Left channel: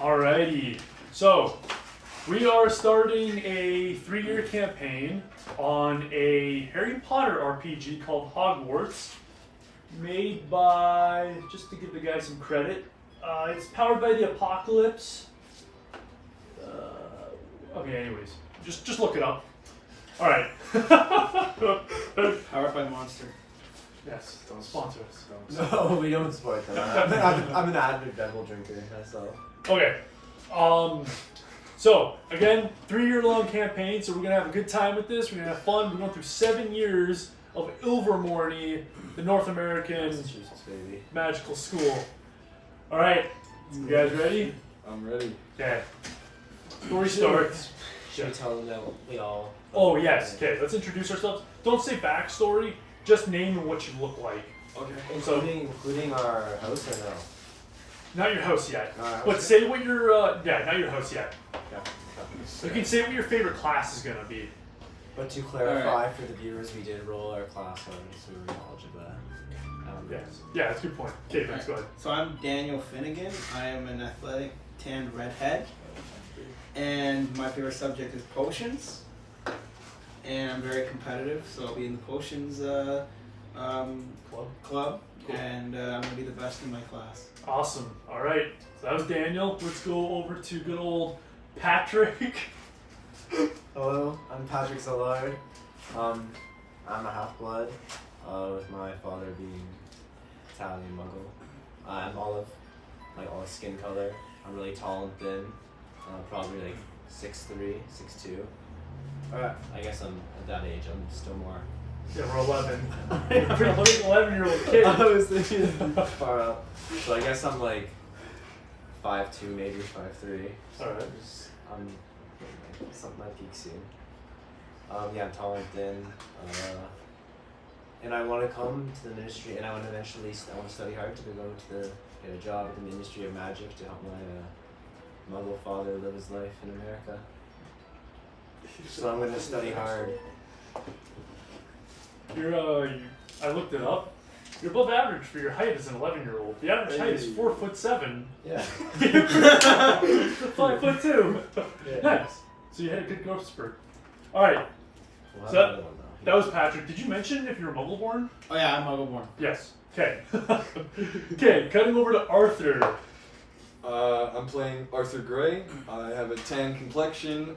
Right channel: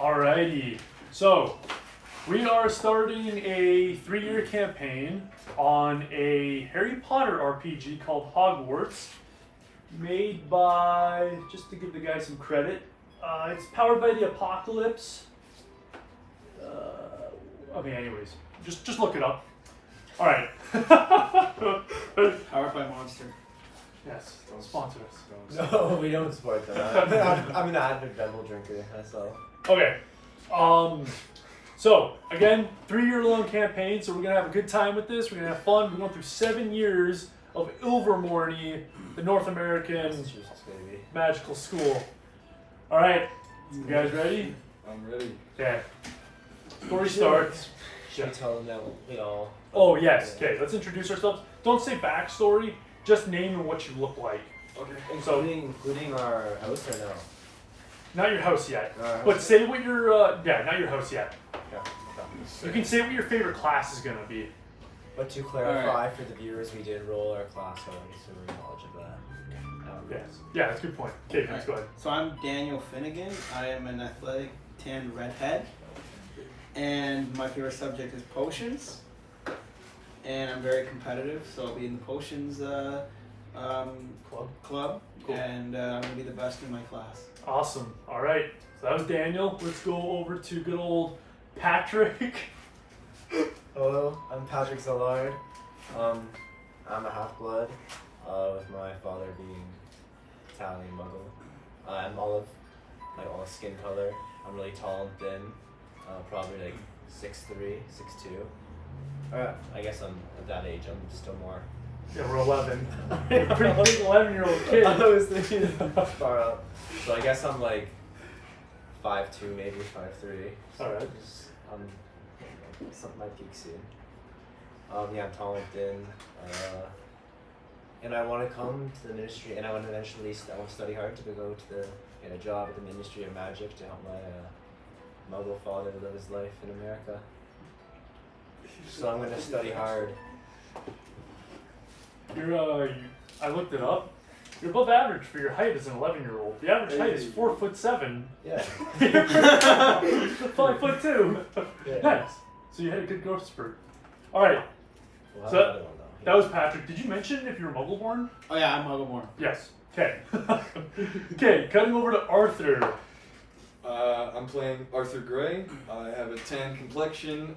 Alrighty, so we are starting a 3-year campaign on a Harry Potter RPG called Hogwarts, made by, just to give the guy some credit, it's powered by the Apocalypse. Okay, anyways, just look it up. Alright. Powered by Monster. Yes, don't sponsor us. No, we don't support that. I'm an avid Devil drinker myself. Okay. So again, 3-year long campaign, so we're gonna have a good time with this. We're gonna have fun. We're going through 7 years of Ilvermorny, the North American magical school. Alright, you guys ready? I'm ready. Okay. Story starts. Should we tell them that we all... Oh yes, okay, let's introduce ourselves. Don't say backstory, just name what you look like. Okay. Including our house or no? Not your house yet. No, But say what your, not your house yet. Okay. You can say what your favorite class is gonna be. But to clarify for the viewers, we did roll our class on, so we're knowledge of that. Yes. Yeah, that's a good point. Okay, thanks, go ahead. So I'm Daniel Finnegan. I am an athletic tanned redhead. And my favorite subject is potions. And I'm very competitive, so I'll be in the potions club. Cool. And I'm going to be the best in my class. Awesome. All right. So that was Daniel. Let's go over to good old Patrick. Hello, I'm Patrick Zallard. I'm a half-blood, with my father being Italian Muggle. I'm olive, like olive skin color. I'm really tall and thin, probably like 6'3", 6'2". I guess I'm at that age. I'm still more. Yeah, we're 11. Pretty 11-year-old kid. I was thinking far up. So I guess I'm like 5'2", maybe 5'3". All right. I'm something my peak soon. Yeah, I'm tall and thin. And I want to come to the ministry, and I want to eventually study hard to go to get a job at the Ministry of Magic to help my Muggle father live his life in America. So I'm going to study hard. I looked it up. You're above average for your height as an 11-year-old. The average height is 4'7". Yeah. 5'2". Yeah. Nice. So you had a good growth spurt. All right. Well, So that was Patrick. Did you mention if you're Muggle-born? Oh yeah, I'm Muggle-born. Yes. Okay. Okay, cutting over to Arthur. I'm playing Arthur Gray. I have a tan complexion,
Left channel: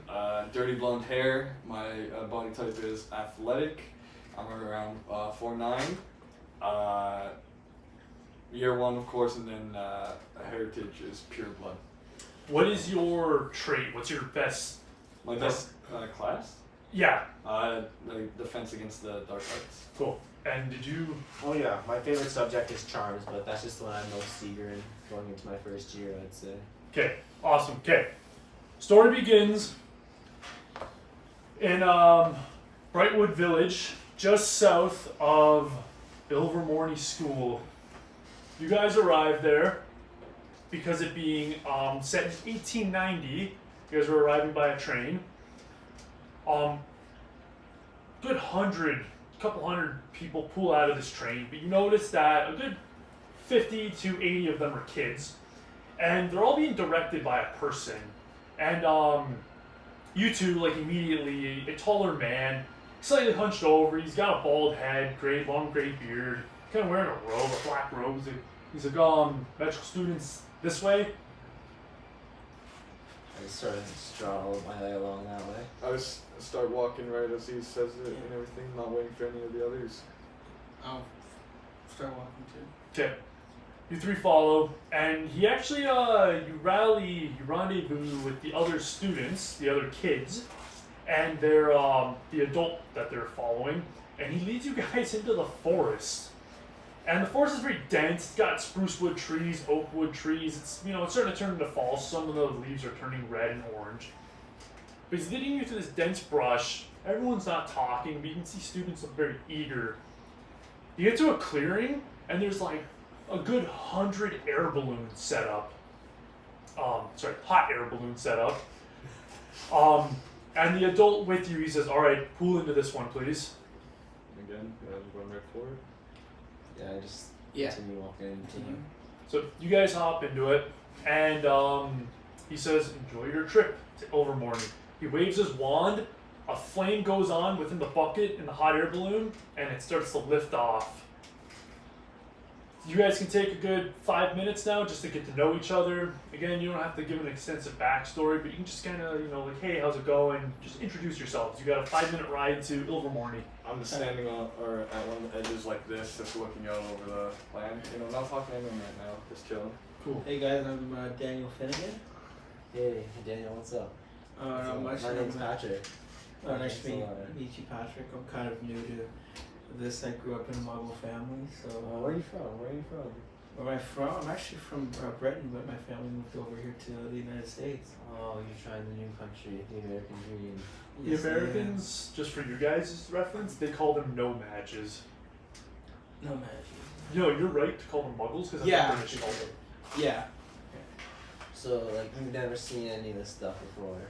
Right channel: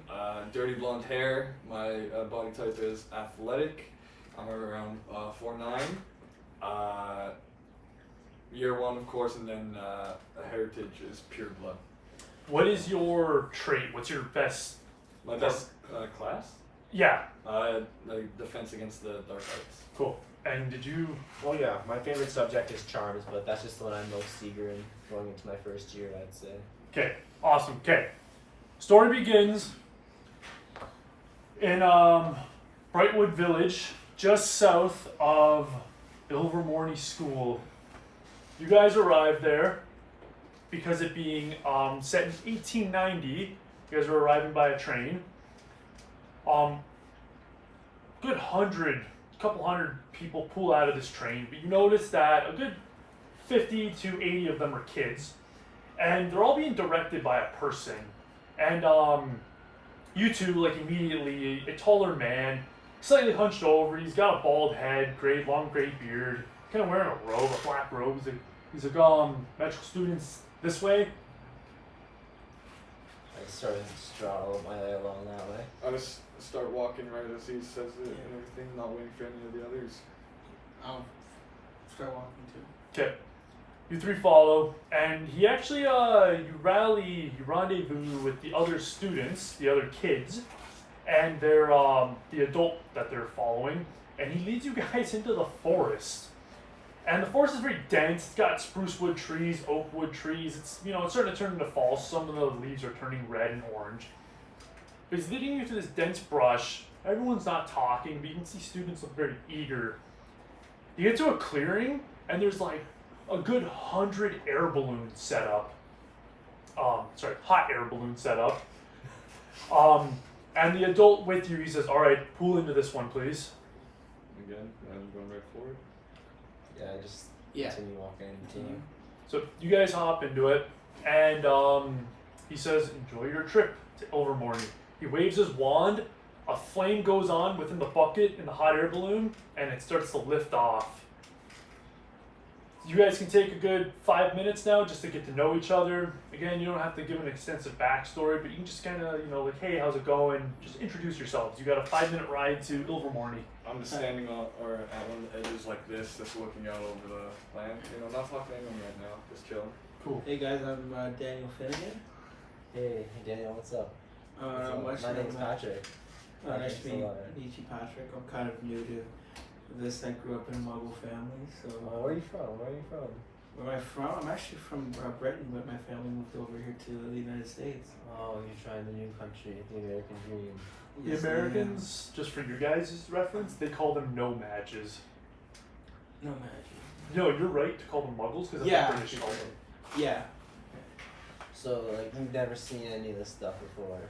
dirty blonde hair. My body type is athletic. I'm around 4'9". Year 1, of course, and then heritage is pure blood. What is your trait? What's your best? My best class? Yeah. Like defense against the dark arts. Cool. And did you? Oh yeah, my favorite subject is charms, but that's just the one I'm most eager in going into my first year, I'd say. Okay. Awesome. Okay. Story begins in Brightwood Village, just south of Ilvermorny School. You guys arrived there because it being set in 1890. You guys were arriving by a train. Good couple hundred people pull out of this train, but you notice that a good 50 to 80 of them are kids, and they're all being directed by a person. And you two, like immediately, a taller man, slightly hunched over. He's got a bald head, long gray beard, kind of wearing a robe, a black robe. He's like, magical students this way. I started to draw my way along that way. I just start walking right as he says it and everything, not waiting for any of the others. I'll start walking too. Okay. You three follow, and he actually, you rendezvous with the other students, the other kids, and they're, the adult that they're following, and he leads you guys into the forest. And the forest is very dense. It's got spruce wood trees, oak wood trees. It's, it's starting to turn into fall. Some of the leaves are turning red and orange. But he's leading you to this dense brush. Everyone's not talking, but you can see students look very eager. You get to a clearing, and there's like a good 100 air balloons set up. Hot air balloons set up. And the adult with you, he says, "All right, pull into this one, please." Again, I'm going right forward. Yeah, I just Yeah. continue walking and continue. So you guys hop into it, and He says, "Enjoy your trip to Ilvermorny." He waves his wand. A flame goes on within the bucket in the hot air balloon, and it starts to lift off. You guys can take a good 5 minutes now just to get to know each other. Again, you don't have to give an extensive backstory, but you can just kind of, like, hey, how's it going? Just introduce yourselves. You got a 5-minute ride to Ilvermorny. I'm just standing on, or at one of the edges like this, just looking out over the land. Not talking to anyone right now, just chilling. Cool. Hey guys, I'm Daniel Finnegan. Hey, Daniel, what's up? Not much. My name's Patrick. Nice to Patrick's meet you, Patrick. I'm kind of new to this. I grew up in a Muggle family, so. Where are you from? Where Where am I from? I'm actually from Britain, but my family moved over here to the United States. Oh, you're trying the new country, the American dream. The Yes, I am. Americans, just for you guys' reference, they call them no-matches. No magic. No, you're right to call them muggles, because Yeah. that's what British call them. Yeah. So, like, you've never seen any of this stuff before?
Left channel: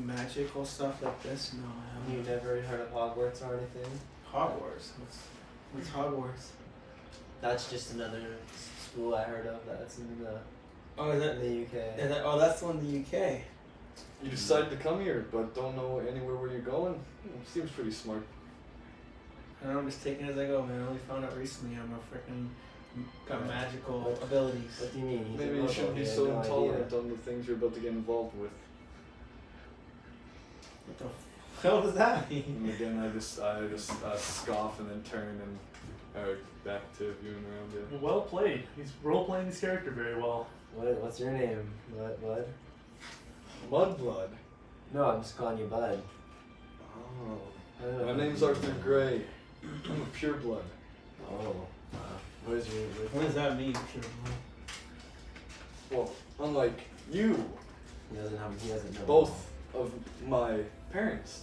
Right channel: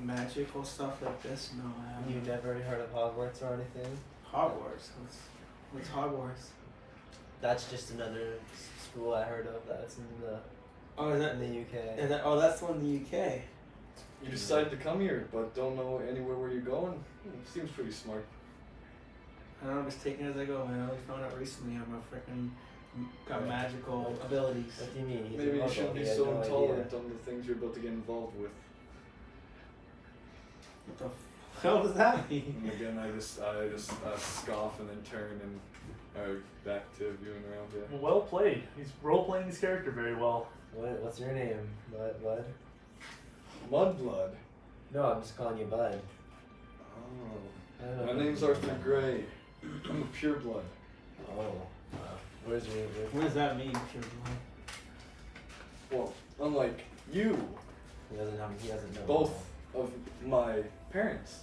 Magical stuff like this? No, I You've haven't. never heard of Hogwarts or anything? Hogwarts. What's Hogwarts? That's just another school I heard of that's in the Oh, is that? in the UK. That's the one in the UK. You decided to come here, but don't know anywhere where you're going? Seems pretty smart. I don't know, I'm just taking it as I go, man. I only found out recently I'm a freaking got Yeah. magical abilities. What do you mean? He's a Maybe you Muggle, shouldn't be he has so no intolerant idea. on the things you're about to get involved with. What the hell does that mean? And again, I just scoff and then turn and back to viewing around it. Well played. He's role-playing his character very well. What's your name? Bud? Mudblood. No, I'm just calling you Bud. Oh. I don't know My if name's you Arthur remember. Gray. I'm a pureblood. Oh. Where's your... What does that mean? Well, unlike you, He doesn't know. both of my parents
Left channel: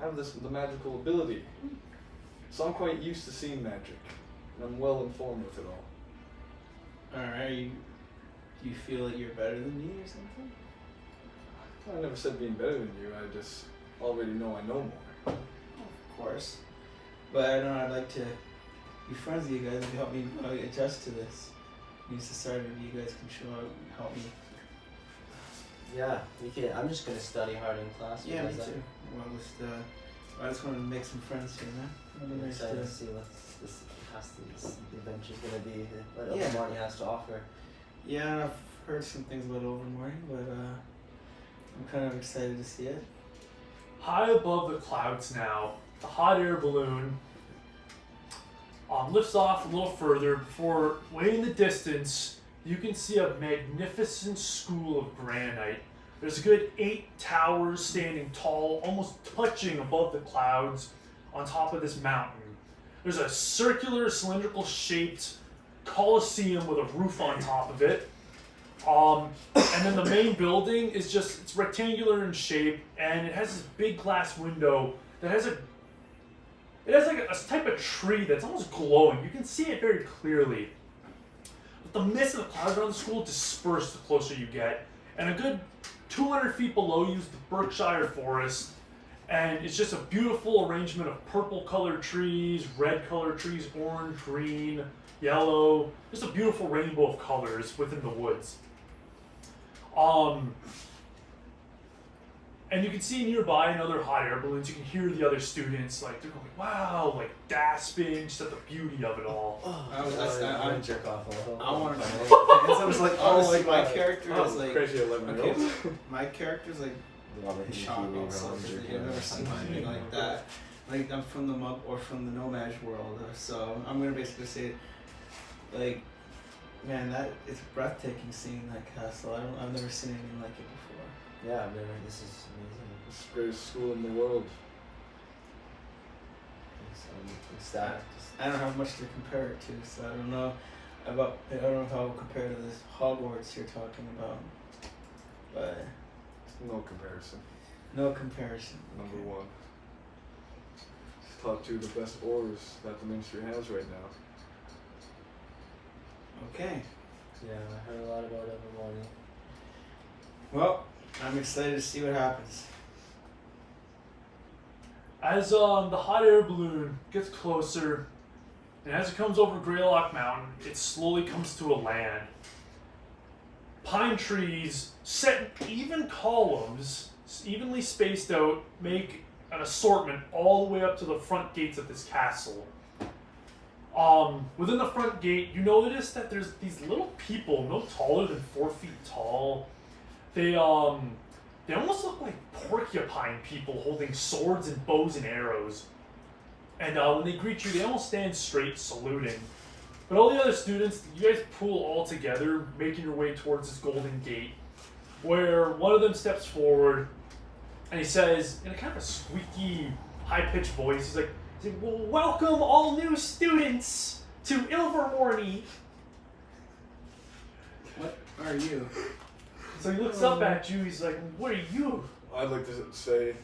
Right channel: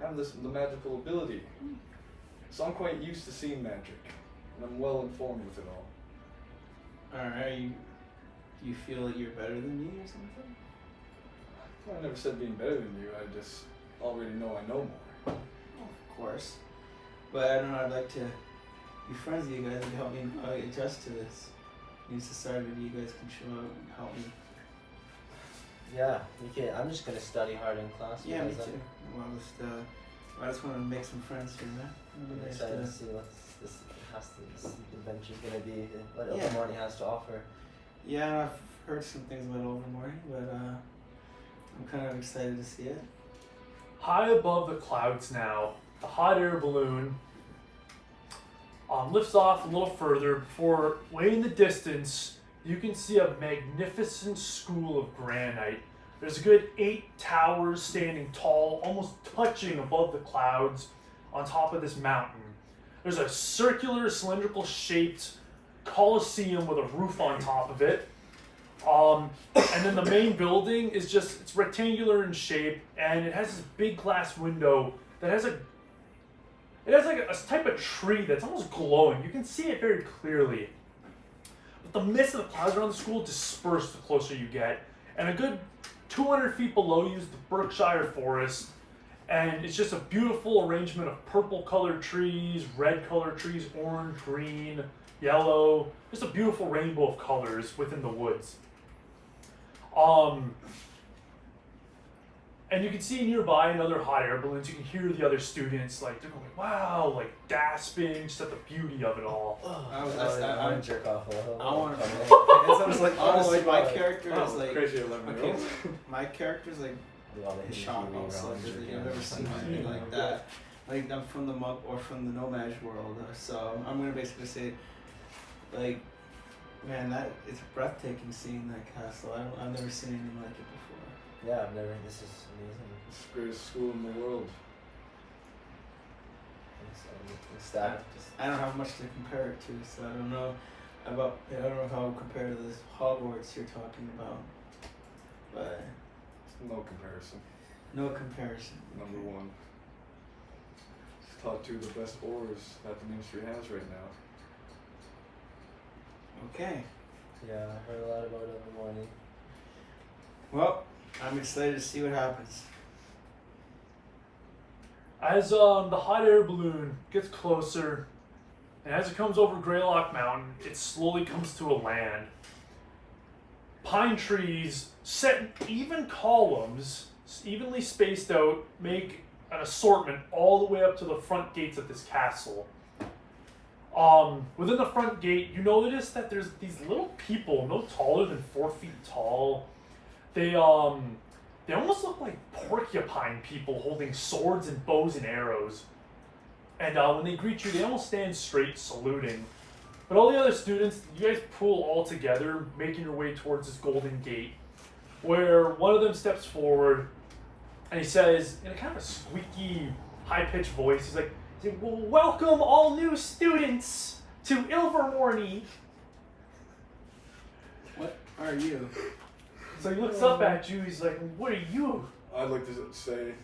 have the magical ability. So I'm quite used to seeing magic. And I'm well informed with it all. Alright, do you feel that you're better than me or something? I never said being better than you, I just already know I know more. Of course. But I don't know, I'd like to be friends with you guys and help me adjust to this new society. Maybe you guys can help me. Yeah, you can. I'm just gonna study hard in class. Yeah, me because too. I just want to make some friends here, man. It'll be I'm nice excited to- to see what this adventure's gonna be, what Yeah. Ilvermorny has to offer. Yeah, I've heard some things about Ilvermorny, but I'm kind of excited to see it. High above the clouds now, the hot air balloon lifts off a little further before, way in the distance, you can see a magnificent school of granite. There's a good 8 towers standing tall, almost touching above the clouds on top of this mountain. There's a circular, cylindrical shaped coliseum with a roof on top of it. And then the main building is just, it's rectangular in shape, and it has this big glass window that has like a type of tree that's almost glowing. You can see it very clearly. But the mist and the clouds around the school disperse the closer you get. And a good 200 feet below you is the Berkshire Forest. And it's just a beautiful arrangement of purple colored trees, red colored trees, orange, green, yellow. Just a beautiful rainbow of colors within the woods. And you can see nearby in other hot air balloons, you can hear the other students, like, they're going, wow, like, gasping, just at the beauty of it all. I'm gonna jerk off a little. I wanna- I guess I was like, Honestly, oh my my God. character is like, Crazy 11 okay, my character's like Love it. shocked also because I've never seen anything like that. Like I'm from the from the Nomad world, so I'm gonna basically say, like, man, that it's breathtaking seeing that castle. I've never seen anything like it before. Yeah, I've never. This is amazing. It's the greatest school in the world. I'm ecstatic. I don't have much to compare it to, so I don't know if I'll compare to this Hogwarts you're talking about, but No comparison. no comparison. Number one. It's top 2 the best ores that the ministry has right now. Okay. Yeah, I heard a lot about Ilvermorny. Well, I'm excited to see what happens. As the hot air balloon gets closer, and as it comes over Greylock Mountain, it slowly comes to a land. pine trees set in even columns, evenly spaced out, make an assortment all the way up to the front gates of this castle. Within the front gate, you notice that there's these little people, no taller than 4 feet tall. They almost look like porcupine people holding swords and bows and arrows. And when they greet you, they almost stand straight, saluting. But all the other students, you guys pool all together, making your way towards this golden gate, where one of them steps forward, and he says, in a kind of a squeaky, high-pitched voice, he's like, well, welcome all new students to Ilvermorny. What are you? So he looks up at you, he's like, what are you? I'd like to say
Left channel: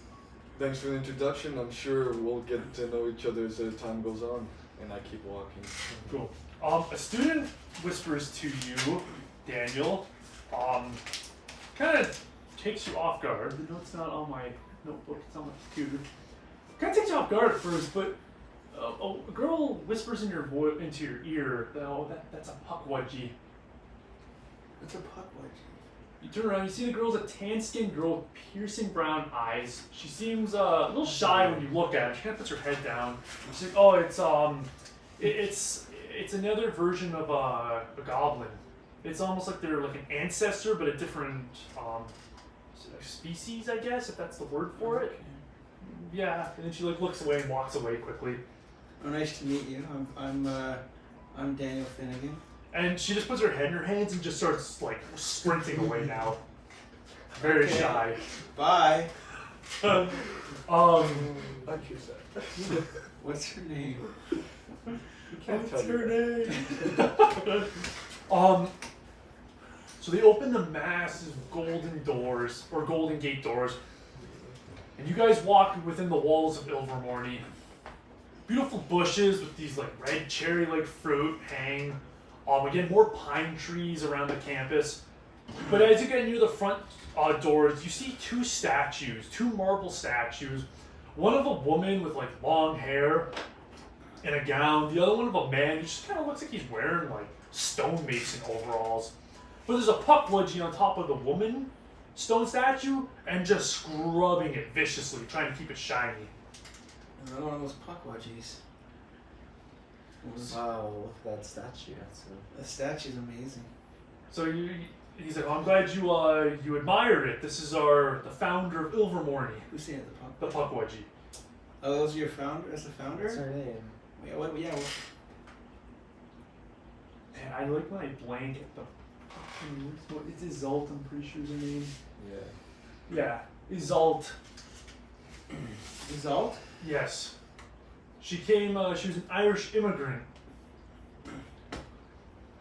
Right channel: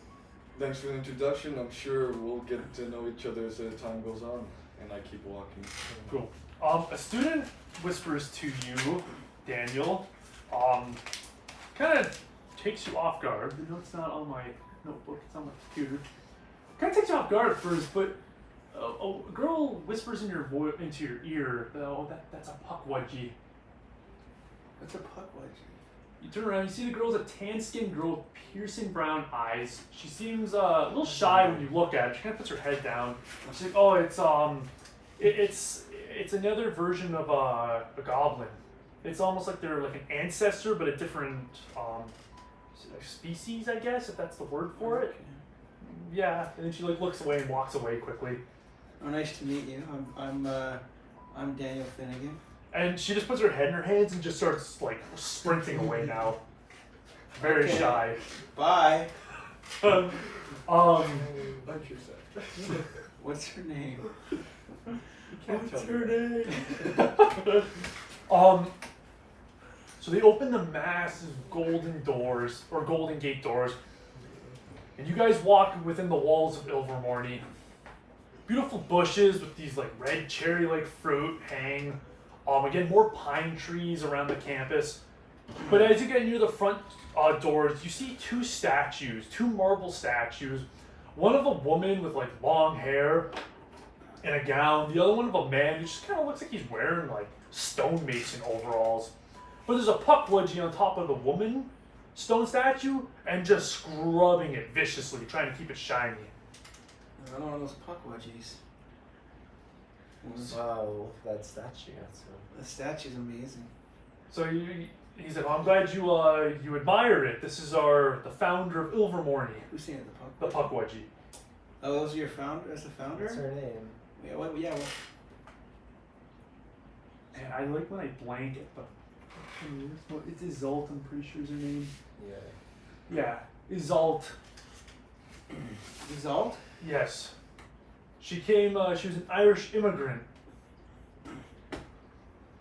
thanks for the introduction. I'm sure we'll get to know each other as time goes on. And I keep walking. Cool. A student whispers to you, Daniel, kind of takes you off guard. The note's not on my notebook, it's on my computer. Kind of takes you off guard at first, but a girl whispers into your ear, oh, that's a puckwudgie. What's a puckwudgie? You turn around, you see the girl's a tan-skinned girl with piercing brown eyes. She seems a little shy when you look at her. She kind of puts her head down. She's like, oh, it's another version of a goblin. It's almost like they're like an ancestor, but a different species, I guess, if that's the word for it. Yeah, and then she like looks away and walks away quickly. Oh, nice to meet you. I'm Daniel Finnegan. And she just puts her head in her hands and just starts like sprinting away now. Very Okay. shy. Bye. Like you said. What's her name? What's her name? So they open the massive golden doors, or golden gate doors, and you guys walk within the walls of Ilvermorny. Beautiful bushes with these like red cherry-like fruit hang. Again, more pine trees around the campus. But as you get near the front doors, you see two marble statues. One of a woman with like long hair and a gown. The other one of a man who just kind of looks like he's wearing like stonemason overalls. But there's a puckwudgie on top of the woman stone statue and just scrubbing it viciously, trying to keep it shiny. Another one of those puckwudgies. Wow, look at that statue. The statue's amazing. So he said, I'm glad you admired it. This is the founder of Ilvermorny, Who's saying the puckwudgie. Oh, those are your founder? Is the founder? What's her name? Yeah, what? And I like when I blank at the fucking name. It's Izalt, I'm pretty sure is her name. Yeah. Yeah, Izalt. Result? Yes. She was an Irish immigrant.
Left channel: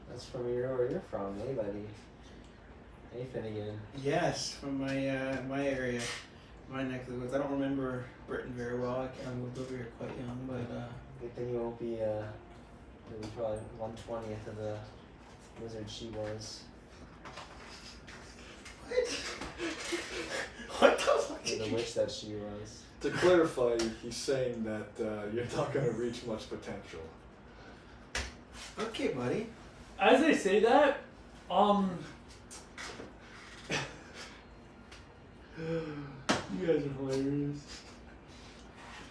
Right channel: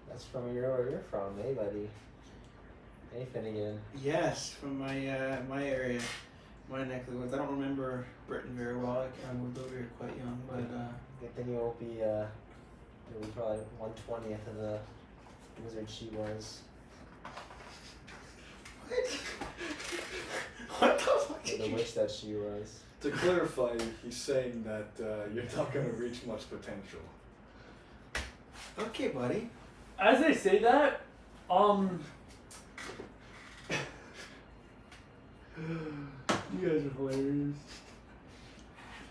That's from where you're from, eh, buddy? Hey, Finnegan. Yes, from my area, my neck of the woods. I don't remember Britain very well. I moved over here quite young, but Good thing you won't be, you'll be probably 1/20th of the wizard she was. what the fuck? Or the witch that she was. To clarify, he's saying that you're not going to reach much potential. Okay, buddy. As they say that, you guys are hilarious.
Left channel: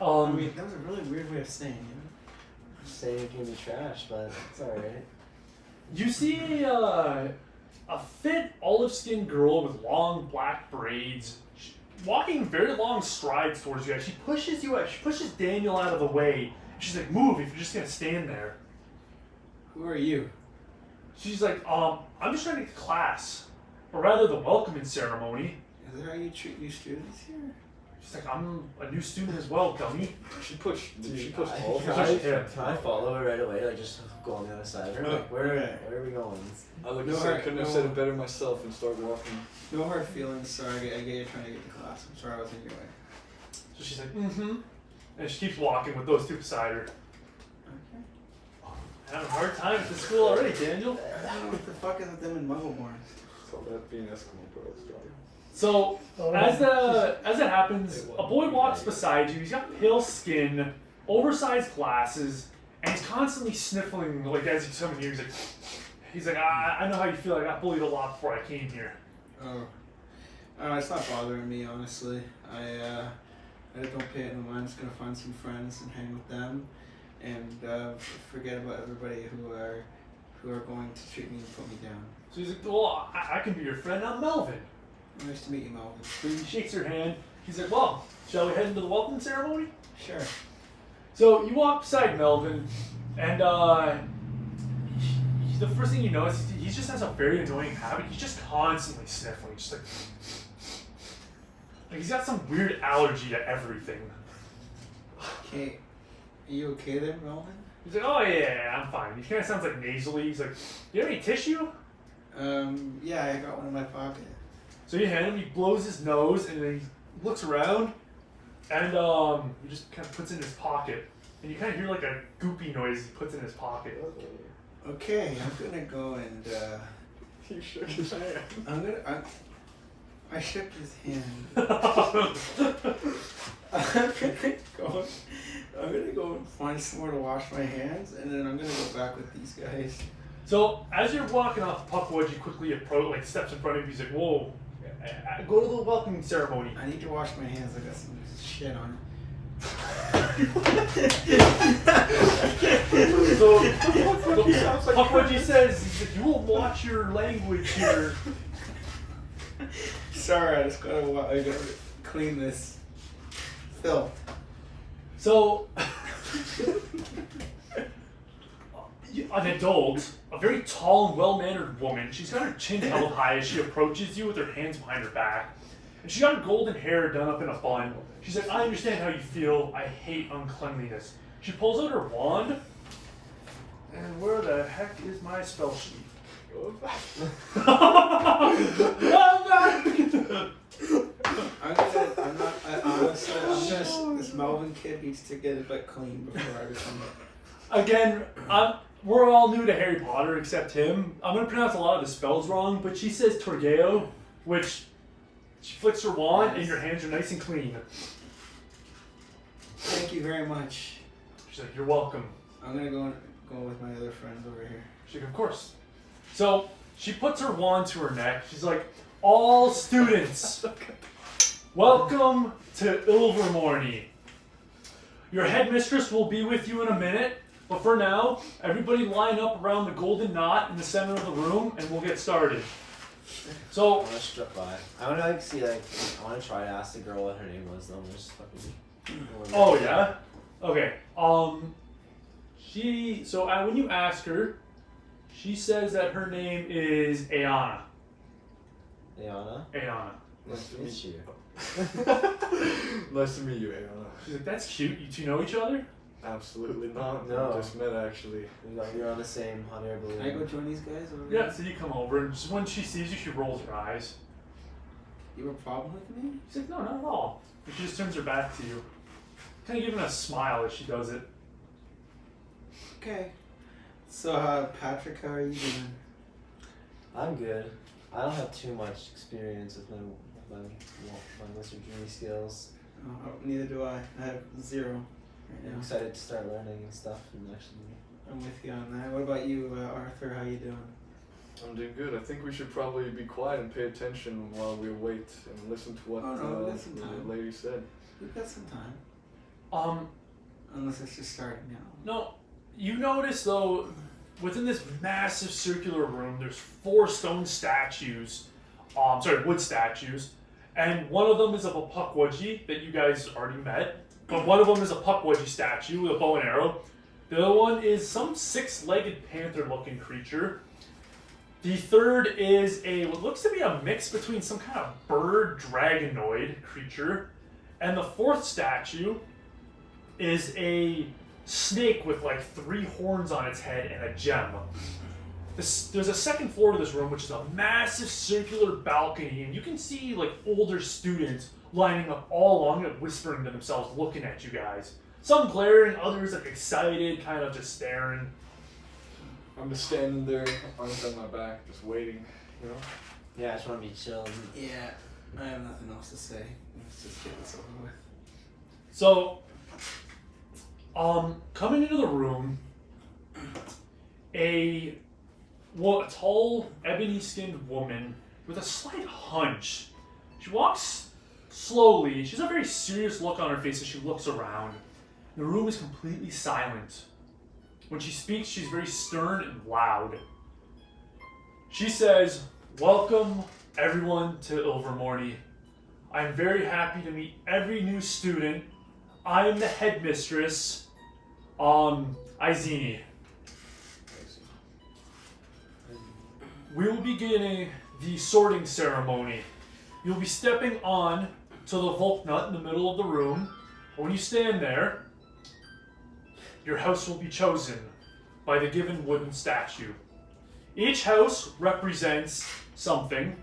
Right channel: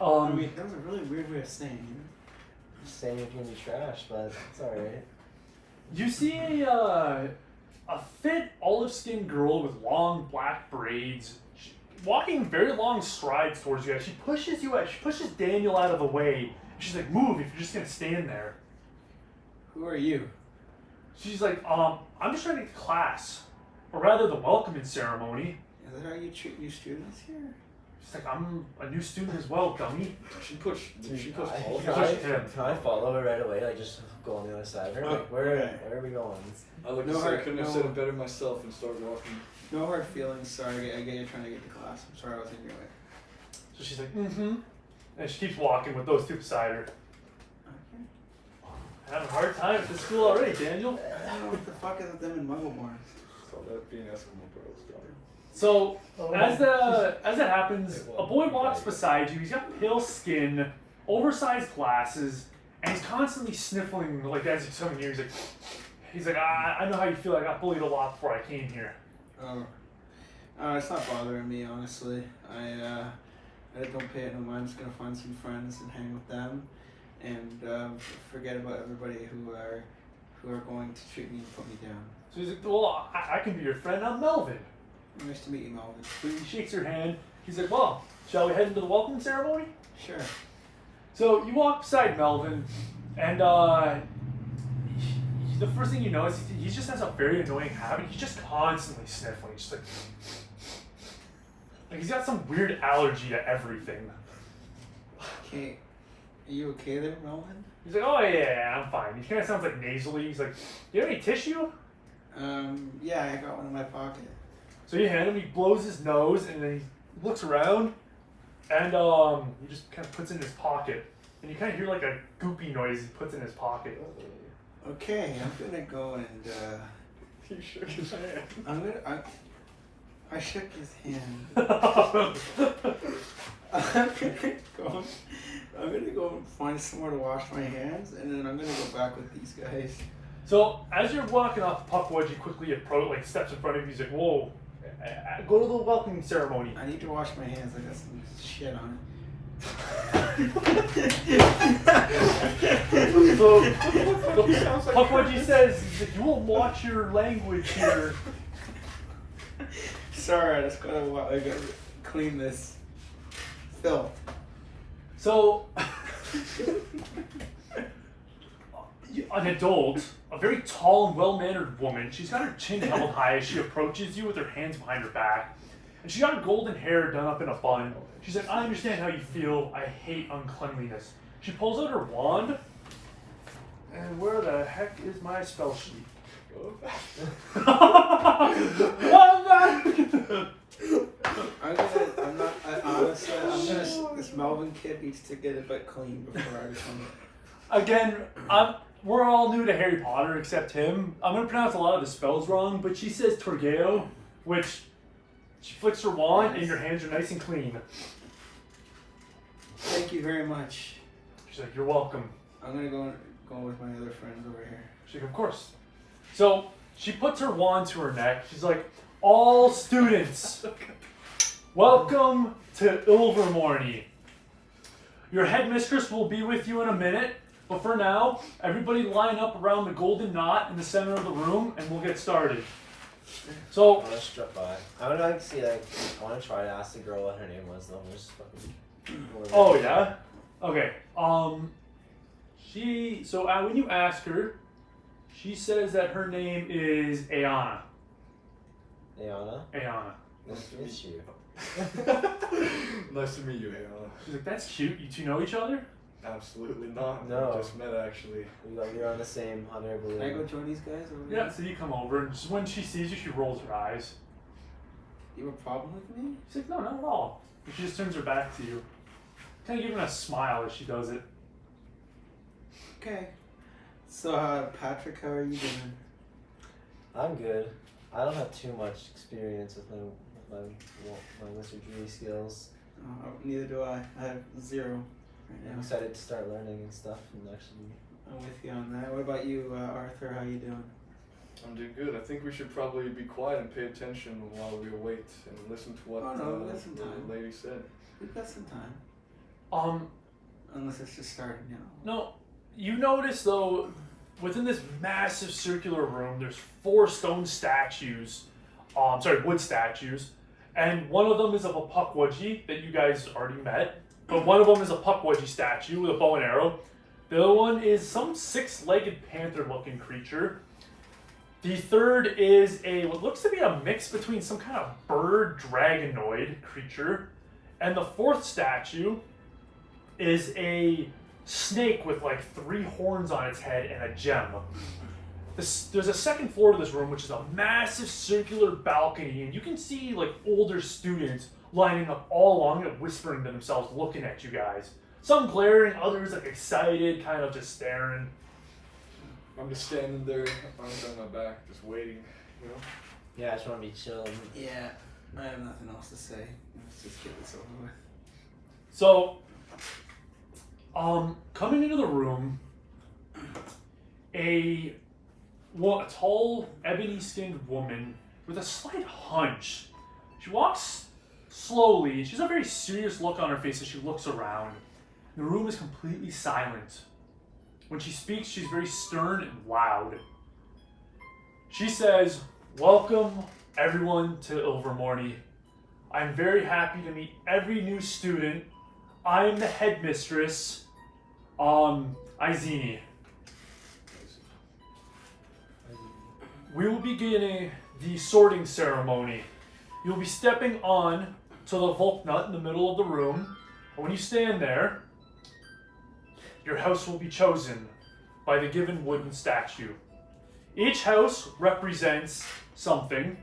I mean, that was a really weird way of saying it. Just saying it can be trash, but it's alright. You see a fit olive-skinned girl with long black braids, walking very long strides towards you guys. She pushes you out. She pushes Daniel out of the way. She's like, "Move! If you're just gonna stand there." Who are you? She's like, I'm just trying to get to class, or rather, the welcoming ceremony." Is that how you treat new students here? She's like, "I'm a new student as well, dummy." Did she push all of Can us? can I follow her right away? Like, just go on the other side of her? Like, where are we going? I like No to say, I hurt, couldn't have no- said it better myself and started walking. No hard feelings. Sorry, I get you're trying to get to class. I'm sorry I was in your way. So she's like, "Mm-hmm," and she keeps walking with those two beside her. Okay. Having a hard time at this school already, Daniel. What the fuck is with them in Muggleborn? So that being Eskimo pearls, Johnny. So as that happens, a boy walks beside you. He's got pale skin, oversized glasses, and he's constantly sniffling. Like as he's coming near, he's like, He's like, I know how you feel. I got bullied a lot before I came here. Oh, it's not bothering me, honestly. I don't pay it no mind. I'm just gonna find some friends and hang with them, and forget about everybody who are going to treat me and put me down. So he's like, well, I can be your friend. I'm Melvin. Nice to meet you, Melvin. So he shakes her hand. He's like, well, shall we head into the welcoming ceremony? Sure. So you walk beside Melvin, and the first thing you notice, he just has a very annoying habit. He's just constantly sniffling, just like he's got some weird allergy to everything. Okay, are you okay there, Melvin? He's like, oh yeah, I'm fine. He kind of sounds like nasally. He's like, do you have any tissue? Yeah, I got one in my pocket. So you hand him, he blows his nose, and then he looks around, and he just kind of puts it in his pocket. And you kind of hear like a goopy noise he puts in his pocket. Okay, I'm gonna go and, You shook his hand. I shook his hand. I'm gonna go and find somewhere to wash my hands, and then I'm gonna go back with these guys. So as you're walking off Puckwudge, you quickly approach, like steps in front of you. He's like, "Whoa, go to the welcoming ceremony." I need to wash my hands. I got some shit on So Puckwudge says, he's like, "You will watch your language here." Sorry, I just gotta clean this filth. So an adult, a very tall and well-mannered woman. She's got her chin held high as she approaches you with her hands behind her back. And she's got her golden hair done up in a bun. She's like, I understand how you feel. I hate uncleanliness. She pulls out her wand. And where the heck is my spell sheet? This Melvin kid needs to get it clean before I become it. Again, we're all new to Harry Potter except him. I'm going to pronounce a lot of the spells wrong, but she says Torgeo, which she flicks her wand and your hands are nice and clean. Thank you very much. She's like, you're welcome. I'm going to go with my other friends over here. She's like, of course. So she puts her wand to her neck. She's like, all students, welcome to Ilvermorny. Your headmistress will be with you in a minute. But for now, everybody line up around the golden knot in the center of the room, and we'll get started. So I'm gonna strip by. I wanna I wanna try to ask the girl what her name was. Though I'm just fucking. Oh yeah. Okay. When you ask her, she says that her name is Ayana. Ayana. Ayana. Nice to meet you. Nice to meet you, Ayana. She's like, that's cute. You two know each other? Absolutely not. No. We just met actually. You're on the same hunter balloon. Can I go join these guys over Yeah. here? So you come over, and just when she sees you, she rolls her eyes. You have a problem with me? She's like, no, not at all. And she just turns her back to you, kind of giving a smile as she does it. Okay. So, Patrick, how are you doing? I'm good. I don't have too much experience with my wizardry skills. Neither do I. I have 0 right I'm now. excited to start learning and stuff and actually. I'm with you on that. What about you, Arthur? How you doing? I'm doing good. I think we should probably be quiet and pay attention while we wait and listen to what we got some the time. lady said. We've got some time. Unless it's just starting now. No, you notice though, within this massive circular room, there's 4 stone statues. Wood statues, and one of them is of a Puckwudgie that you guys already met. But one of them is a Puckwudgie statue with a bow and arrow. The other one is some 6-legged panther-looking creature. The third is what looks to be a mix between some kind of bird dragonoid creature. And the 4th statue is a snake with like 3 horns on its head and a gem. There's a second floor to this room, which is a massive circular balcony, and you can see like older students lining up all along it, whispering to themselves, looking at you guys. Some glaring, others like excited, kind of just staring. I'm just standing there, arms on my back, just waiting, you know? Yeah, I just want to be chilling. Yeah, I have nothing else to say. Let's just get this over with. So, coming into the room, a a tall, ebony-skinned woman with a slight hunch. She walks slowly. She has a very serious look on her face as she looks around. The room is completely silent. When she speaks, she's very stern and loud. She says, "Welcome, everyone, to Ilvermorny. I'm very happy to meet every new student. I'm the headmistress, Izini. We will be beginning the sorting ceremony. You'll be stepping on to the Volknut in the middle of the room. And when you stand there, your house will be chosen by the given wooden statue. Each house represents something.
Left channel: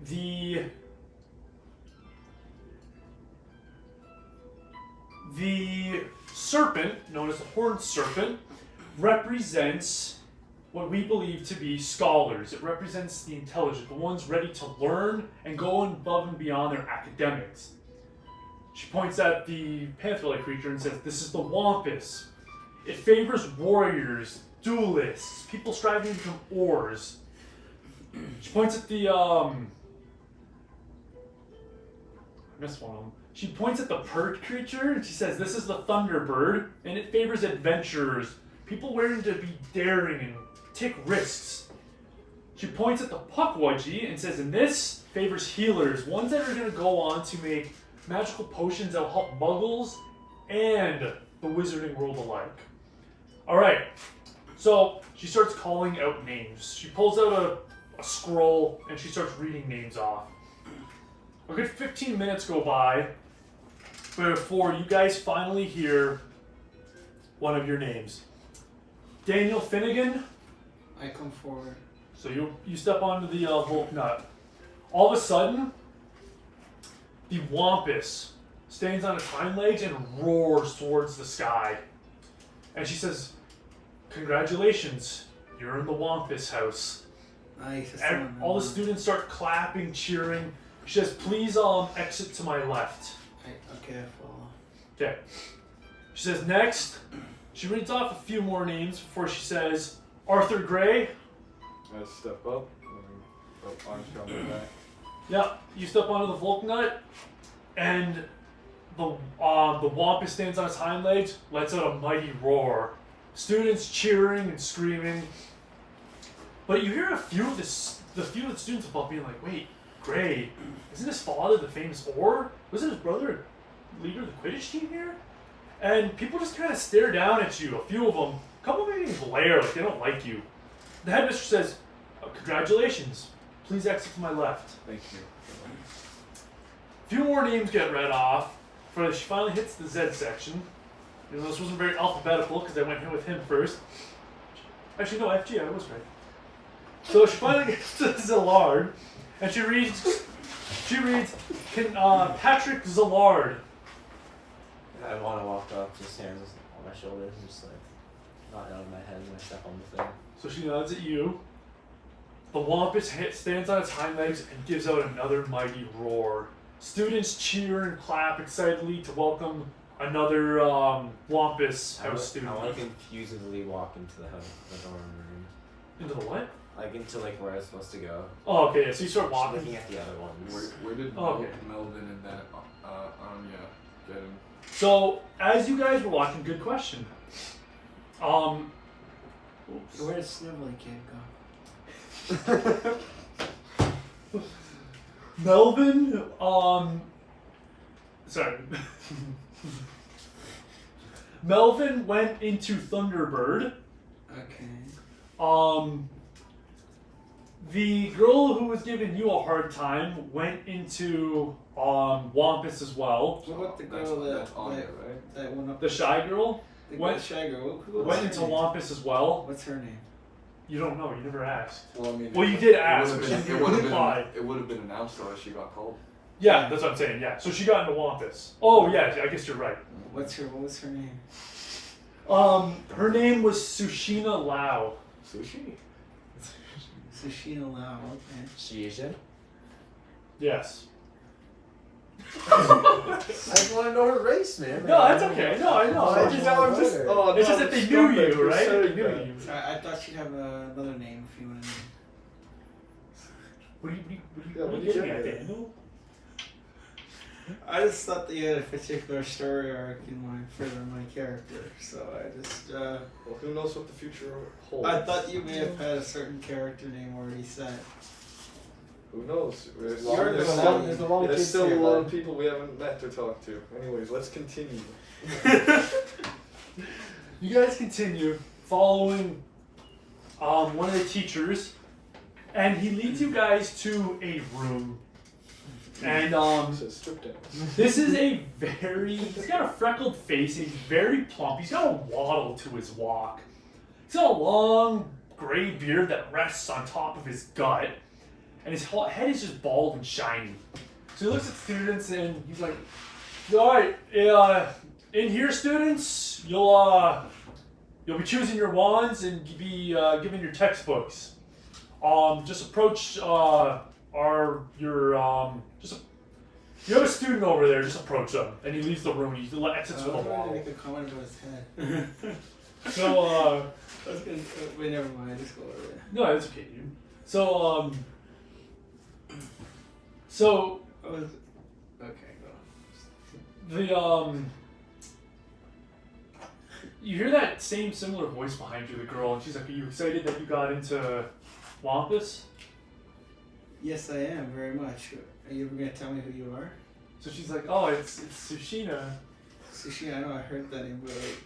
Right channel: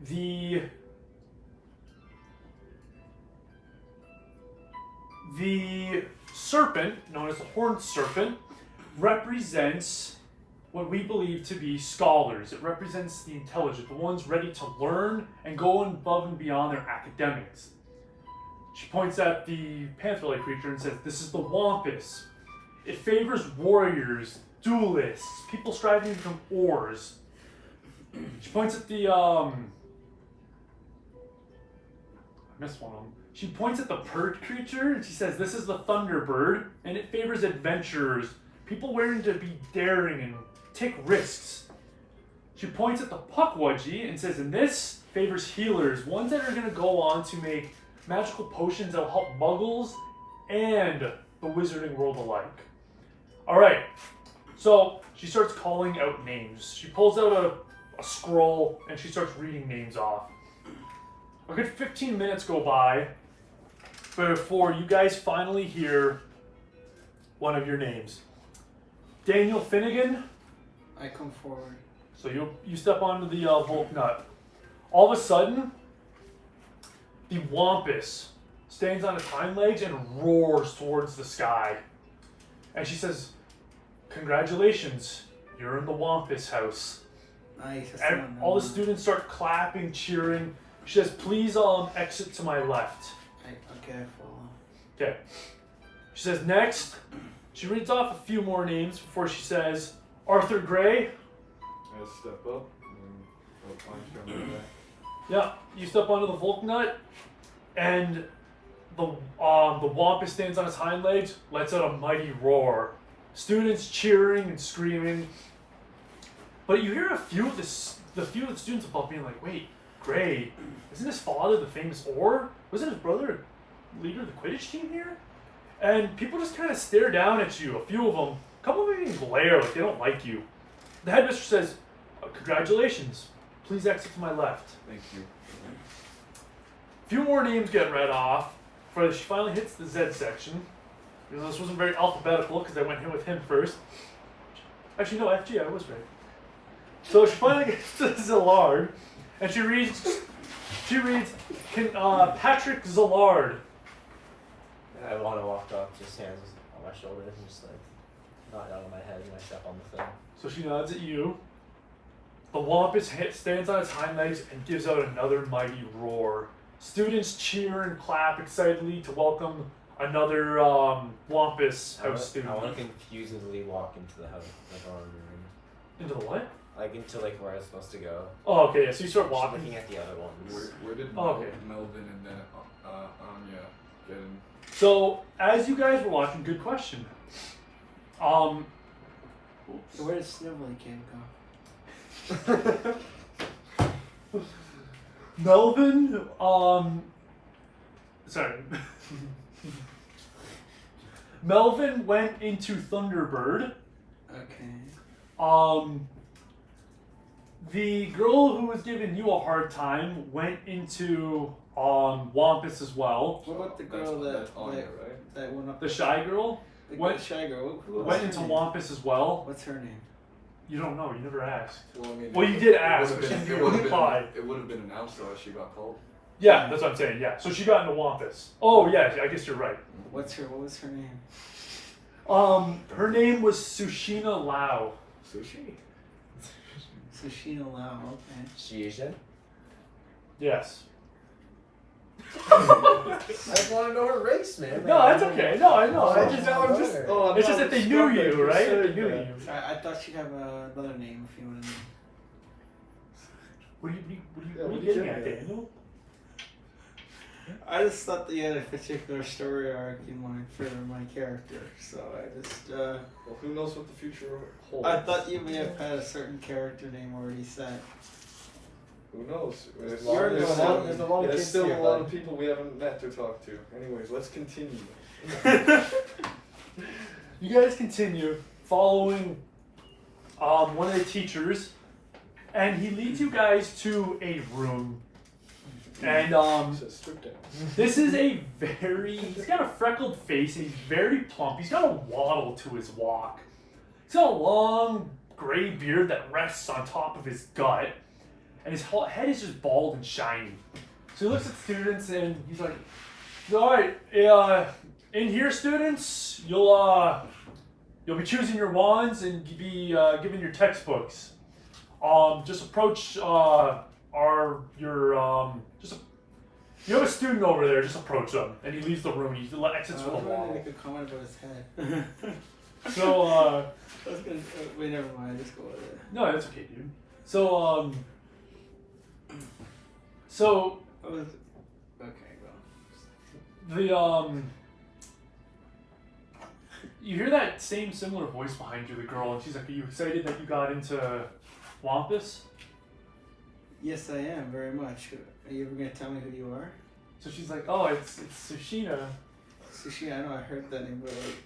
The serpent, known as the horned serpent, represents what we believe to be scholars. It represents the intelligent, the ones ready to learn and go above and beyond their academics. She points at the panther-like creature and says, "This is the Wampus. It favors warriors, duelists, people striving to become oars." She points at the, I missed one of them. She points at the pert creature and she says, "This is the Thunderbird, and it favors adventurers, people willing to be daring and take risks." She points at the Puckwudgie and says, "And this favors healers, ones that are going to go on to make magical potions that will help muggles and the wizarding world alike." Alright, so she starts calling out names. She pulls out a scroll and she starts reading names off. A good 15 minutes go by before you guys finally hear one of your names. Daniel Finnegan. I come forward. So you step onto the Volknut. All of a sudden, the Wampus stands on its hind legs and roars towards the sky. And she says, "Congratulations, you're in the Wampus house." Nice. that's And one I all the want. students start clapping, cheering. She says, "Please exit to my left." Okay, I follow. Okay. She says, "Next." She reads off a few more names before she says, "Arthur Gray." I step up and punch on the back. Yeah, you step onto the Volknut, and the Wampus stands on his hind legs, lets out a mighty roar. Students cheering and screaming. But you hear a few of the students above being like, "Wait, Gray, isn't his father the famous oar? Wasn't his brother leader of the Quidditch team here?" And people just kind of stare down at you. A few of them, a couple of them even glare like they don't like you. The headmistress says, "Congratulations. Please exit to my left." Thank you. A few more names get read off before she finally hits the Z section. You know, this wasn't very alphabetical because I went in with him first. Actually, no, FG, I was right. So she finally gets to Zillard, and she reads, Patrick Zillard. I want to walk up, just hands on my shoulders, and just like not out of my head, and I step on the thing. So she nods at you. The Wampus stands on its hind legs and gives out another mighty roar. Students cheer and clap excitedly to welcome another Wampus house student. I want to confusedly walk into the house, like or room. Into the what? Like into like where I was supposed to go. Oh, okay. So you start Just walking. looking at the other ones. Where did Oh, okay. Melvin and then get him? So as you guys were watching, good question. Oops. So where did Snivelly Kid go? Melvin, sorry. Melvin went into Thunderbird. Okay. The girl who was giving you a hard time went into Wampus as well. What about the That's girl Anya, right? that went up? The shy girl The went- shy girl. Who was went her into name? Wampus as well. What's her name? You don't know. You never asked. Well, I mean, Well, you did it ask, would've but been- she It would have replied. been. It would have been announced unless she got called. Yeah, that's what I'm saying. Yeah. So she got into Wampus. Oh yeah, I guess you're right. What was her name? Her name was Sushina Lau. Sushi. Sushina Lau. Okay. She Asian? Yes. I just want to know her race, man. No, that's okay. No, I know. I It's just just, know I'm it's just. Oh, it's just that they knew you, right? They knew you. I thought she'd have another name if you want to know. What are you Yeah, what are you getting getting at, at? Daniel? I just thought that you had a particular story arc in mind for my character, so I just. Well, who knows what the future holds? I thought you may have had a certain character name already set. Who knows? There's You're There's a the lot, one- there's a lot of there's kids still here, a lot bud. of people we haven't met or talked to. Anyways, let's continue. You guys continue following one of the teachers, and he leads you guys to a room. And It says strip down. this is he's got a freckled face, he's very plump, he's got a waddle to his walk. He's got a long gray beard that rests on top of his gut, and his whole head is just bald and shiny. So he looks at students and he's like, alright, in here students, you'll be choosing your wands and be given your textbooks. Just approach you have a student over there, just approach them. And he leaves the room, he exits with a I was going to wall. make a comment about his head. So, I was going to. Wait, never mind. Just go over there. no, it's okay, dude. So, Oh, okay, go. you hear that same similar voice behind you, the girl, and she's like, are you excited that you got into Wampus? Yes, I am very much. Are you ever going to tell me who you are? So she's like, oh, it's Sushina. Sushi, I know I heard that name, but like,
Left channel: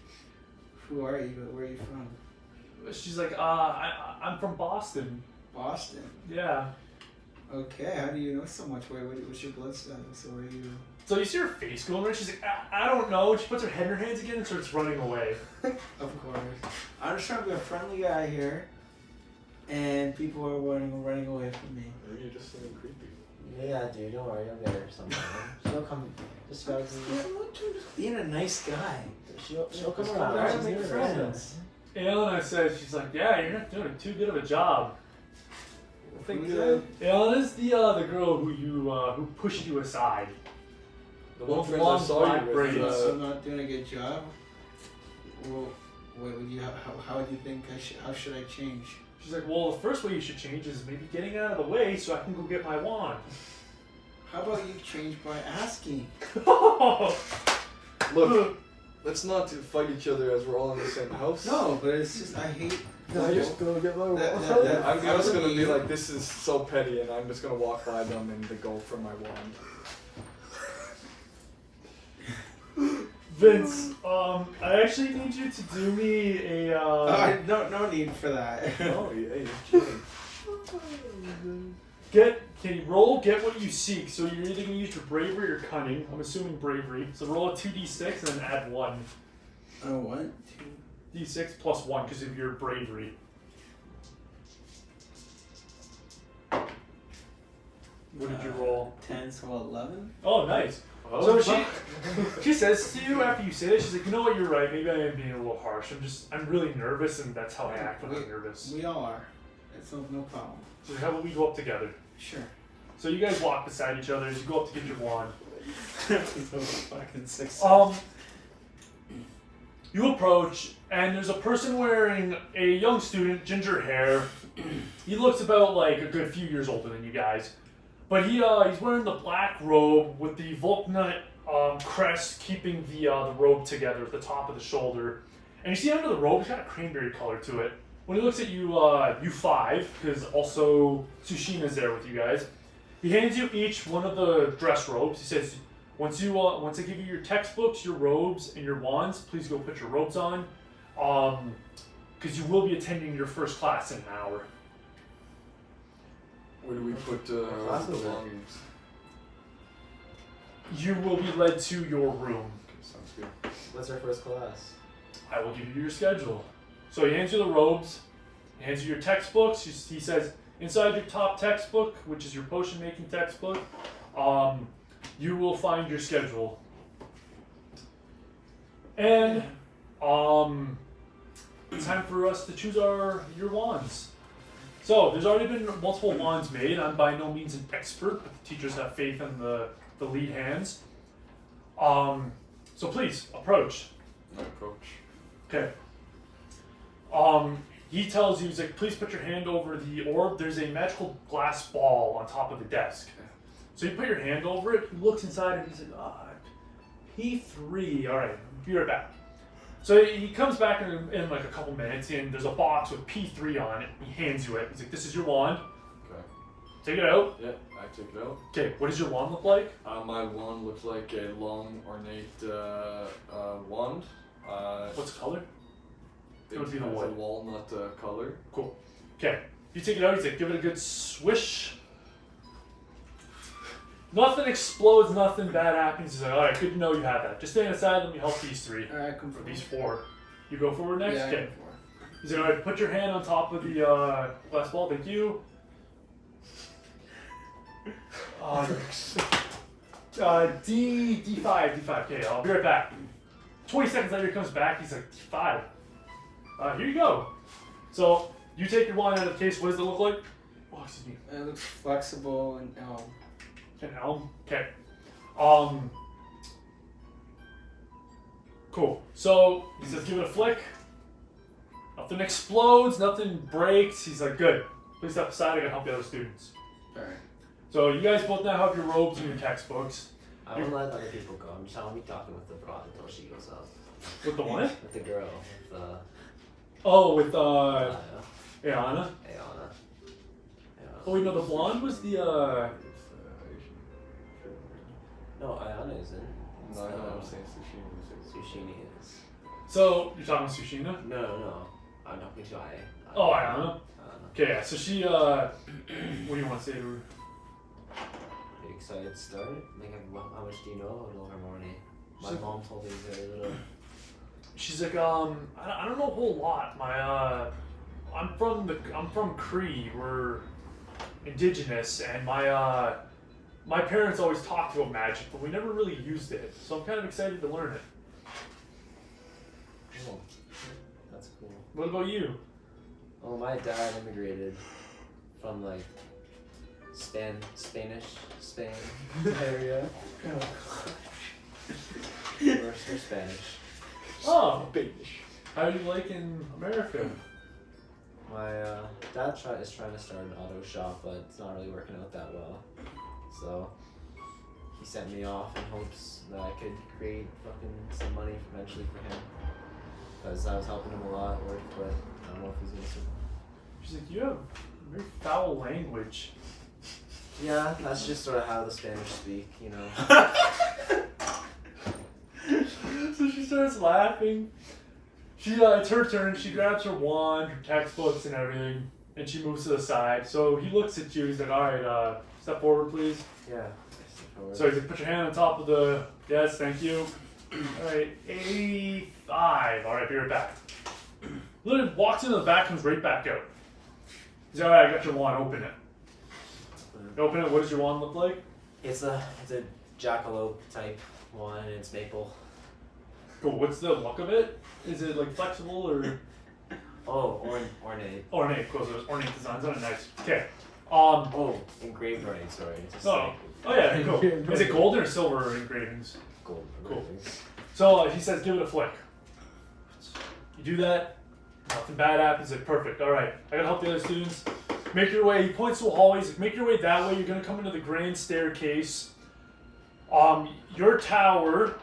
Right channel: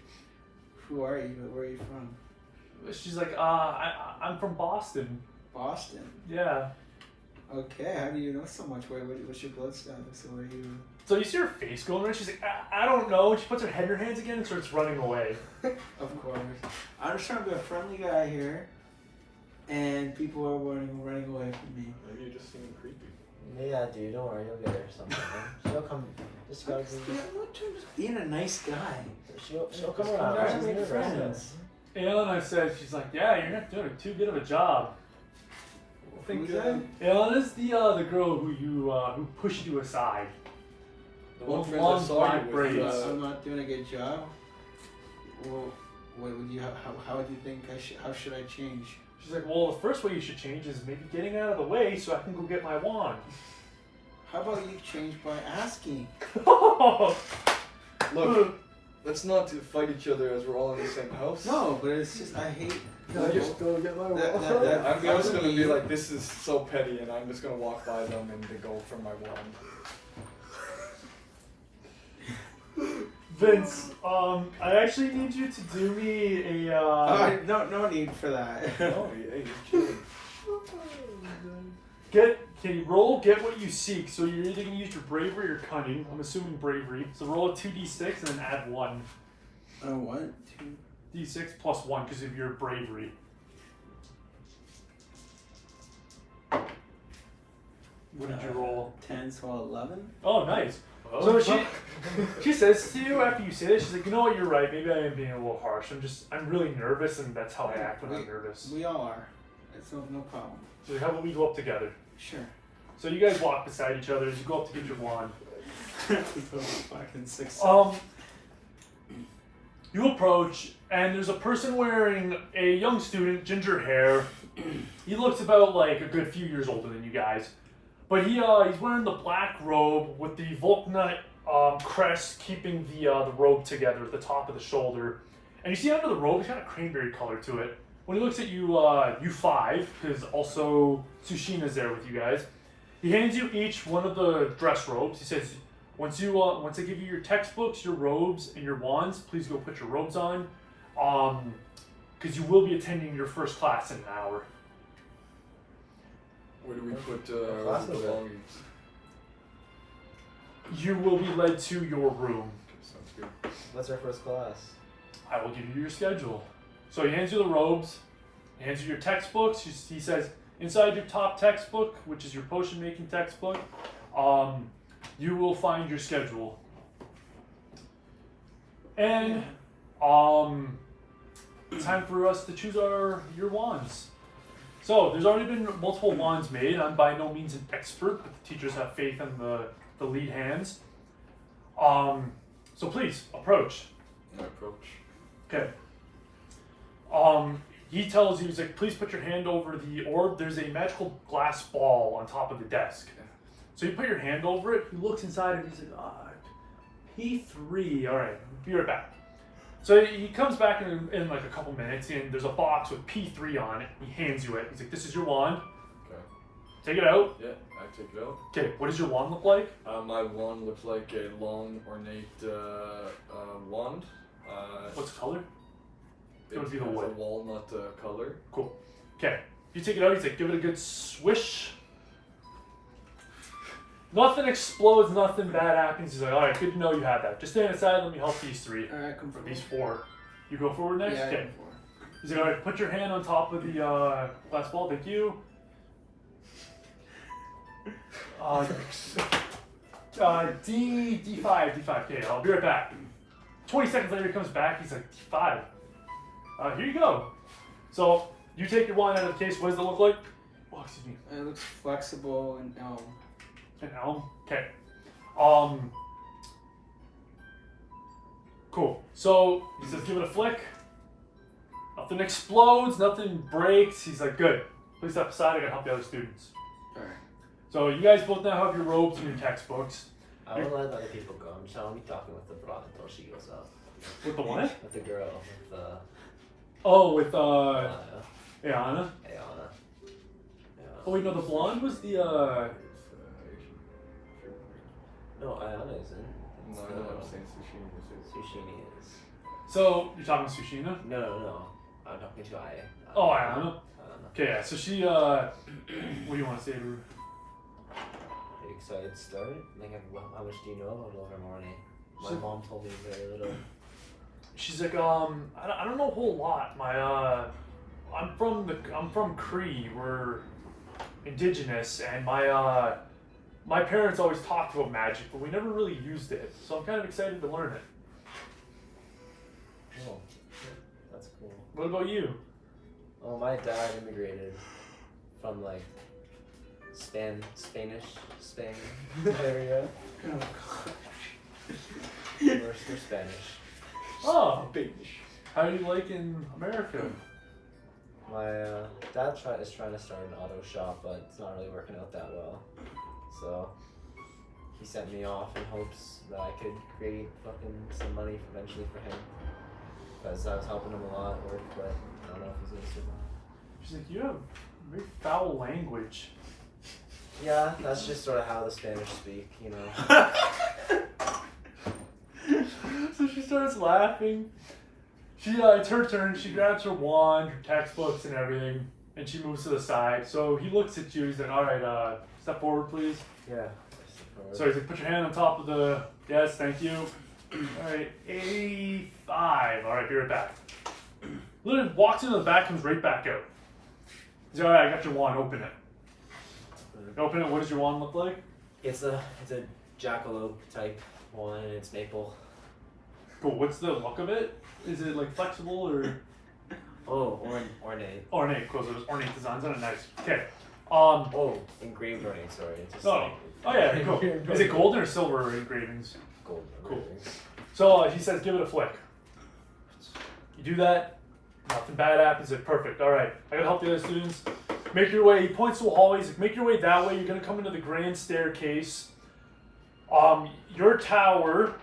who are you? Where are you from? She's like, I'm from Boston. Boston. Yeah. Okay, how do you know so much? What's your blood status? So are you? So you see her face going there, she's like, I don't know. And she puts her head in her hands again and starts running away. Of course. I'm just trying to be a friendly guy here, and people are running away from me. Maybe you're just seeming creepy. Yeah, dude, don't worry, you'll get her sometime. She'll come. Just gotta Just being a nice guy. She'll come Just around. try to She's make nervous. friends. Ilana says, she's like, yeah, you're not doing too good of a job. Who's that? Ilana's the girl who pushed you aside. The one With friend long I saw black you braids. with, So I'm not doing a good job. Well, what would you? How would you think I should? How should I change? She's like, well, the first way you should change is maybe getting out of the way so I can go get my wand. How about you change by asking? Look, let's not fight each other as we're all in the same house. No, but it's just I hate. Can I just go get my That- I'm I just would gonna be be- like, this is so petty, and I'm just gonna walk by them and they go for my wand. Vince, I actually need you to do me a, No need for that. Oh, yeah, you're kidding. get what you seek. So you're either gonna use your bravery or cunning. I'm assuming bravery. So roll a 2d6 and then add 1. Oh, what? D6 plus 1 because of your bravery. What did you roll? 10, so 11. Oh, nice. So she says to you after you say this, she's like, you know what, you're right. Maybe I am being a little harsh. I'm really nervous, and that's how I act when I'm nervous. We all are. It's no problem. So how about we go up together? Sure. So you guys walk beside each other as you go up to get your wand. So fucking 6. You approach, and there's a person wearing a young student, ginger hair. He looks about like a good few years older than you guys. But he's wearing the black robe with the Volknut crest keeping the robe together at the top of the shoulder. And you see under the robe, it's got a cranberry color to it. When he looks at you, you 5, because also Tsushina's there with you guys. He hands you each one of the dress robes. He says, once I give you your textbooks, your robes, and your wands, please go put your robes on, because you will be attending your first class in an hour. Where do we put Class the is it? belongings? You will be led to your room. Okay, sounds good. What's our first class? I will give you your schedule. So he hands you the robes, he hands you your textbooks. He says, inside your top textbook, which is your potion making textbook, you will find your schedule. And it's time for us to choose your wands. So there's already been multiple wands made. I'm by no means an expert, but the teachers have faith in the the lead hands. So please approach. I approach. Okay. He tells you, he's like, please put your hand over the orb. There's a magical glass ball on top of the desk. Okay. So you put your hand over it. He looks inside and he's like, P3. All right, be right back. So he comes back in like a couple minutes, and there's a box with P3 on it. He hands you it. He's like, this is your wand. Okay. Take it out. Yeah, I take it out. Okay, what does your wand look like? My wand looks like a long, ornate wand. What's the color? It would be It's the a wood. walnut color. Cool. Okay, you take it out. He's like, give it a good swish. Nothing explodes, nothing bad happens. He's like, all right, good to know you have that. Just stand aside, let me help these three. All right, come Or for these four. You go forward next? Yeah, I Okay. go for it. He's like, all right, put your hand on top of the glass ball. Thank you. D5. Okay, I'll be right back. 20 seconds later, he comes back. He's like, D5. Here you go. So you take your wand out of the case. What does it look like? Oh, excuse me. It looks flexible and An elm. Okay. Cool. So he says, give it a flick. Nothing explodes. Nothing breaks. He's like, good. Please step aside. I gotta help the other students. all right. So you guys both now have your robes and your textbooks. I won't let other people go. I'm just gonna be talking with the broad until she goes out. With the what? With the girl, with the Oh, with Anna. Ayana. Ayana. Oh wait, no, the blonde was the No, Ayana isn't. No, I'm saying sushi. Sushini is. So you're talking Sushina? No. I'm talking to I. Oh, Ayana. Ayana. Okay, yeah. So she what do you want to say to her? Are you excited to start? Like, how much do you know about Ilvermorny? My So- mom told me very little. She's like, I don't know a whole lot. I'm from Cree. We're indigenous, and my parents always talked about magic, but we never really used it. So I'm kind of excited to learn it. Oh, that's cool. What about you? Oh, my dad immigrated from like Spain area. We're Spanish. Oh, how do you like in America? My dad is trying to start an auto shop, but it's not really working out that well. So he sent me off in hopes that I could create some money eventually for him. Because I was helping him a lot at work, but I don't know if he's gonna survive. She's like, you have very foul language. Yeah, that's just sort of how the Spanish speak, you know. So she starts laughing. It's her turn. She grabs her wand, her textbooks, and everything, and she moves to the side. So he looks at you. He's like, all right, step forward, please. Yeah. So he's like, put your hand on top of the, yes, thank you. All right, A5. All right, be right back. Literally walks into the back, comes right back out. He's like, all right, I got your wand, open it. Open it, what does your wand look like? It's a jackalope type one, and it's maple. Cool, what's the look of it? Is it like flexible or? Oh, ornate. Ornate, cool, so there's ornate designs on it, nice. Okay. Oh, engraved ornate, sorry. It's a Oh, snake. oh yeah, cool. Is it golden or silver engravings? Gold Cool. engravings. So he says, give it a flick. You do that, nothing bad happens. Like, perfect. All right, I gotta help the other students. Make your way. He points to a hallway. He's like, make your way that way. You're gonna come into the grand staircase. Your tower.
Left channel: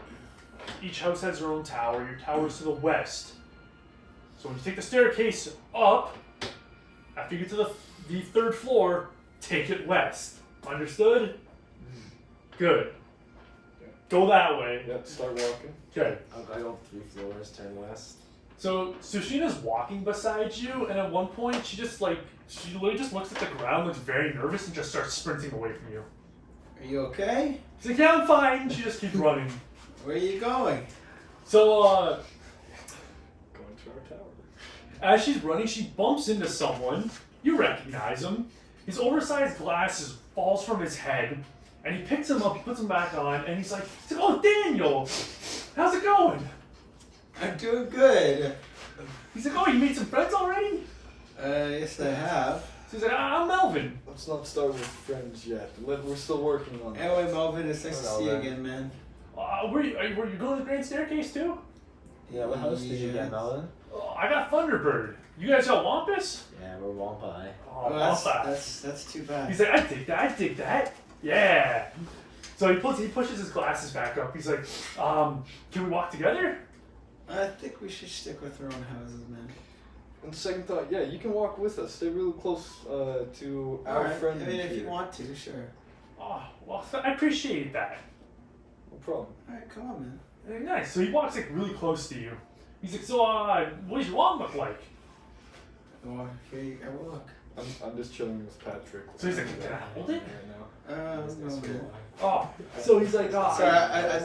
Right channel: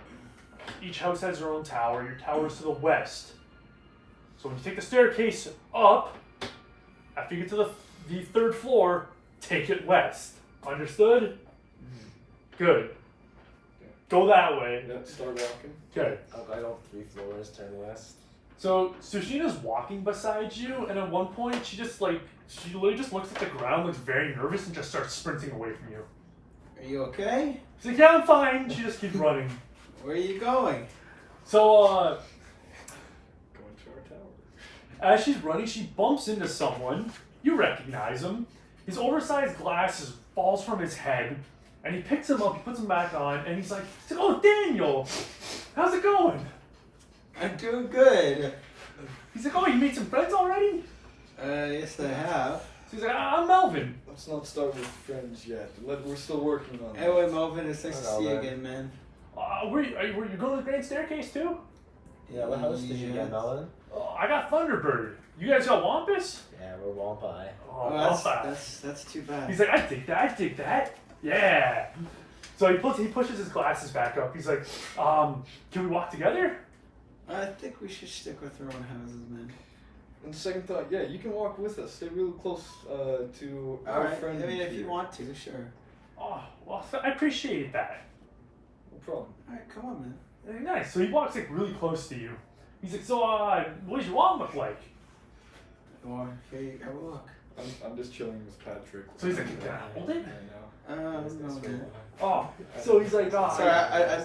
Each house has their own tower. Your tower's to the west. So when you take the staircase up, after you get to the third floor, take it west. Understood? Good. Go that way. Yeah, start walking. Okay. I go 3 floors, turn west. So Sushina's walking beside you, and at one point she literally just looks at the ground, looks very nervous, and just starts sprinting away from you. Are you okay? She's like, yeah, I'm fine. She just keeps running. Where are you going? So Going to our tower. as she's running, she bumps into someone. You recognize him. His oversized glasses falls from his head, and he picks him up. He puts him back on, and he's like, "Oh, Daniel, how's it going?" I'm doing good. He's like, "Oh, you made some friends already?" Yes, I have. He's He's like, I'm Melvin. Let's not start with friends yet. We're still working on Hey, wait, Melvin, it's nice to Hello, see you man. again, man. Were you going to the grand staircase too? Yeah, what house did you Yeah. get, Melon? Oh, I got Thunderbird. You guys got Wampus? Yeah, we're Wampai. Oh, Oh, Wampus. that's too bad. He's like, I dig that. Yeah. So he pushes his glasses back up. He's like, can we walk together? I think we should stick with our own houses, man. And second thought, yeah, you can walk with us. Stay really close to our Alright, friend. I mean, if here. you want to, sure. Oh, well, I appreciate that. No problem. Alright, come on, man. Very nice. So he walks like really close to you. He's like, so what does your wand look like? Well, here you have a look. I'm just chilling with Patrick. So he's like, can I hold it? Right now. No, man. Oh, so he's like, Sorry, I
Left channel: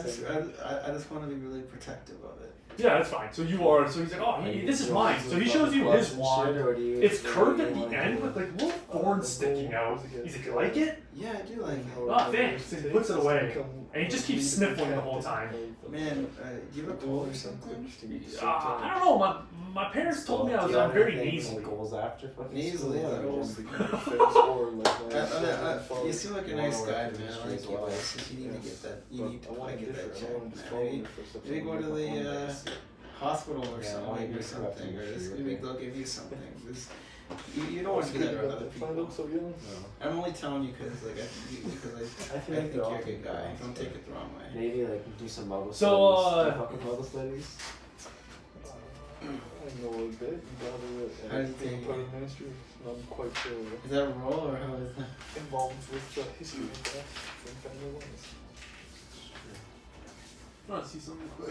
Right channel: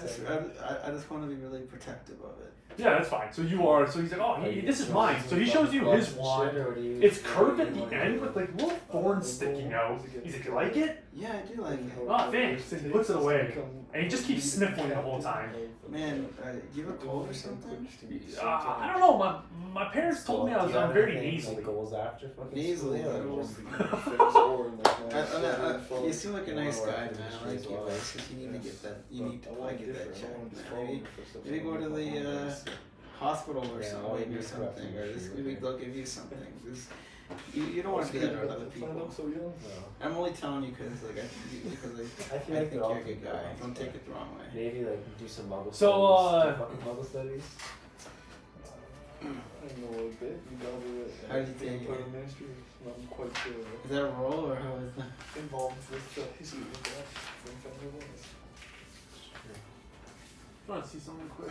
just want to be really protective of it. yeah, that's fine. So you are. So he's like, oh, this is mine. So he shows you his wand. It's curved at the end with like little thorns sticking out. He's like, you like it? Yeah, I do like it. Oh, thanks. And he puts it away. And he just keeps sniffling the whole time. Man, you have a cold or something? I don't know. My parents told me I'm very nasally. Goals after fucking Nasally, school, though. You seem like a nice guy, man. I like you. If you need to get that, you need to probably get that checked, man. Maybe go to the hospital or something, or maybe they'll give you something. You don't want to do that around other people. I'm only telling you because I I feel think like you're they're all a good good guy. guys. Don't take it the wrong way. Maybe like do some muggle So, studies. Do fucking muggle studies. I know a bit. How do you think? I'm quite sure. Is that a role or how is that? Involved with history class. I think I know what. You want to see something quick?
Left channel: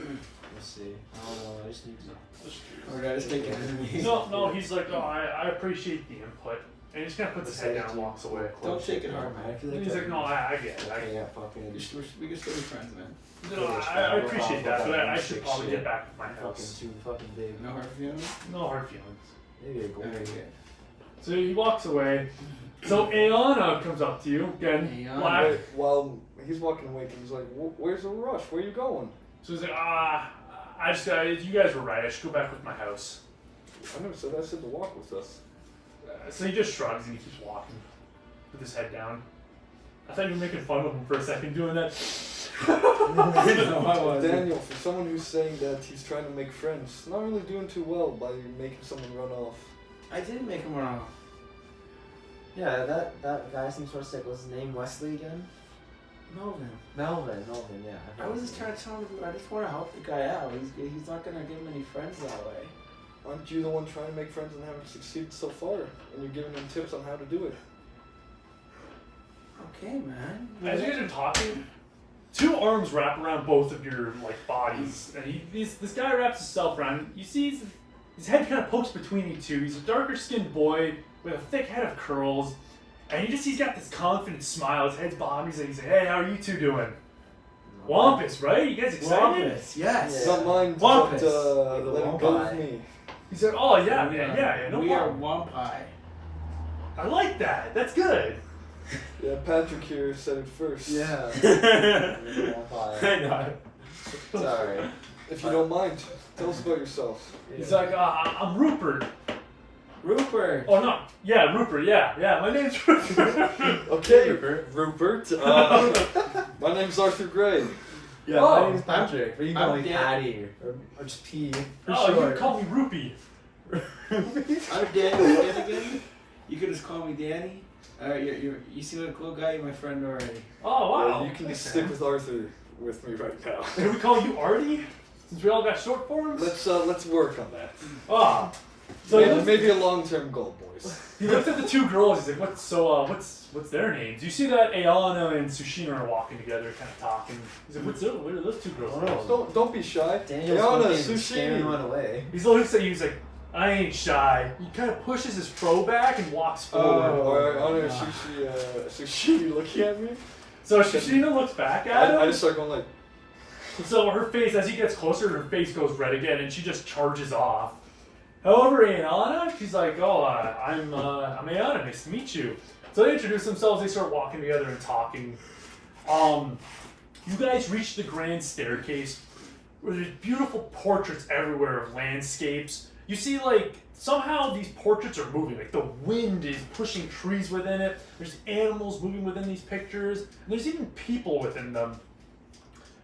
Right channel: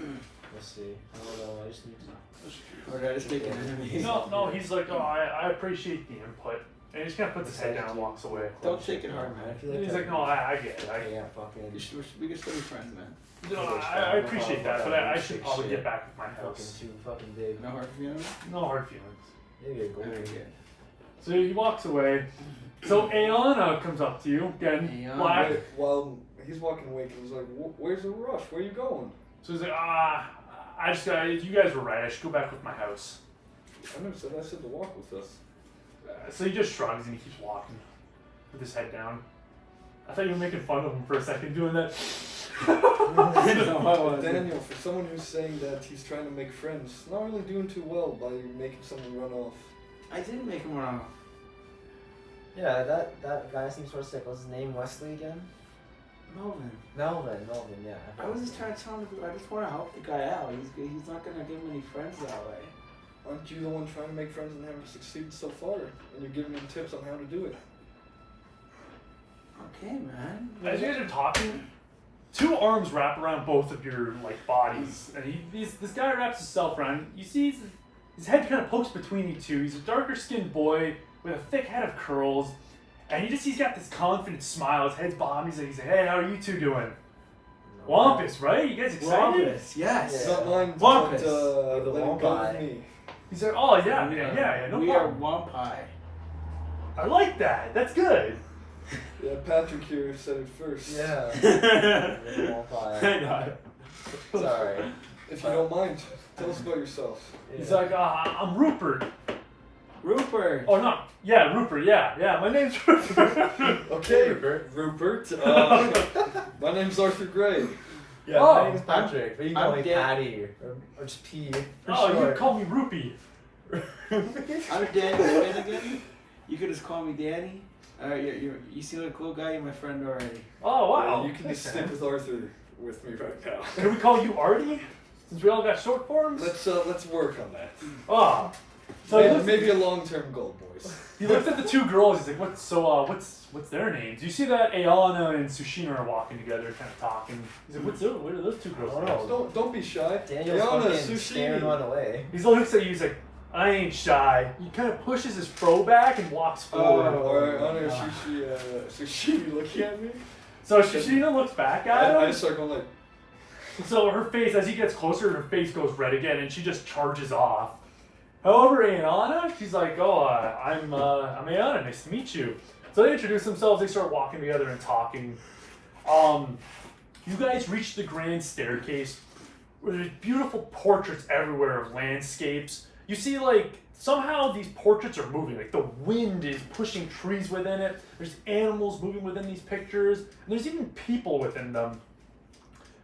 We'll see. I don't know. I just need to. Or did I just make it enemy? No, he's like, oh, I appreciate the input. And he just kind of puts his head down and walks away. Don't take it hard, man. I feel And like he's like, no, I get it. I got fucking. We can still be friends, man. I appreciate that, but I should probably get back with my Fucking house. too fucking big. No hard feelings? No hard feelings. Maybe a gold. Very good. So he walks away. So Ayana comes up to you again. Ayana. Black. Wait, while he's walking away, he's like, "Where's the rush? Where are you going?" So he's like, I just got. You guys were right. I should go back with my house. I never said I said to walk with us. So he just shrugs and he keeps walking with his head down. I thought you were making fun of him for a second doing that. No, I wasn't. Daniel, for someone who's saying that he's trying to make friends, not really doing too well by making someone run off. I didn't make him run off. Yeah, that guy seems sort of sick. What's his name? Wesley again? Melvin. Melvin, yeah. I was just trying to tell him, I just want to help the guy out. He's not going to get many friends that way. Aren't you the one trying to make friends and haven't succeeded so far? And you're giving him tips on how to do it. Okay, man. As you guys are talking, two arms wrap around both of your bodies, and this guy wraps himself around. You see his head kind of pokes between you two. He's a darker skinned boy with a thick head of curls, and he's got this confident smile. His head's bobbing. He's like, hey, how are you two doing? Wampus, right? You guys excited? Wampus, yes. It's not mine to Wampus. let You're the him go with Wampai. me. He's like, oh yeah, no We problem. are Wampai. I like that. That's good. Yeah, Patrick here said it first. Yeah. I know. Sorry. If you don't mind, tell us about yourself. He's like, I'm Rupert. Rupert. Oh no, yeah, Rupert. Yeah. My name's Rupert. Okay, Rupert. My name's Arthur Gray. Yeah, Oh, my name's Patrick. But you can I'm call me Dan. Patty or just P. Oh, you can call me Rupee. I'm Danny again. You can just call me Danny. You seem like a cool guy. You're my friend already. Oh wow. You can just stick with Arthur with me right now. Can we call you Artie? Since we all got short forms? Let's work on that. Oh. So he Maybe a long-term goal, boys. looks at the two girls, he's like, what's their names? You see that Ayana and Sushina are walking together, kind of talking. He's like, what are those two girls' I don't names? know. Don't be shy. Daniel's Ayana, fucking scaring one away. He looks at you, he's like, I ain't shy. He kind of pushes his fro back and walks forward. Sushi looking at me. So Sushina looks back at I him. just start going like, So her face, as he gets closer, her face goes red again, and she just charges off. However, Ayana, she's like, oh, I'm Ayana, nice to meet you. So they introduce themselves, they start walking together and talking. You guys reach the grand staircase, where there's beautiful portraits everywhere of landscapes. you see like somehow these portraits are moving. Like the wind is pushing trees within it. There's animals moving within these pictures. And there's even people within them.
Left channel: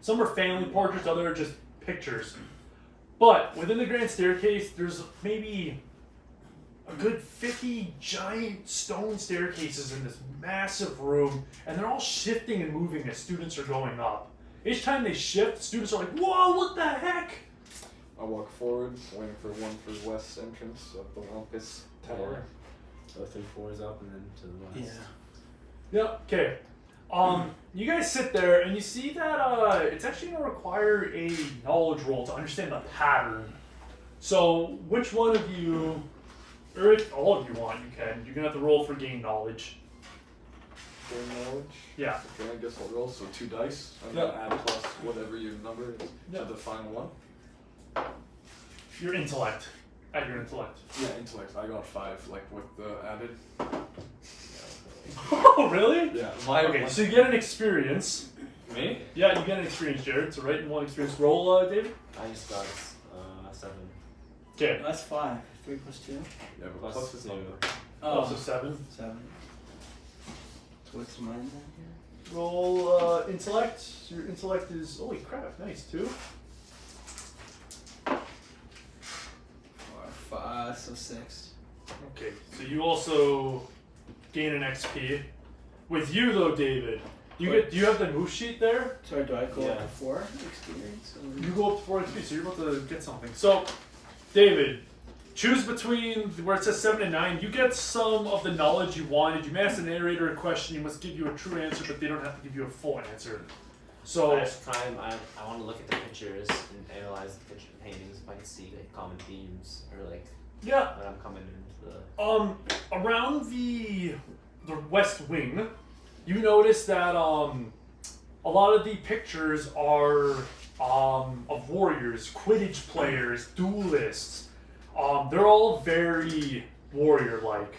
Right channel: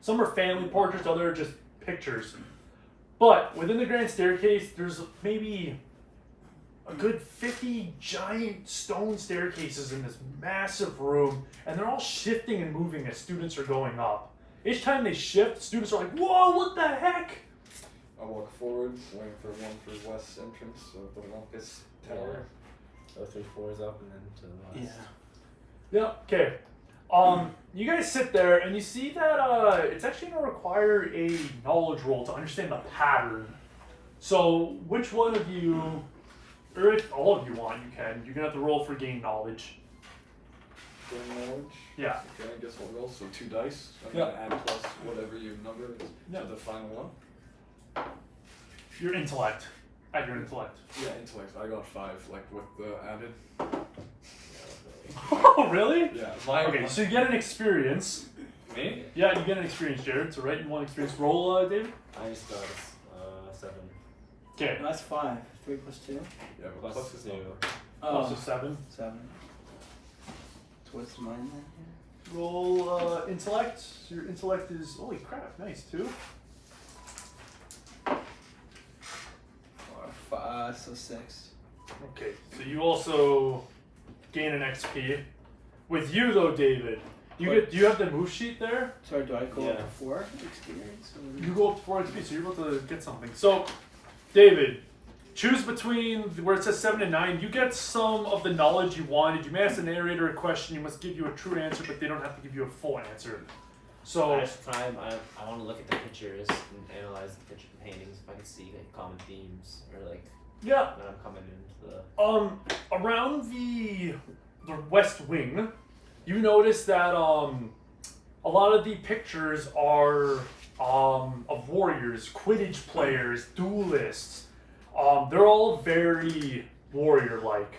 Some are family portraits, other are just pictures. But within the grand staircase, there's maybe a good 50 giant stone staircases in this massive room, and they're all shifting and moving as students are going up. Each time they shift, students are like, whoa, what the heck? I walk forward, waiting for one for west entrance of the Lumpus Tower. So 3 floors up and then to the west. Yeah. Yep, okay. You guys sit there and you see that it's actually going to require a knowledge roll to understand the pattern. So which one of you, or if all of you want, you can. You're going to have to roll for gain knowledge. Gain knowledge? Yeah. Okay, I guess I'll roll. So 2 dice. I'm Yeah. gonna add plus whatever your number is Yeah. to the final one. Your intellect. Add your intellect. Yeah, intellect. I got 5, like with the added. Oh, really? Yeah. Okay, so you get an experience. Me? Yeah, you get an experience, Jared. So write in 1 experience. Roll, David. I just got 7. Okay. That's 5. 3 plus 2. Yeah, but Plus plus is 2. number. Plus a 7. 7. So what's mine then here? Roll intellect. So your intellect is, holy crap, nice, 2. 5, so 6. Okay, so you also gain an XP. With you though, David, do you have the move sheet there? Sorry, do I go up Yeah. to 4 experience? Or? You go up to 4 XP, so you're about to get something. So, David, choose between where it says 7 and 9. You get some of the knowledge you wanted. You may ask the narrator a question. You must give you a true answer, but they don't have to give you a full answer. So, I just try. I want to look at the pictures and analyze the picture paintings if I can see like common themes or like yeah. when I'm coming into the. Around the west wing, you notice that a lot of the pictures are of warriors, Quidditch players, duelists. They're all very warrior-like.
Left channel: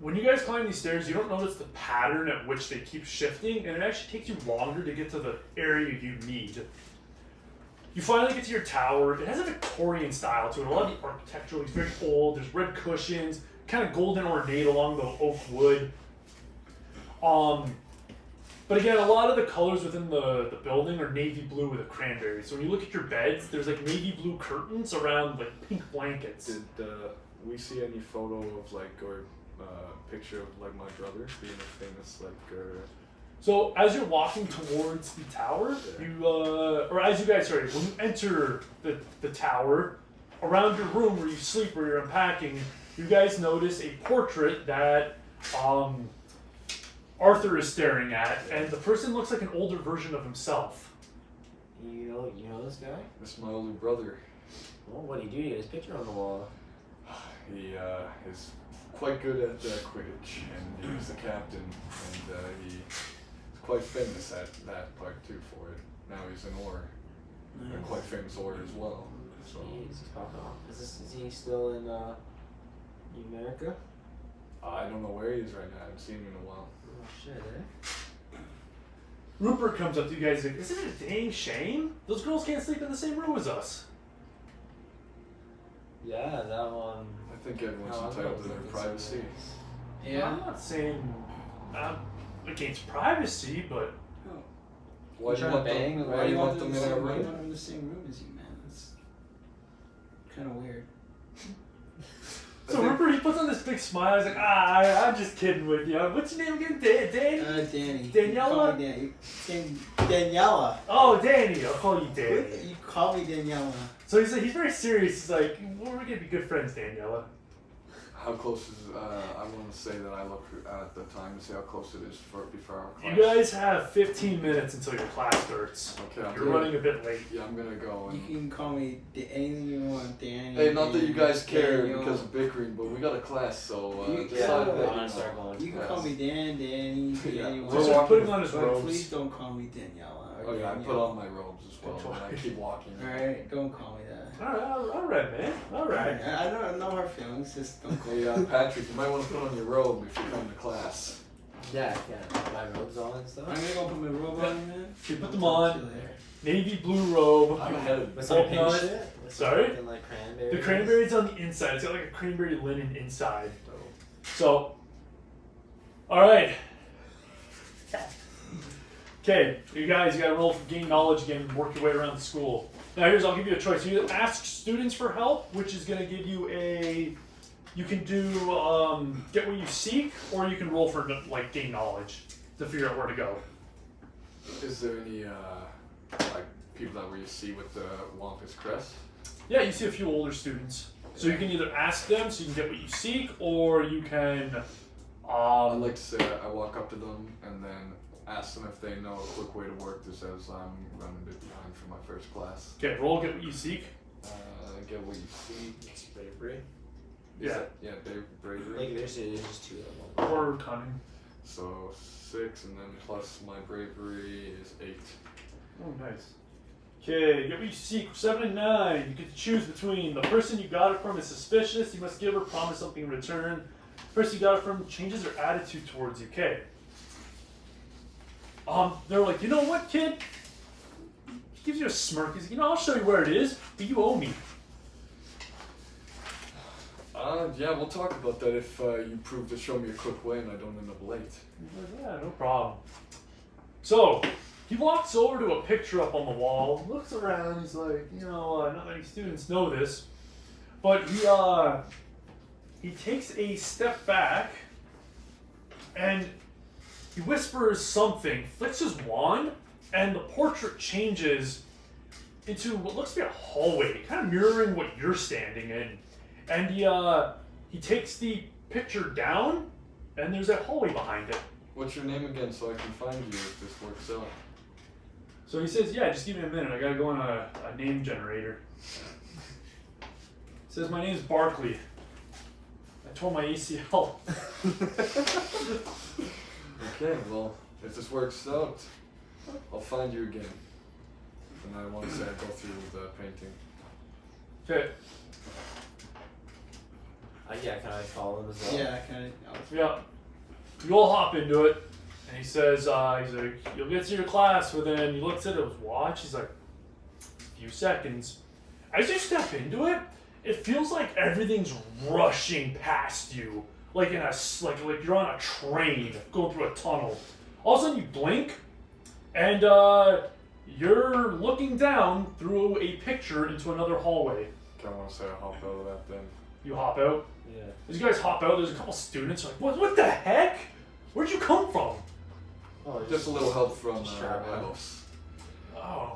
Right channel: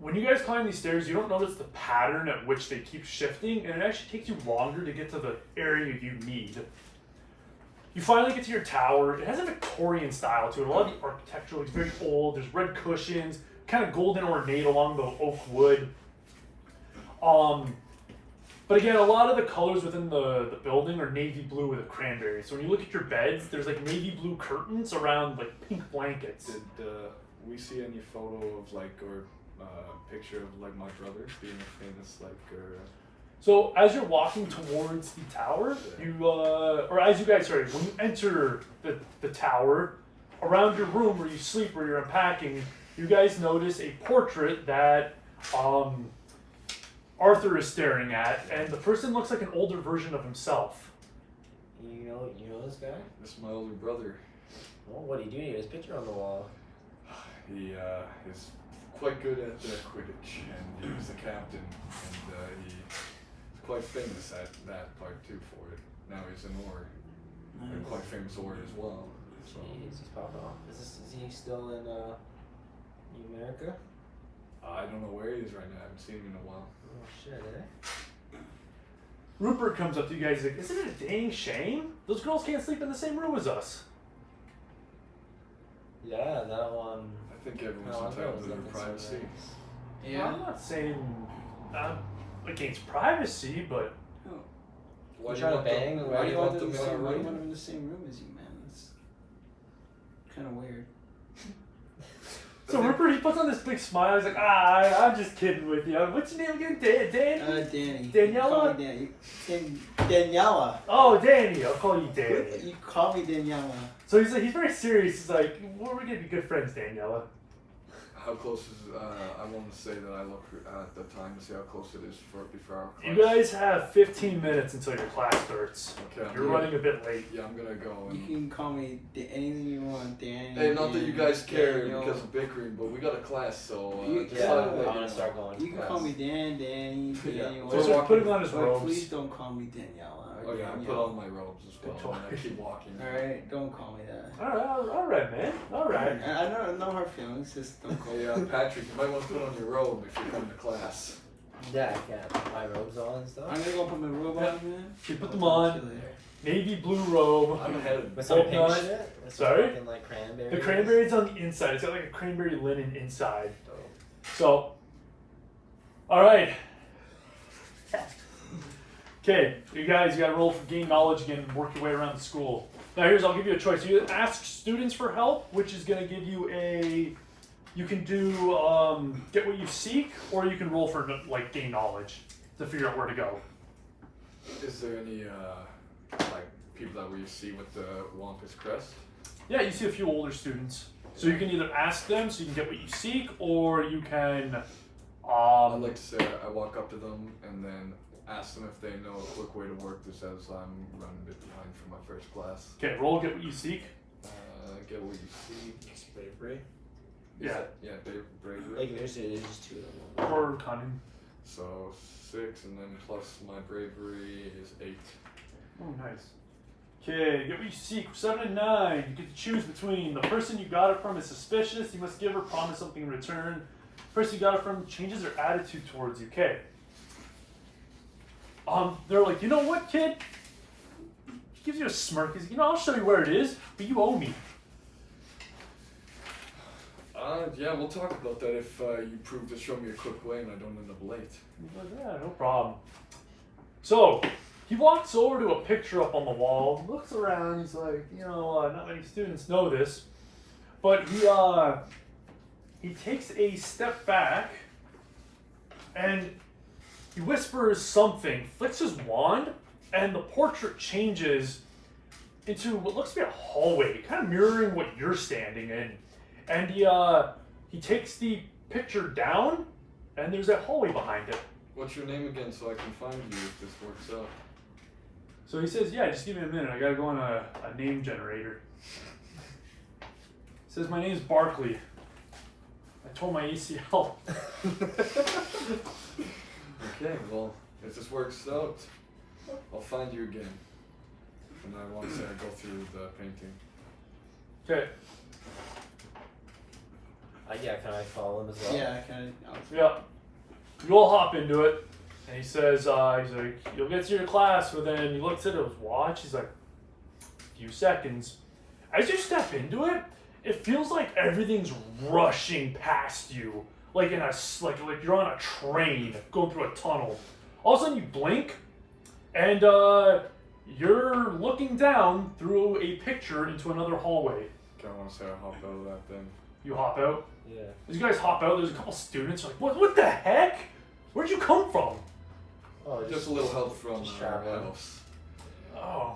When you guys climb these stairs, you don't notice the pattern at which they keep shifting, and it actually takes you longer to get to the area you need. You finally get to your tower. It has a Victorian style to it. A lot of the architectural is very old. There's red cushions, kind of golden ornate along the oak wood. But again, a lot of the colors within the building are navy blue with a cranberry. So when you look at your beds, there's like navy blue curtains around like pink blankets. Did we see any photo of like or picture of like my brother being a famous like So as you're walking towards the tower, or as you guys, sorry, when you enter the tower, around your room where you sleep, where you're unpacking, you guys notice a portrait that Arthur is staring at, and the person looks like an older version of himself. You know this guy? This is my older brother. Well, what do you do? He has his picture on the wall. He is quite good at Quidditch, and he's the captain, and he's quite famous at that part too for it. Now he's an Orr, and quite famous Orr as well. So. Jeez, he's popping off. Is he still in America? I don't know where he is right now. I haven't seen him in a while. Oh shit, eh? Rupert comes up to you guys like, isn't it a dang shame? Those girls can't sleep in the same room as us. Yeah, that one. I think everyone's No, entitled to their I don't privacy. think Yeah. I'm not saying against privacy, but Why trying to bang or Why do you want them them in the other room? in the same room as you, man? That's kind of weird. so Rupert, he puts on this big smile. He's like, I'm just kidding with you. What's your name again? Danny? Danny. Daniela? You call me Daniela. Oh, Danny. I'll call you Danny. You call me Daniela. So he's very serious. He's like, well, we're gonna be good friends, Daniela. How close is, I want to say that I look at the time to see how close it is before our class. You guys have 15 minutes until your class starts. Okay, I'm You're gonna- running a bit late. Yeah, I'm gonna go. You And, can call me anything you want, Danny. hey, not that you guys care Daniel. because of bickering, but we got a class, so You- just Yeah, like I'm that, gonna start going. You can fast. call me Danny, Yeah. Danny. So he's just putting on his But robes. please don't call me Daniela. Or Okay, I put Danielle. on my robes as well, Control. and I keep walking. Alright, don't call me that. All right, man. All right. I know her feelings, just don't call me Hey, Patrick, you might want to put on your robe if you're going to class. Yeah, I can. My robes on and stuff. I'm gonna go put my robe on, man. You put them I'll talk on. to you later. Navy blue robe. I'm headed. With some Bolt pink nut. shit? With Sorry? some fucking, like cranberries? The cranberry's on the inside. It's got like a cranberry linen inside. Dope. So, all right. Okay, you guys, you gotta roll for gain knowledge again, work your way around the school. Now I'll give you a choice. You ask students for help, which is gonna give you you can do, get what you seek, or you can roll for, like, gain knowledge to figure out where to go. Is there any like people that we see with the Wampus crest? Yeah, you see a few older students. So you can either ask them so you can get what you seek, or you can, I'd like to say I walk up to them and then ask them if they know a quick way to work this as I'm running a bit behind for my first class. okay, roll get what you seek. Get what you see. It's bravery. Yeah. Bravery. Like there's just two of them. Or cunning. So 6 and then plus my bravery is 8. Oh, nice. Okay, get what you seek. 7 and 9. You get to choose between the person you got it from is suspicious. You must give or promise something in return. The person you got it from changes their attitude towards you. Okay. They're like, you know what, kid? He gives you a smirk. He's like, I'll show you where it is, but you owe me. Yeah, we'll talk about that if you prove to show me a quick way and I don't end up late. He's like, yeah, no problem. So, he walks over to a picture up on the wall, looks around, he's like, not many students know this, but he takes a step back and he whispers something, flicks his wand, and the portrait changes into what looks to be a hallway, kind of mirroring what you're standing in. And he takes the picture down, and there's a hallway behind it. What's your name again so I can find you if this works out? So he says, yeah, just give me a minute. I gotta go on a name generator. He says, my name's Barkley. I tore my ACL. Okay, well, if this works out, I'll find you again. And I want to say I go through the painting. Okay. Yeah, can I follow him as well? Yeah, I kind of. Yeah. You all hop into it. And he says, he's like, you'll get to your class within, he looks at his watch, he's like, a few seconds. As you step into it, it feels like everything's rushing past you. Like like you're on a train going through a tunnel. All of a sudden you blink, and you're looking down through a picture into another hallway. Kind of want to say I hop out of that then. You hop out. Yeah. As you guys hop out, there's a couple students like, what the heck? Where'd you come from? Oh, Just a little help from just strap on. elves. Oh.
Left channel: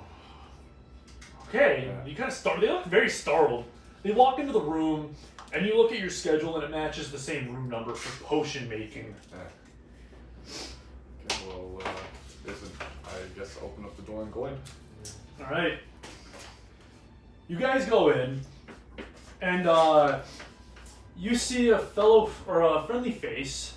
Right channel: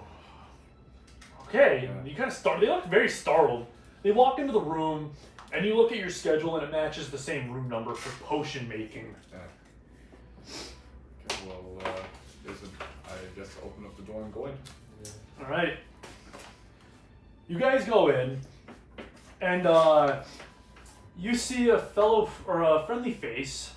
Okay. You kind of they look very startled. They walk into the room, and you look at your schedule, and it matches the same room number for potion making. Okay, well, I guess open up the door and go in. Yeah. All right. You guys go in, and you see a friendly face.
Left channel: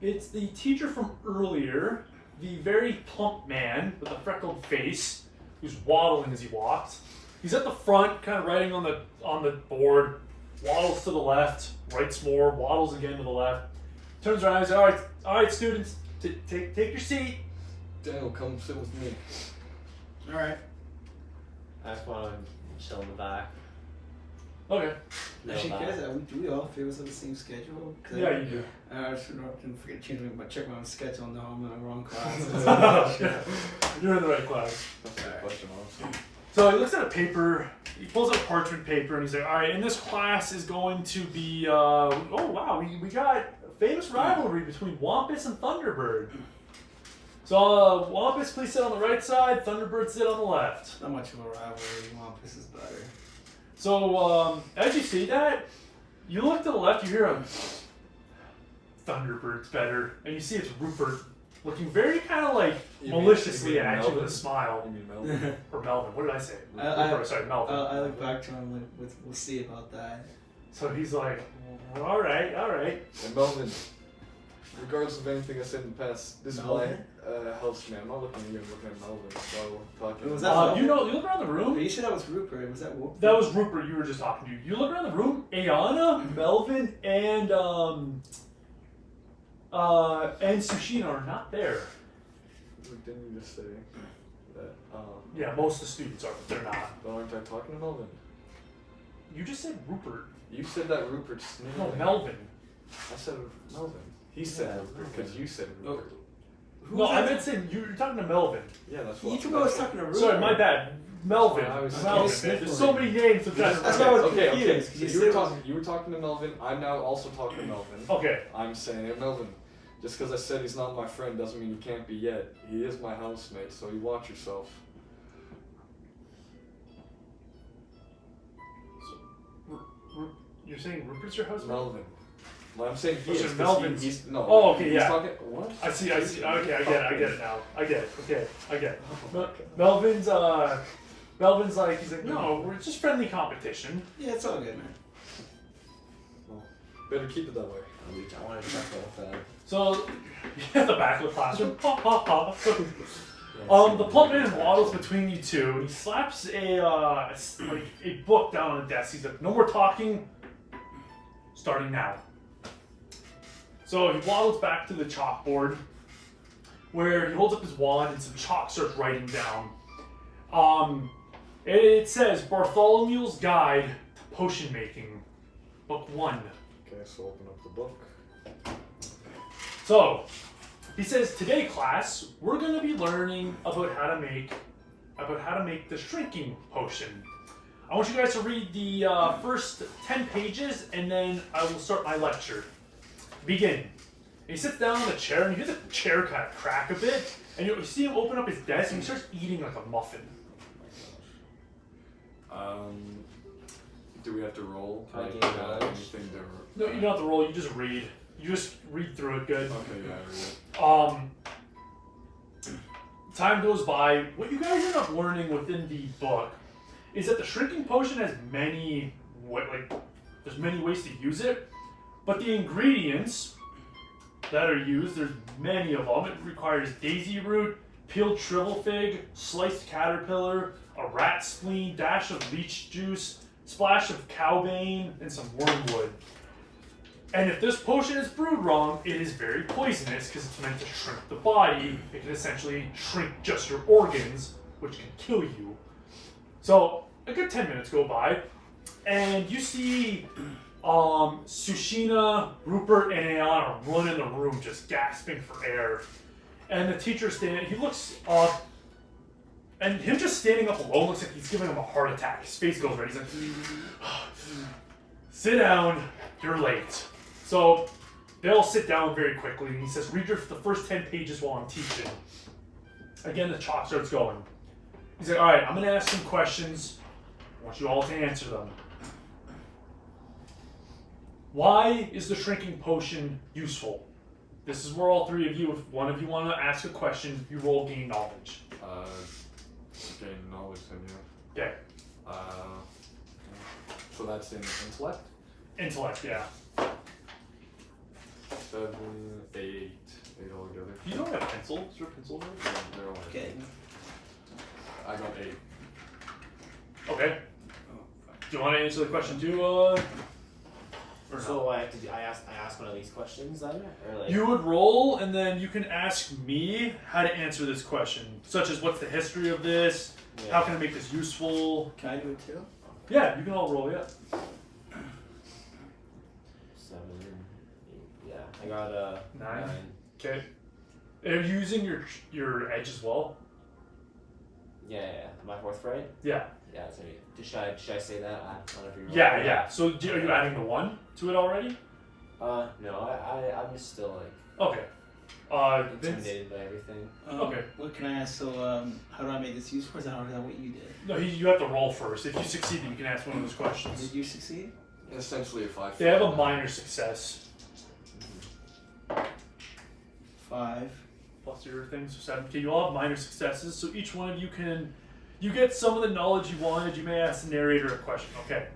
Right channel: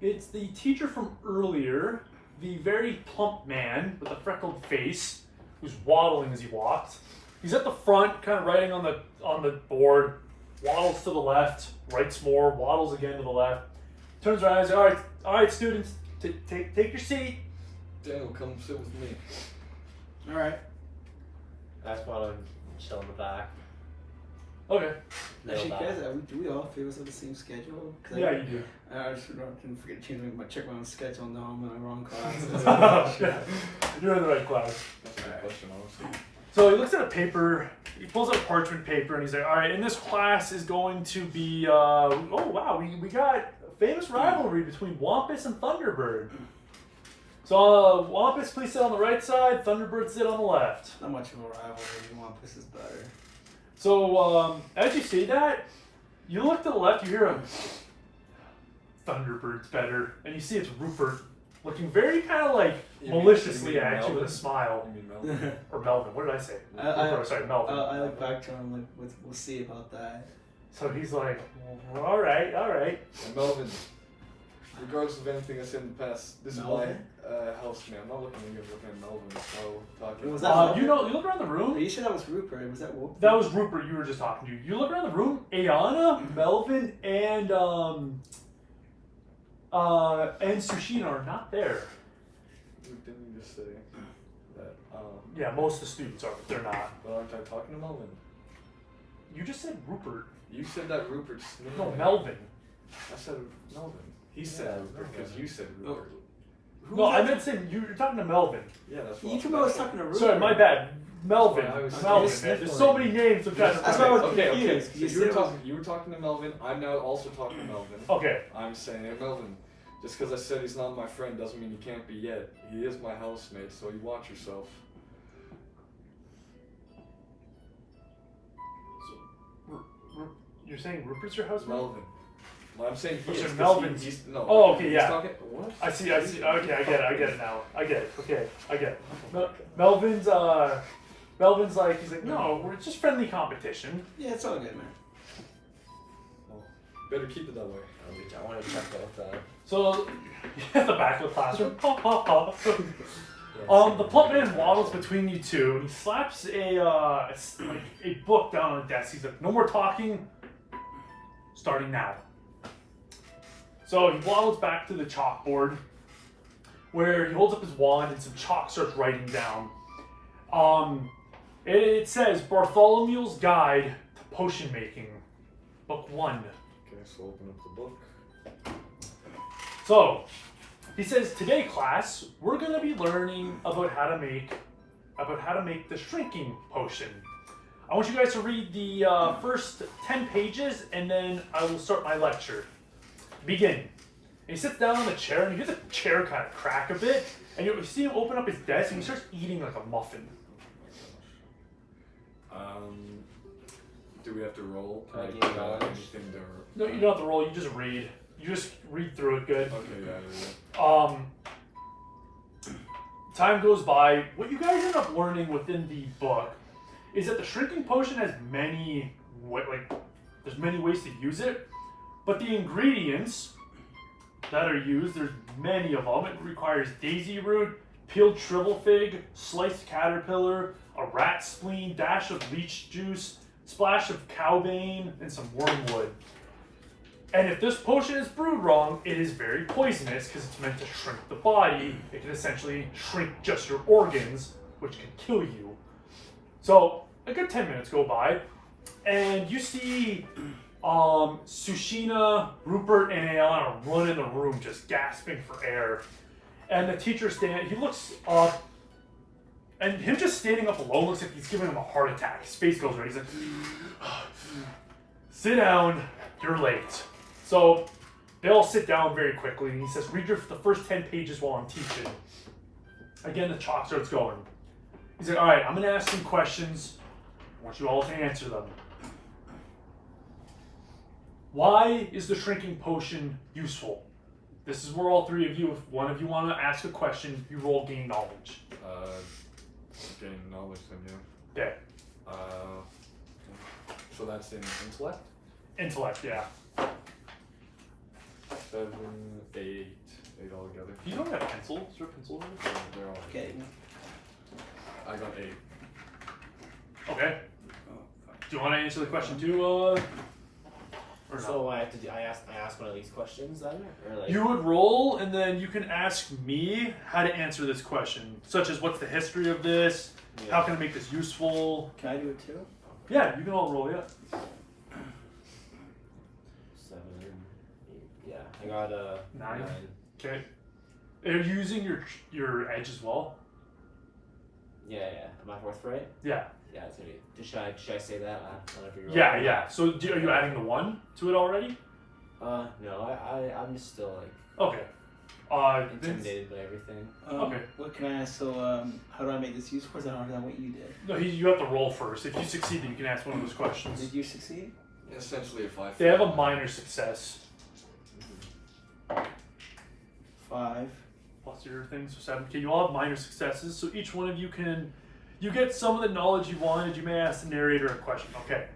It's the teacher from earlier, the very plump man with a freckled face, who's waddling as he walks. He's at the front, kind of writing on the board. Waddles to the left, writes more, waddles again to the left. Turns around and says, all right, students, take your seat. Daniel, come sit with me. All right. I just want to chill in the back. Okay. No Actually, back. guys, do we all feel on the same schedule? Yeah, you do. I just didn't forget to check my own schedule. No, I'm in the wrong class. You're in the right class. That's a good question, honestly. So he looks at a paper, he pulls out parchment paper, and he's like, all right, in this class is going to be, oh wow, we got a famous rivalry between Wampus and Thunderbird. So Wampus, please sit on the right side, Thunderbird sit on the left. Not much of a rivalry. Wampus is better. So as you say that, you look to the left, you hear him, Thunderbird's better, and you see it's Rupert, looking very kind of like maliciously at you with a Melvin? smile. You mean Melvin? Or Melvin, what did I say? Rupert, sorry, Melvin. I look back to him like, we'll see about that. So he's like, well, all right. And Melvin, regardless of anything I said in the past, this Melvin? is my house man. I'm not looking at you, I'm looking at Melvin while talking. Was that you look around the Are room. you sure that was Rupert? Was that Whoop? That was Rupert you were just talking to. You look around the room, Ayana, Melvin, and and Sushina are not there. Didn't you just say that? Yeah, most of the students are, but they're not. But aren't I talking to Melvin? You just said Rupert. You said that Rupert's name. No, Melvin. I said Melvin. He said Rupert because you said Rupert. No, I meant saying you're talking to Melvin. Yeah, that's You what. told me I was talking to Ruben. Sorry, my bad. Melvin. I was- Melvin. Okay. Man. There's so many names. That's why I was Okay. confused. So You you said were, it was- talking, you were talking to Melvin. I'm now also talking to Melvin. Okay. I'm saying, hey, Melvin, just because I said he's not my friend doesn't mean he can't be yet. He is my housemate, so you watch yourself. You're saying Rupert's your husband? Melvin. Well, I'm saying he Oh, so is. 'cause Melvin's- he's no. Oh, okay, he's yeah. Talking, what? I see. Okay, I get it now. I get it. Okay, I get it. Melvin's like, he's like, no, we're just friendly competition. Yeah, it's all good, man. Well, better keep it that way. I want to check with So, at the back of the classroom, the plump man waddles between you two, and he slaps a book down on the desk. He's like, no more talking, starting now. So he waddles back to the chalkboard, where he holds up his wand and some chalk starts writing down. It says Bartholomew's Guide to Potion Making, Book 1. Okay, so open up the book. So, he says, today class, we're going to be learning about how to make the shrinking potion. I want you guys to read the first 10 pages, and then I will start my lecture. Begin. And he sits down on the chair, and you hear the chair kind of crack a bit, and you see him open up his desk, and he starts eating like a muffin. Do we have to roll? Can I Like, gain knowledge? anything to... No, you don't have to roll, you just read. You just read through it good. Okay, yeah, I read it. Time goes by. What you guys end up learning within the book is that the shrinking potion has there's many ways to use it, but the ingredients that are used, there's many of them. It requires daisy root, peeled shrivel fig, sliced caterpillar, a rat spleen, dash of leech juice, splash of cowbane, and some wormwood. And if this potion is brewed wrong, it is very poisonous because it's meant to shrink the body. It can essentially shrink just your organs, which can kill you. So a good 10 minutes go by, and you see Sushina, Rupert, and Ayana run in the room just gasping for air. And the teacher's standing, he looks up, and him just standing up alone looks like he's giving him a heart attack. His face goes red. He's like, sit down, you're late. So they all sit down very quickly, and he says, read the first 10 pages while I'm teaching. Again, the chalk starts going. He's like, all right, I'm going to ask some questions. I want you all to answer them. Why is the shrinking potion useful? This is where all three of you, if one of you want to ask a question, you roll gain knowledge. Gain knowledge then, yeah. Okay. So that's in intellect? Intellect, yeah. 7, 8 altogether. You don't have pencil. Is there a pencil there? Yeah, they're all Okay. I got 8. Okay. Do you want to answer the question too, or no? So I have to do, I ask one of these questions then, or like You would roll, and then you can ask me how to answer this question, such as what's the history of this, yeah. how can I make this useful. Can I do it too? Yeah, you can all roll, yeah. 7, 8, yeah. I got a 9. Okay. Are you using your edge as well? Yeah. Am I fourth right? Yeah. Yeah. So should I say that? Whenever you roll? Yeah. So are you adding the 1 to it already? No. I'm just still like Okay. Vince? intimidated by everything. Okay. What can I ask? So, how do I make this useful? Or is that what you did? No, you have to roll first. If you succeed, you can ask one of those questions. Did you succeed? Essentially a 5. They have a minor success. 5. Plus your things, so 7. Okay, you all have minor successes, so each one of you you get some of the knowledge you wanted. You may ask the narrator a question. Okay.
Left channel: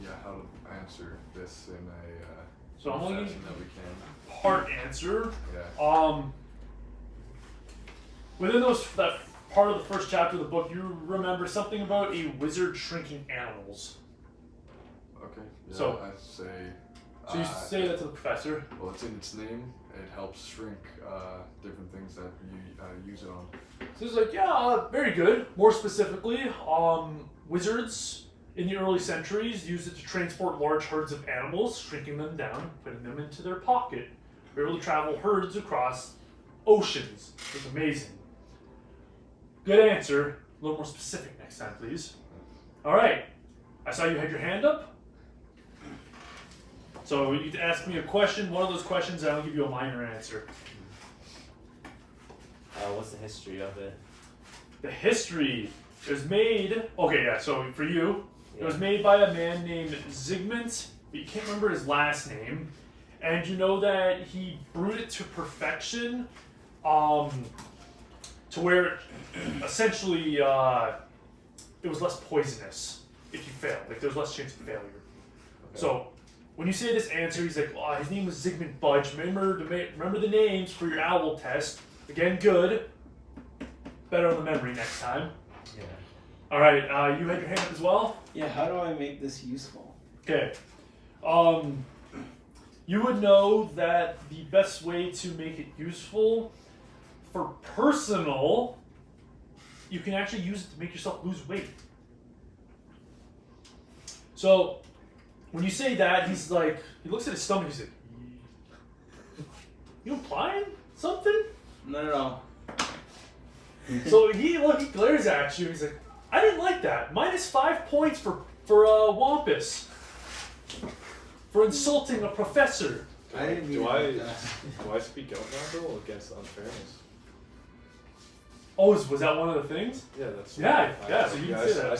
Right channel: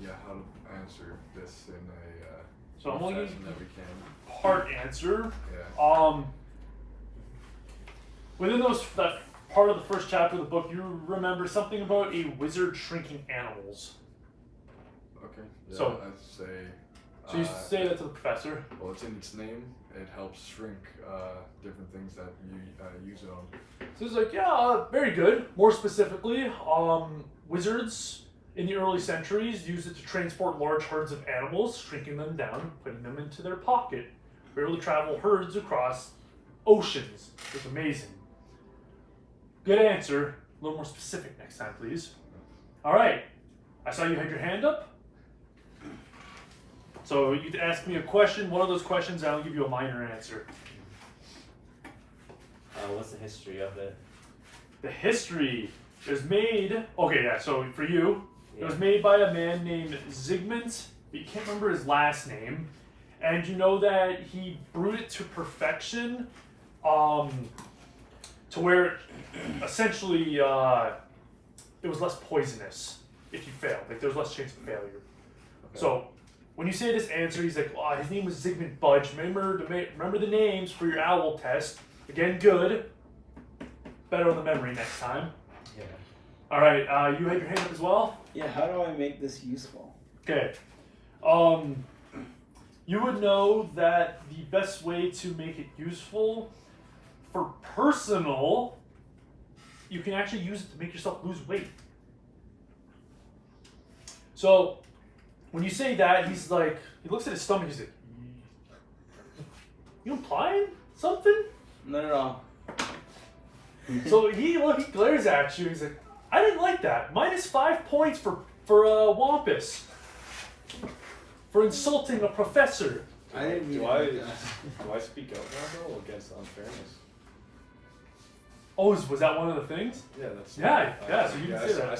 Yeah, how to answer this in a So I'm only fashion that we can. part answer. Yeah. Within that part of the first chapter of the book, you remember something about a wizard shrinking animals. Okay. Yeah, So- I'd say So you say that to the professor. Well, it's in its name. It helps shrink different things that you use it on. So he's like, yeah, very good. More specifically, wizards in the early centuries used it to transport large herds of animals, shrinking them down, putting them into their pocket. They were able to travel herds across oceans. It's amazing. Good answer. A little more specific next time, please. All right. I saw you had your hand up. So you can ask me a question, one of those questions, and I'll give you a minor answer. What's the history of it? The history is made. Okay, yeah. So for you, it was made by a man named Zygmunt. But you can't remember his last name, and you know that he brewed it to perfection, to where essentially it was less poisonous if you failed. Like there was less chance of failure. Okay. So when you say this answer, he's like, oh, his name was Zygmunt Budge. Remember the names for your owl test. Again, good. Better on the memory next time. Yeah. All right, you had your hand up as well? Yeah, how do I make this useful? Okay. You would know that the best way to make it useful for personal, you can actually use it to make yourself lose weight. So when you say that, he's like, he looks at his stomach, he's like, you implying something? Not at all. So he glares at you, he's like, I didn't like that. -5 points for Wampus. For insulting a professor. I didn't mean Do it. I speak out now though against unfairness? Oh, was that one of the things? Yeah, that's. Yeah, so you can say that. I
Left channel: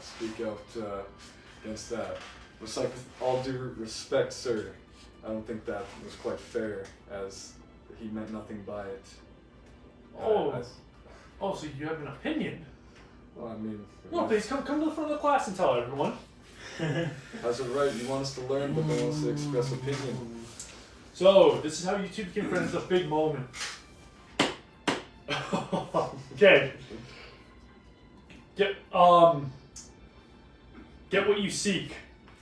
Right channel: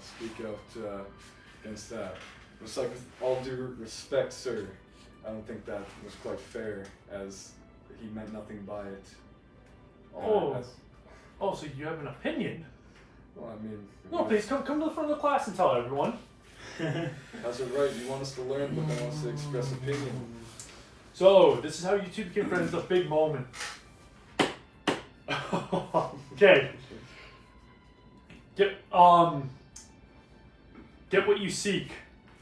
speak out against that. It's like, with all due respect, sir, I don't think that was quite fair, as he meant nothing by it. Oh, so you have an opinion? Well, I mean. No, please come to the front of the class and tell everyone. That's right. You want us to learn, but don't want us to express opinion. So this is how you two became friends. It's a big moment. Okay. Get what you seek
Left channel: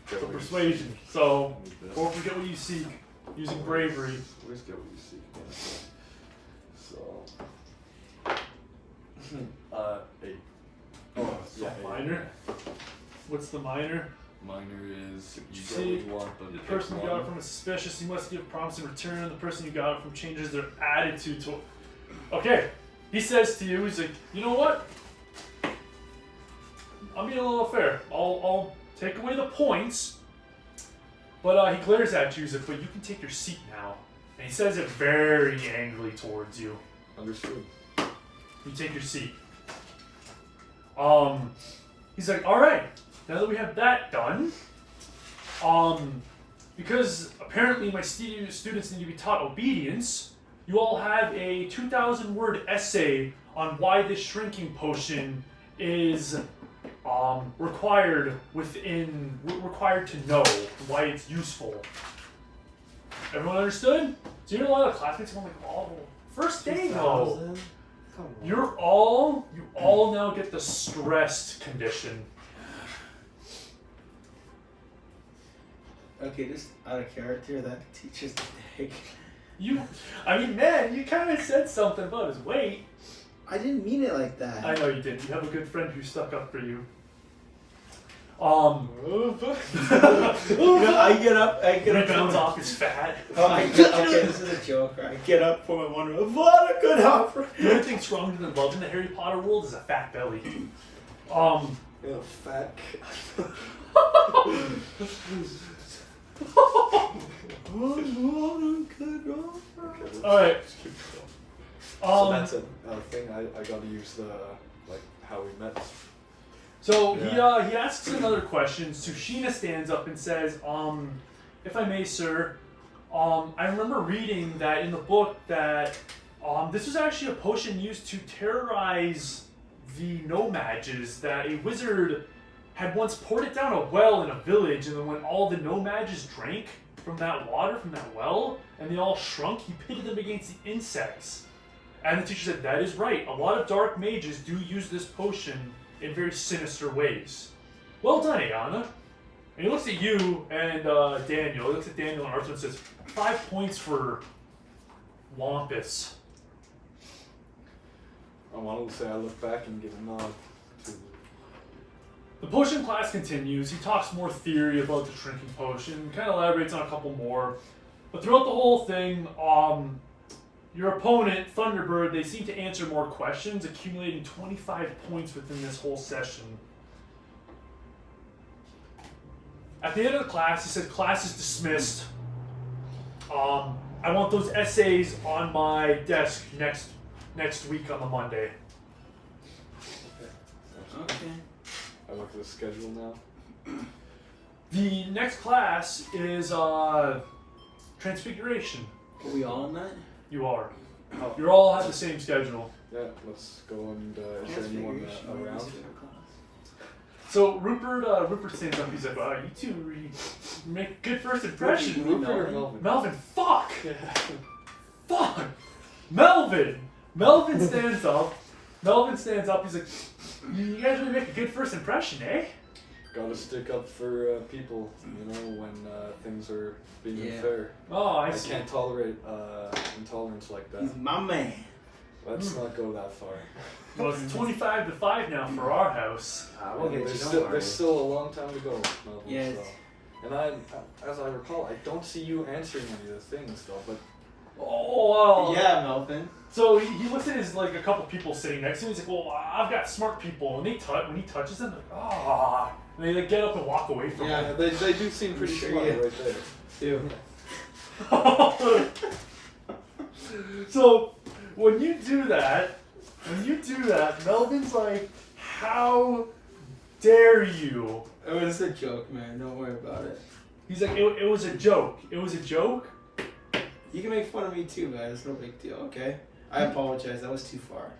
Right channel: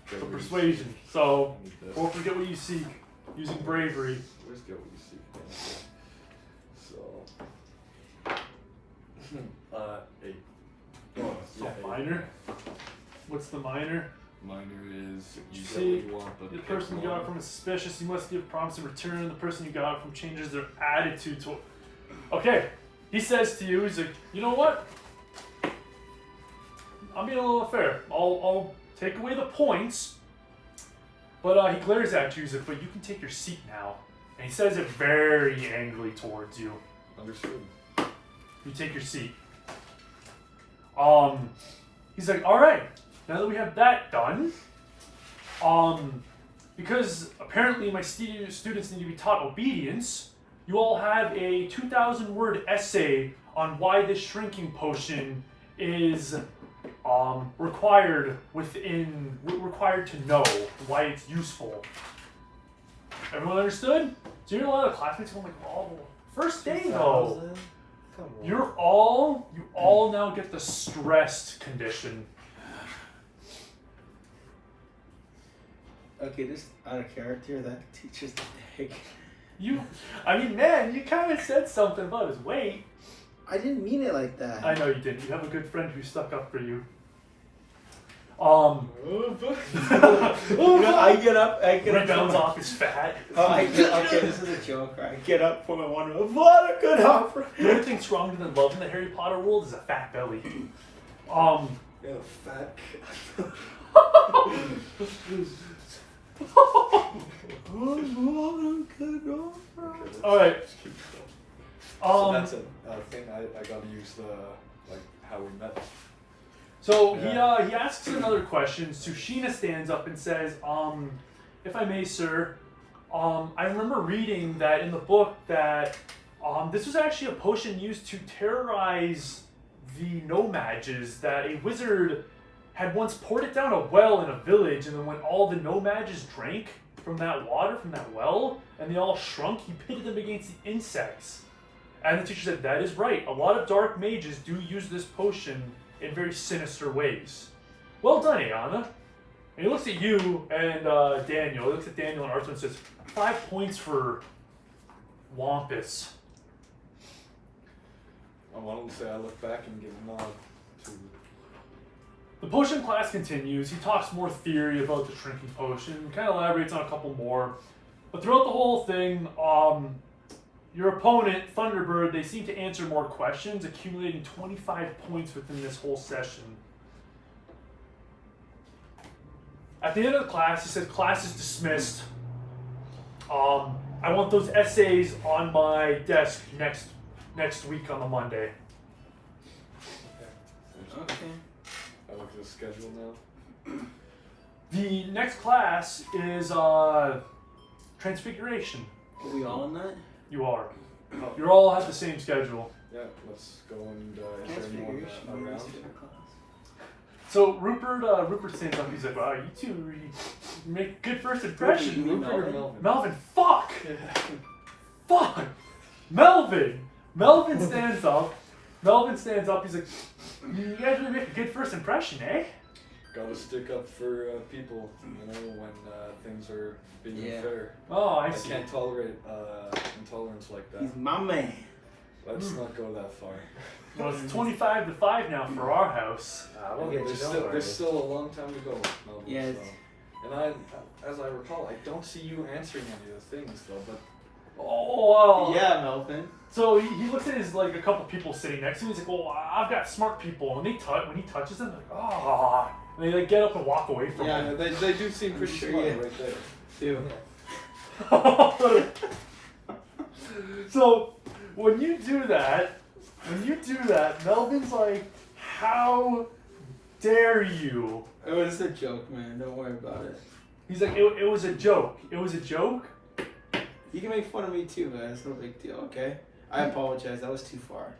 for persuasion. So don't forget what you seek using bravery. Always get what you seek. So. 8. So minor. What's the minor? Minor is you get See, what you want, but the person you got it from is suspicious. You must give promise in return. The person you got it from changes their attitude to. Okay, he says to you, he's like, you know what? I'm being a little fair. I'll take away the points. But he glares at you. He's like, but you can take your seat now. And he says it very angrily towards you. Understood. You take your seat. He's like, all right. Now that we have that done, because apparently my students need to be taught obedience, you all have a 2,000-word essay on why this shrinking potion is required to know why it's usall. Everyone understood? So you know a lot of classmates are like, oh, first day though. Come on. You all now get the stressed condition. Okay, just out of character, that teacher's dick. You kind of said something about his weight. I didn't mean it like that. I know you didn't. You have a good friend who stuck up for you. I get up. Rebounds off his fat. Okay, this is a joke. I get up for my one. What a good offer. The only thing stronger than love in the Harry Potter world is a fat belly. Yeah, fat. All right. So that's a thing I gotta use how we met. So he asks another question. Tsushima stands up and says, if I may, sir, I remember reading that in the book that this was actually a potion used to terrorize the no-mages, that a wizard had once poured it down a well in a village, and then when all the no-mages drank from that water, from that well, and they all shrunk, he pitted them against the insects. And the teacher said, that is right. A lot of dark mages do use this potion in very sinister ways. Well done, Ayana. And he looks at you and Daniel. He looks at Daniel and Arthur and says, 5 points for Wampus. I wanted to say I look back and give a nod to. The potion class continues. He talks more theory about the shrinking potion, kind of elaborates on a couple more. But throughout the whole thing, your opponent, Thunderbird, they seem to answer more questions, accumulating 25 points within this whole session. At the end of the class, he said, class is dismissed. I want those essays on my desk next week on the Monday. Okay. I look at the schedule now. The next class is Transfiguration. Are we all in that? You are. Oh. You all have the same schedule. Yeah, let's go and is there anyone around? So Rupert stands up. He's like, "Wow, you two make good first impression." Rupert or Melvin? Melvin, fuck, fuck, Melvin. Melvin stands up. He's like, "You guys really make a good first impression, eh?" Gotta stick up for people, you know, when things are being unfair. Oh, I I see. can't tolerate intolerance like that. He's my man. Let's not go that far. Well, it's 25-5 now for our house. We'll get you, don't worry. There's still a long time to go, Melvin. Yeah, So. And as I recall, I don't see you answering any of the things though. But Oh, Yeah, Melvin. So he looks at his like a couple people sitting next to him. He's like, "Well, I've got smart people." When he touches them, like, ah, and they like get up and walk away from him. yeah, they do seem pretty sure smart you- right there. Too. So when you do that, Melvin's like, "How dare you?" It was a joke, man. Don't worry about it. He's like, "It was a joke. It was a joke." You can make fun of me too, man. It's no big deal, okay? I apologize. That was too far.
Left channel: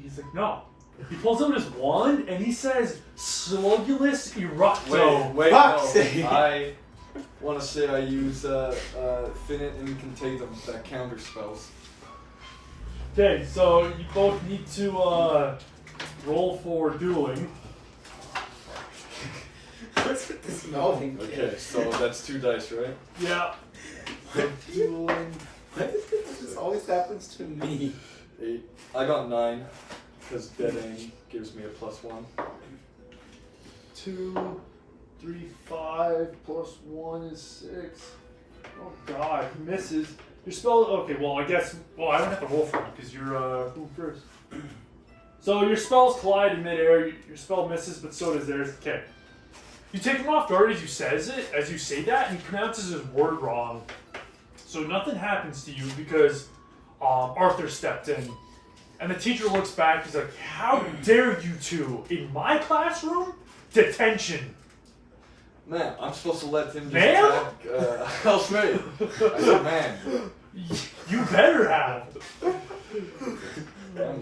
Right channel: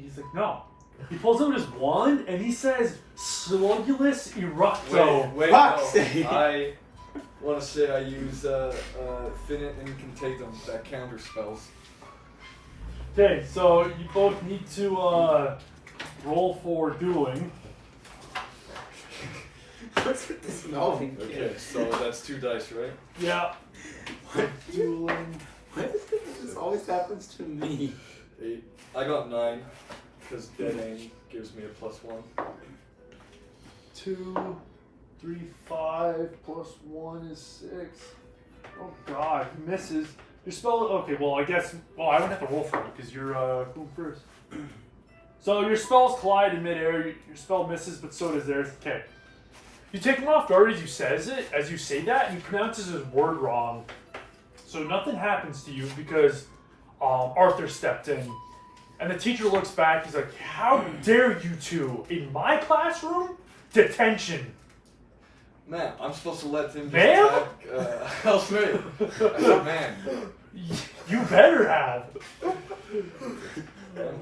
He's like, "No." He pulls out his wand and he says, "Slugulus Eructo." Wait, Fuck's no. sake. I want to say I use Finite Incantatum that counter spells. Okay, so you both need to roll for dueling. What's with this Melvin Okay, kid? so that's 2 dice, right? Yeah. Dueling. Why is this always happens to me? 8. I got 9, because dead aim gives me a +1. 2, 3, 5 plus 1 is 6. Oh god, he misses. Your spell. Okay, well I guess. Well, I don't have to roll for you because you're who first. So your spells collide in midair. Your spell misses, but so does theirs. Okay. You take him off guard as you say that, and he pronounces his word wrong. So nothing happens to you because Arthur stepped in. And the teacher looks back, he's like, "How dare you two in my classroom? Detention." Man, I'm supposed to let him just Ma'am? attack House Mate. I said, man. You better have.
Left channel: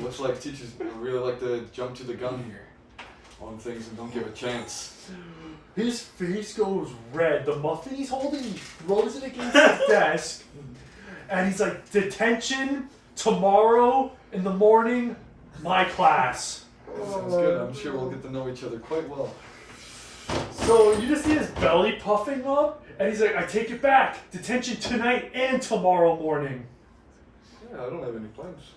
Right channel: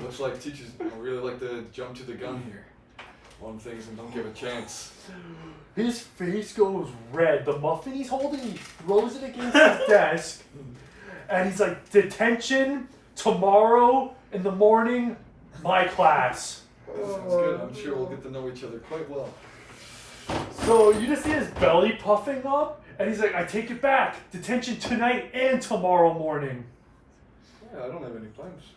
Looks like teachers really like to jump to the gun here on things and don't give a chance. His face goes red. The muffin he's holding, he throws it against his desk. And he's like, "Detention tomorrow in the morning, my class." Sounds good. I'm sure we'll get to know each other quite well. So you just see his belly puffing up, and he's like, "I take it back. Detention tonight and tomorrow morning." Yeah, I don't have any plans.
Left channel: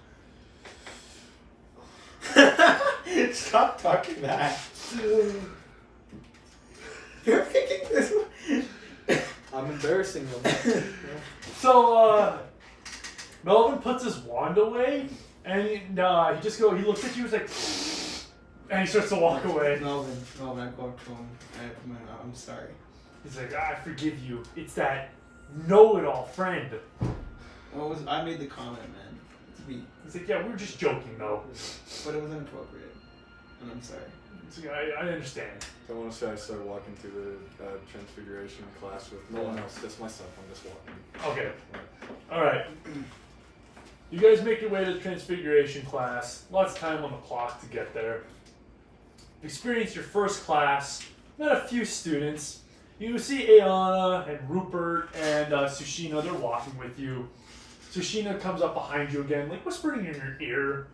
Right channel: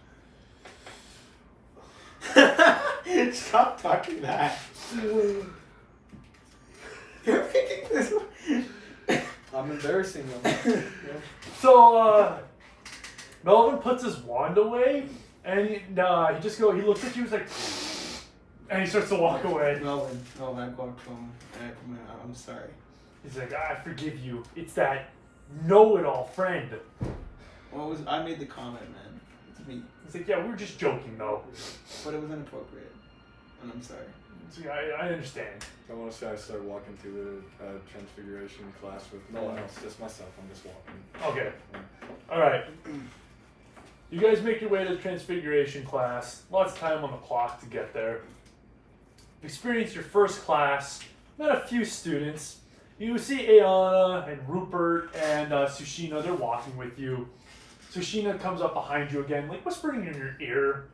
Stop talking that. You're making this. I'm embarrassing him. So Melvin puts his wand away, and he looks at you, he's like, and he starts to walk away. Melvin, I go up to him. I'm sorry. He's like, "I forgive you. It's that know-it-all friend." I made the comment, man. It's me. He's like, "Yeah, we were just joking, though." But it was inappropriate. And I'm sorry. He's like, I understand. So I want to say I started walking through the Transfiguration class with no one else, just myself. I'm just walking. Okay. All right. You guys make your way to the Transfiguration class. Lots of time on the clock to get there. Experience your first class. Met a few students. You see Ayana and Rupert and Sushina. They're walking with you. Sushina comes up behind you again, like whispering in your ear.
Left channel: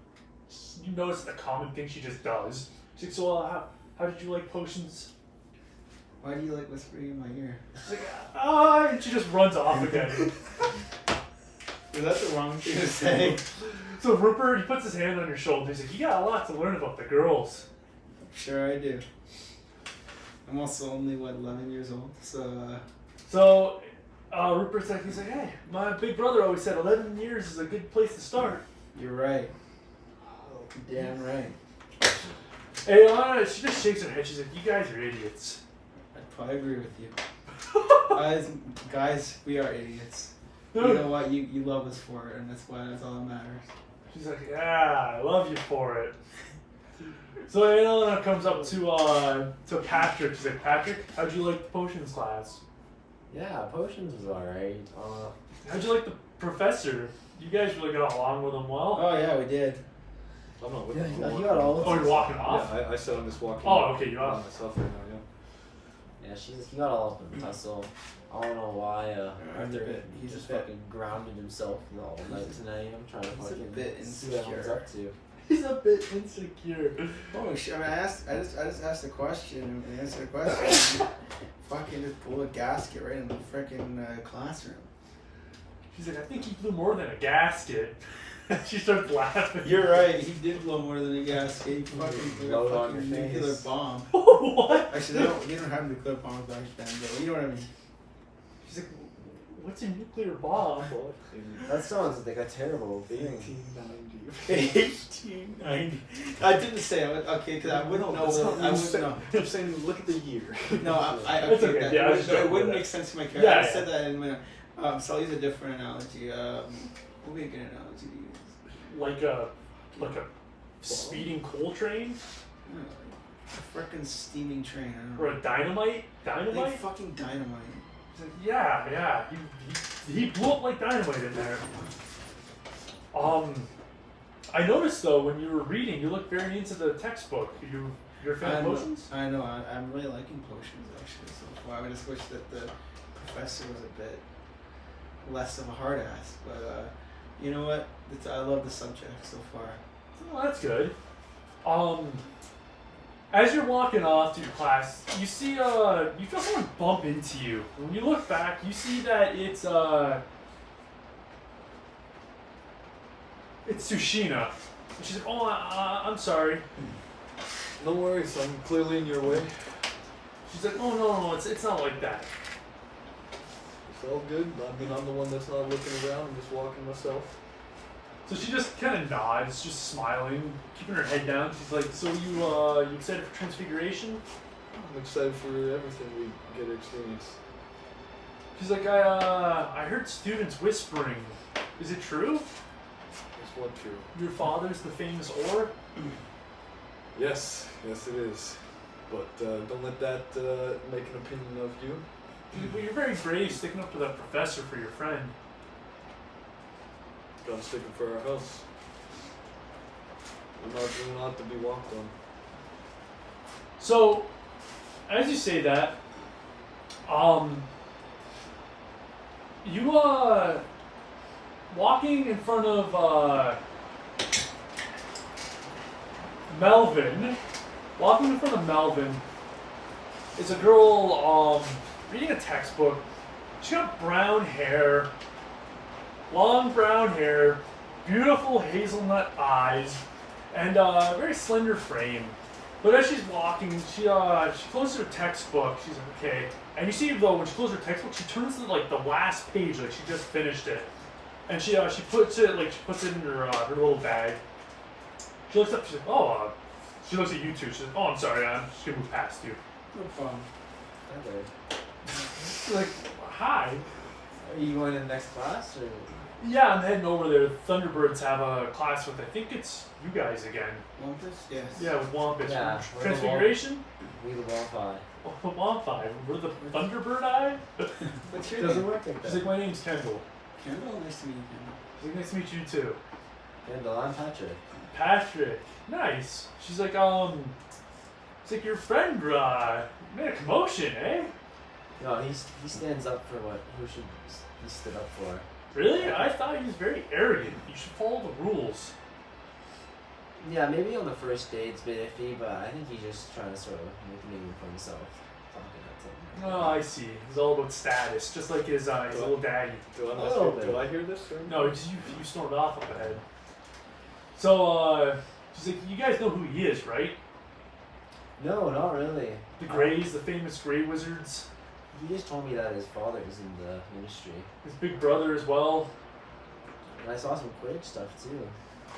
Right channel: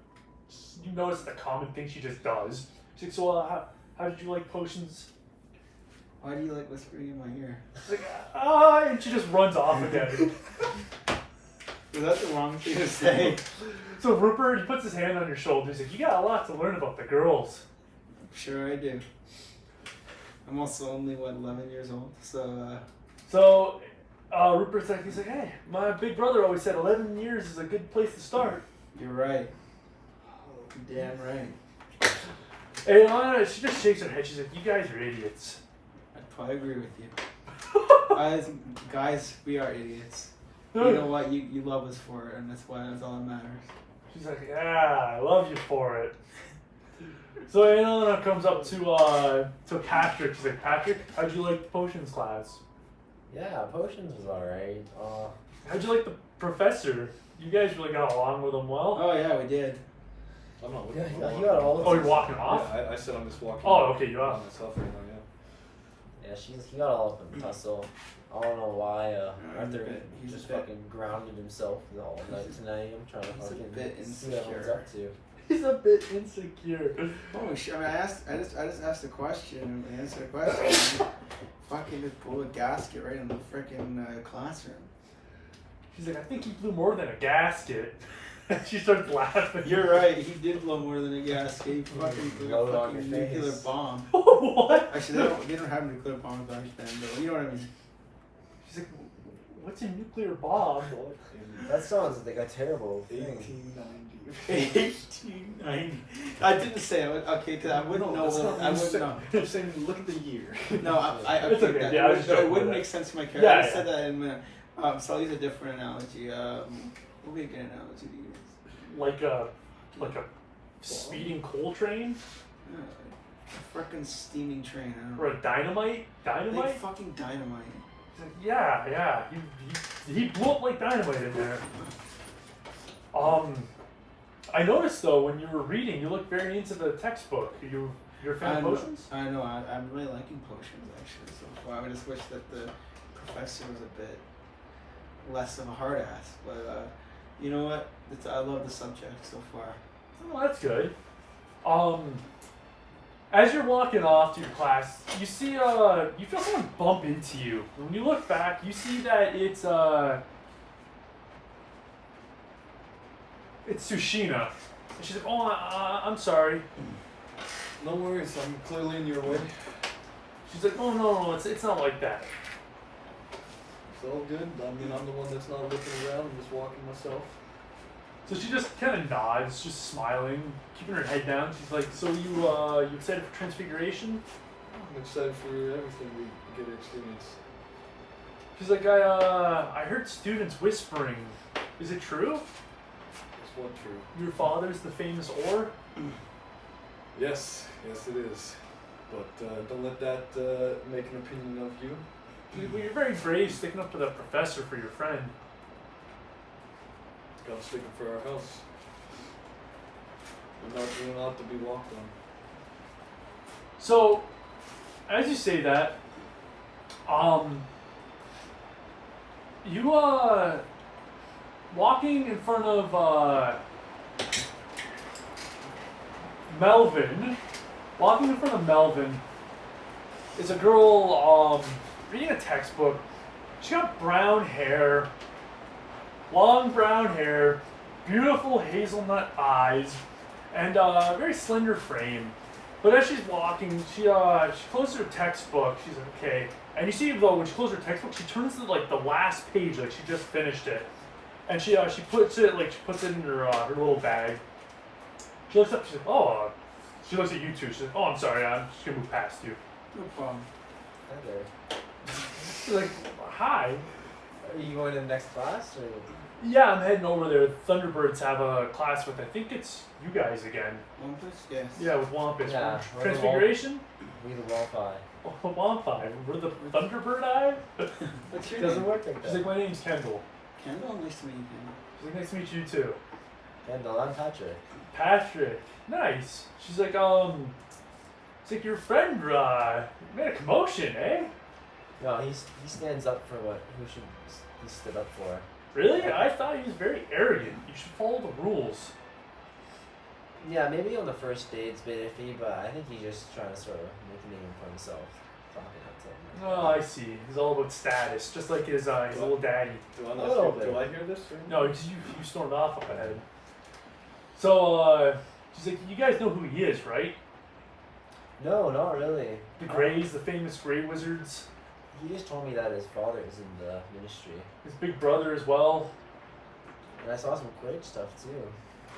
You notice the common thing she just does. She's like, "So, how did you like potions?" Why do you like whispering in my ear? She's like, ah, and she just runs off again. Is that the wrong thing to say? So Rupert, he puts his hand on your shoulder. He's like, you got a lot to learn about the girls. Sure I do. I'm also only, 11 years old, so... So Rupert's like, he's like, hey, my big brother always said 11 years is a good place to start. You're right. Damn right. And she just shakes her head. She's like, you guys are idiots. I agree with you. Guys, we are idiots. You know what? You love us for it, and that's why that's all that matters. She's like, yeah, I love you for it. So Anna comes up to Patrick. She's like, Patrick, how'd you like the potions class? Yeah, potions was alright. How'd you like the professor? You guys really got along with him well? Oh yeah, we did. I'm not with Yeah, you. you got all of Oh, them. you're walking off? Yeah, I said I'm just walking. Oh, okay, you're on off. myself right now, yeah. Yeah, he got all of them tussle. I don't know why Arthur he's just a bit- fucking grounded himself all night tonight. I'm trying to He's a fucking bit see what everyone's insecure. up to. He's a bit insecure. Oh shit! I mean, I just asked a question and answered a question. Fucking just pull a gasket right in the freaking classroom. She's like, I think he blew more than a gasket. She starts laughing. You're right. He did blow more than a gasket. He fucking blew Blow a it on fucking your nuclear face. bomb. What? Actually, they don't have nuclear bombs back then, but you know what I mean. She's like, what's a nuclear bomb? That sounds like a terrible thing. 1890. 1890. I didn't say it. Okay, because I wouldn't know. That's not I what wouldn't you know. said. I'm saying look at the year. No, I It's okay. okay. That, Yeah, I was it, just no, it joking wouldn't with make sense to my character. Yeah, I yeah. said that in a minute. So I'll use a different analogy. What would be a good analogy to use? Like a speeding coal train? A freaking steaming train. I don't know. Or a dynamite? Dynamite? Like fucking dynamite. He's like, yeah. He blew up like dynamite in there. I noticed though when you were reading, you looked very into the textbook. You're a fan of potions? I know. I'm really liking potions actually so far. I just wish that the professor was a bit less of a hard ass. But you know what? I love the subject so far. Well, that's good. As you're walking off to your class, you see you feel someone bump into you. When you look back, you see that it's Tsushima. And she's like, oh, I'm sorry. No worries, I'm clearly in your way. She's like, oh no, it's not like that. It's all good. I mean, I'm the one that's not looking around. I'm just walking myself. So she just kind of nods, just smiling, keeping her head down. She's like, so you excited for Transfiguration? I'm excited for everything we get to experience. She's like, I heard students whispering. Is it true? Is what true? Your father's the famous Or? Yes, it is. But don't let that make an opinion of you. Well, you're very brave sticking up for the professor for your friend. Gotta stick up for our house. I know it's really not to be walked on. So, as you say that, you walking in front of Melvin. Walking in front of Melvin is a girl reading a textbook. She got brown hair. Long brown hair, beautiful hazelnut eyes, and a very slender frame. But as she's walking, she closes her textbook. She's like, okay. And you see, though, when she closes her textbook, she turns to like the last page, like she just finished it, and she puts it in her little bag. She looks up. She's like, oh. She looks at you two. She's like, oh, I'm sorry. I'm just gonna move past you. No problem. Hi there. She's like, hi. Are you going to the next class or? Yeah, I'm heading over there. Thunderbirds have a class with, I think it's you guys again. Wampus? Yes. Yeah, with Wampus. Yeah, we're the Transfiguration? We the Wi-Fi. Oh, Wampi. We're the Thunderbird Eye? What's your Doesn't name? work like She's that. like, my name's Kendall. Kendall? Nice to meet you, Kendall. She's like, nice to meet you too. Kendall, I'm Patrick. Patrick. Nice. She's like, it's like your friend, made a commotion, eh? No, he stands up for what he stood up for. Really? I thought he was very arrogant. You should follow the rules. Yeah, maybe on the first day it's a bit iffy, but I think he's just trying to sort of make a name for himself. Talking at something. Oh, I see. He's all about status, just like his little daddy. Do I, A little bit. do I hear this? Or? No, you stormed off up ahead. So, she's like, you guys know who he is, right? No, not really. The Greys, the famous Grey Wizards. He just told me that his father is in the ministry. His big brother as well. And I saw some Quidditch stuff too.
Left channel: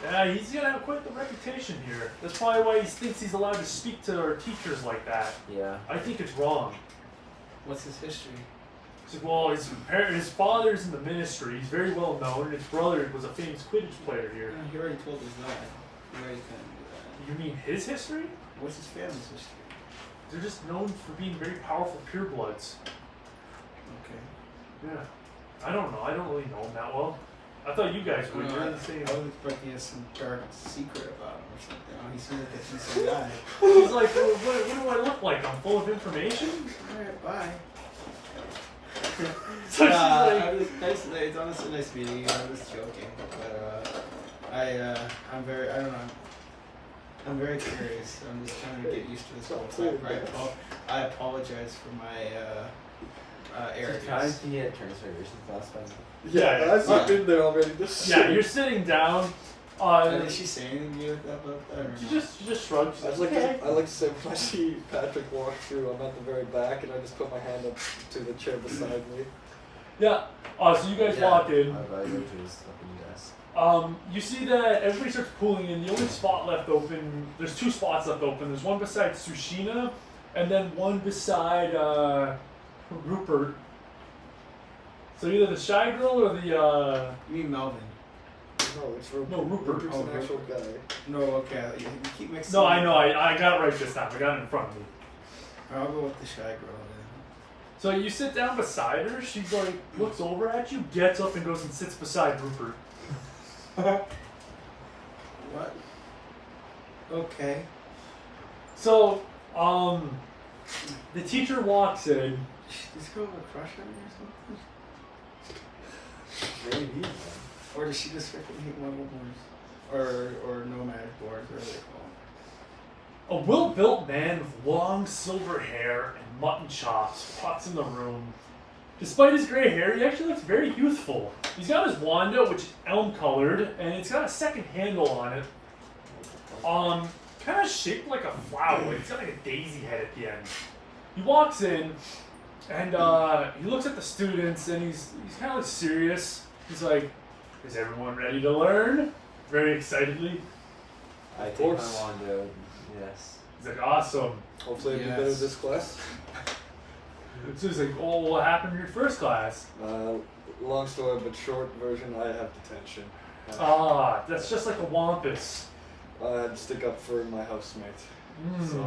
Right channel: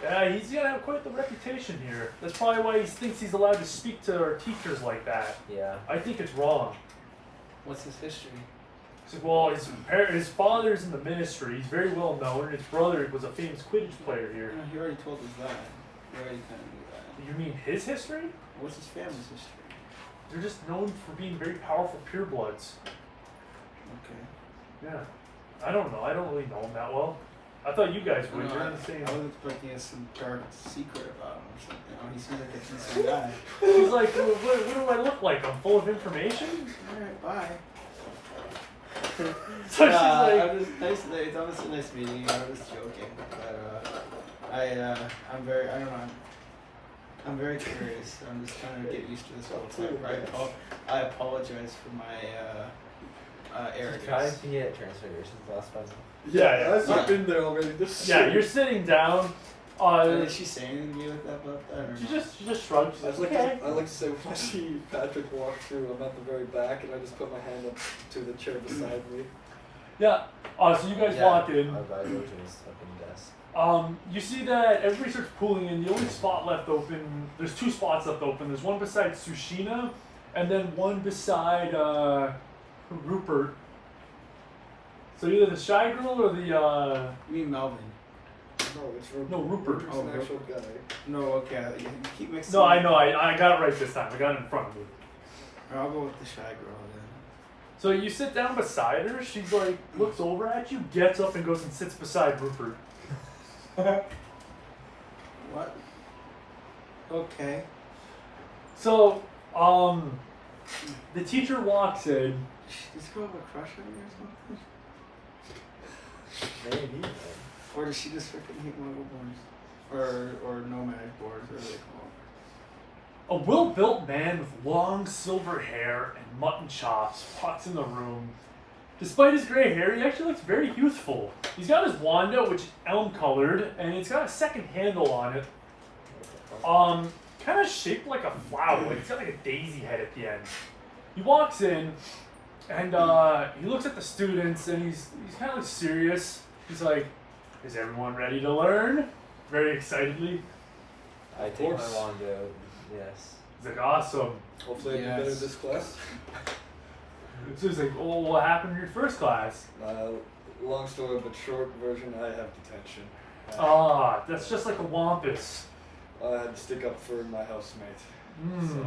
Yeah, he's gonna have quite the reputation here. That's probably why he thinks he's allowed to speak to our teachers like that. Yeah. I think it's wrong. What's his history? He's like, well, his father's in the ministry. He's very well known, and his brother was a famous Quidditch player here. He already told us that. He already kind of knew that. You mean his history? What's his family's history? They're just known for being very powerful purebloods. Okay. Yeah. I don't know. I don't really know him that well. I thought you guys would. You're in the same. I was expecting he has some dark secret about him or something. Oh, he seems like a decent guy. He's like, what do I look like? I'm full of information? Alright, bye. So she's like, It's honestly nice meeting you. I was joking, but I'm very, I don't know. I'm very curious. I'm just trying to get used to this whole thing. Right? I apologize for my arrogance. Trying to get transfigurations last time. yeah, I've been there already. yeah, you're sitting down. Did she say anything to you about that or She no? just shrugged. She's I'd like, like, okay. to, I'd like to say when I see Patrick walk through, I'm at the very back, and I just put my hand up to the chair beside me. Yeah. So you guys walk in. I go to his open desk. You see that everybody starts pulling in. The only spot left open, there's two spots left open. There's one beside Sushina, and then one beside Rupert. So either the Shy Girl or the You mean Melvin? No, it's Rupert. No, Rupert. Rupert's Oh, an actual guy. No, okay. You keep mixing. No, I know. I got it right this time. I got it in front of me. I'll go with the Shy Girl then. So you sit down beside her. She's like, looks over at you, gets up and goes and sits beside Rupert. What? Okay. So, the teacher walks in. Does this girl have a crush on me or something? Maybe. Man. Or does she just freaking hate muggle boards? Or nomad boards, whatever they call them. A well-built man with long silver hair and mutton chops walks in the room. Despite his gray hair, he actually looks very youthful. He's got his wand out, which is elm-colored, and it's got a second handle on it. Kind of shaped like a flower. Like it's got like a daisy head at the end. He walks in, and he looks at the students, and he's kind of like serious. He's like, "Is everyone ready to learn?" Very excitedly. I take my course. wand out. Yes. He's like, "Awesome." Hopefully I do better this class. So he's like, "Oh, what happened in your first class?" Long story but short version, I have detention. That's just like a wampus. I had to stick up for my housemate. Mm, So,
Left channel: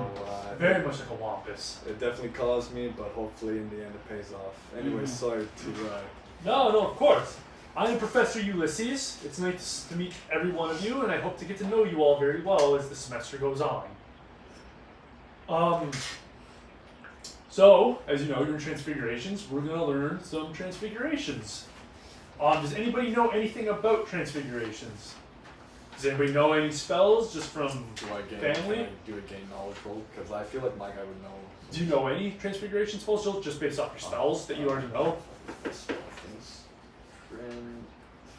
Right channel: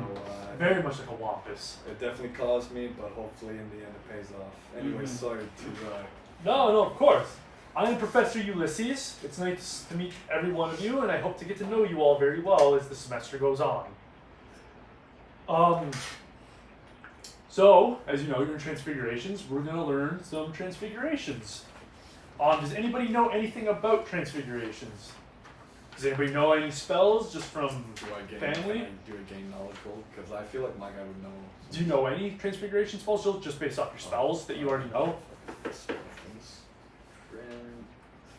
very much like a wampus. It definitely caused me, but hopefully in the end it pays off. Anyway, sorry to... No, of course. I'm Professor Ulysses. It's nice to meet every one of you, and I hope to get to know you all very well as the semester goes on. So, as you know, your transfigurations, we're going to learn some transfigurations. Does anybody know anything about transfigurations? Does anybody know any spells just from do I family? do a gain knowledge roll? Because I feel like my guy would know. Do you know any transfiguration spells just based off your spells that you already know? Things. Friend,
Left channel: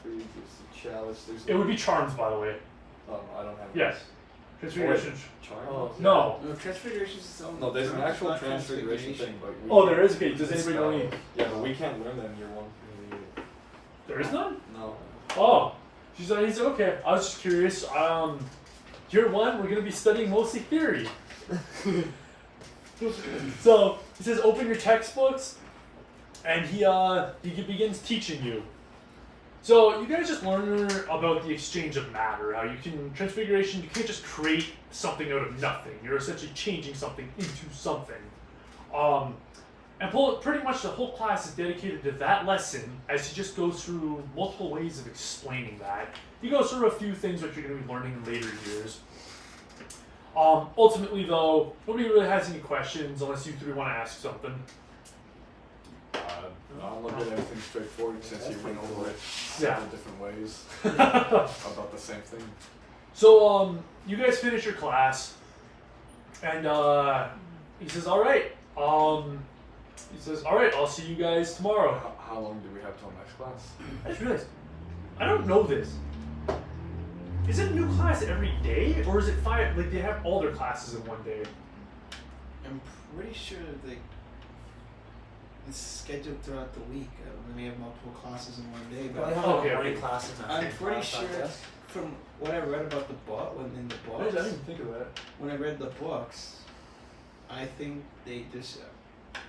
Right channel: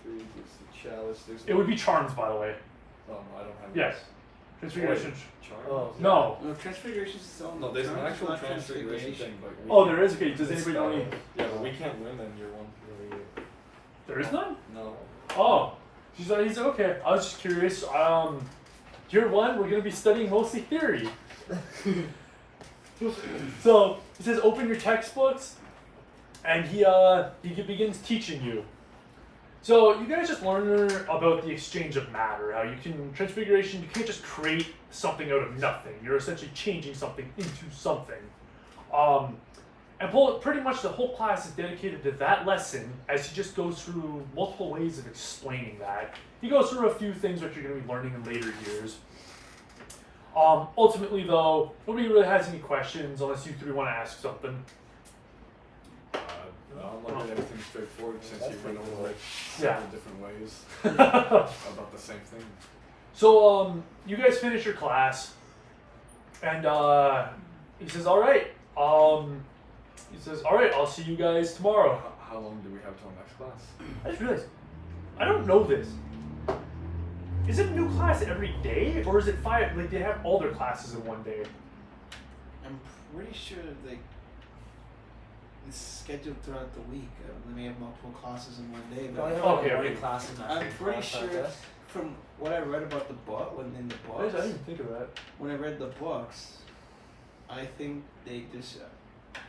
food, chalice. There's It would be charms, by the way. Oh, no, I don't have. Yes. Transfiguration. Charm? Oh. No. No, transfiguration's its own. No, there's an term, it's actual not transfiguration thing, but we Oh, can't- there is? Okay, does It's anybody know any? Yeah, but we can't learn that in year one. There is none? No. Oh. He's like, okay. I was just curious. Year one, we're going to be studying mostly theory. So, he says, open your textbooks, and he begins teaching you. So, you guys just learn about the exchange of matter, how you can, transfiguration, you can't just create something out of nothing. You're essentially changing something into something. And pretty much the whole class is dedicated to that lesson as he just goes through multiple ways of explaining that. He goes through a few things that you're going to be learning in later years. Ultimately, though, nobody really has any questions unless you three want to ask something. I'll look at everything straightforward since you went over like Yeah. several different ways about the same thing. So, you guys finish your class, and he says, "All right, He says, all right, I'll see you guys tomorrow. How long do we have till next class? I just realized, I don't know this. Is it a new class every day, or is it five? Like they have all their classes in one day? I'm pretty sure like it's scheduled throughout the week. They may have multiple classes in one day, but But I have Okay, like morning okay. classes and I'm afternoon pretty class, I sure guess. from what I read about the book, in the I books, didn't even think of that. when I read the books, I think they just. I'm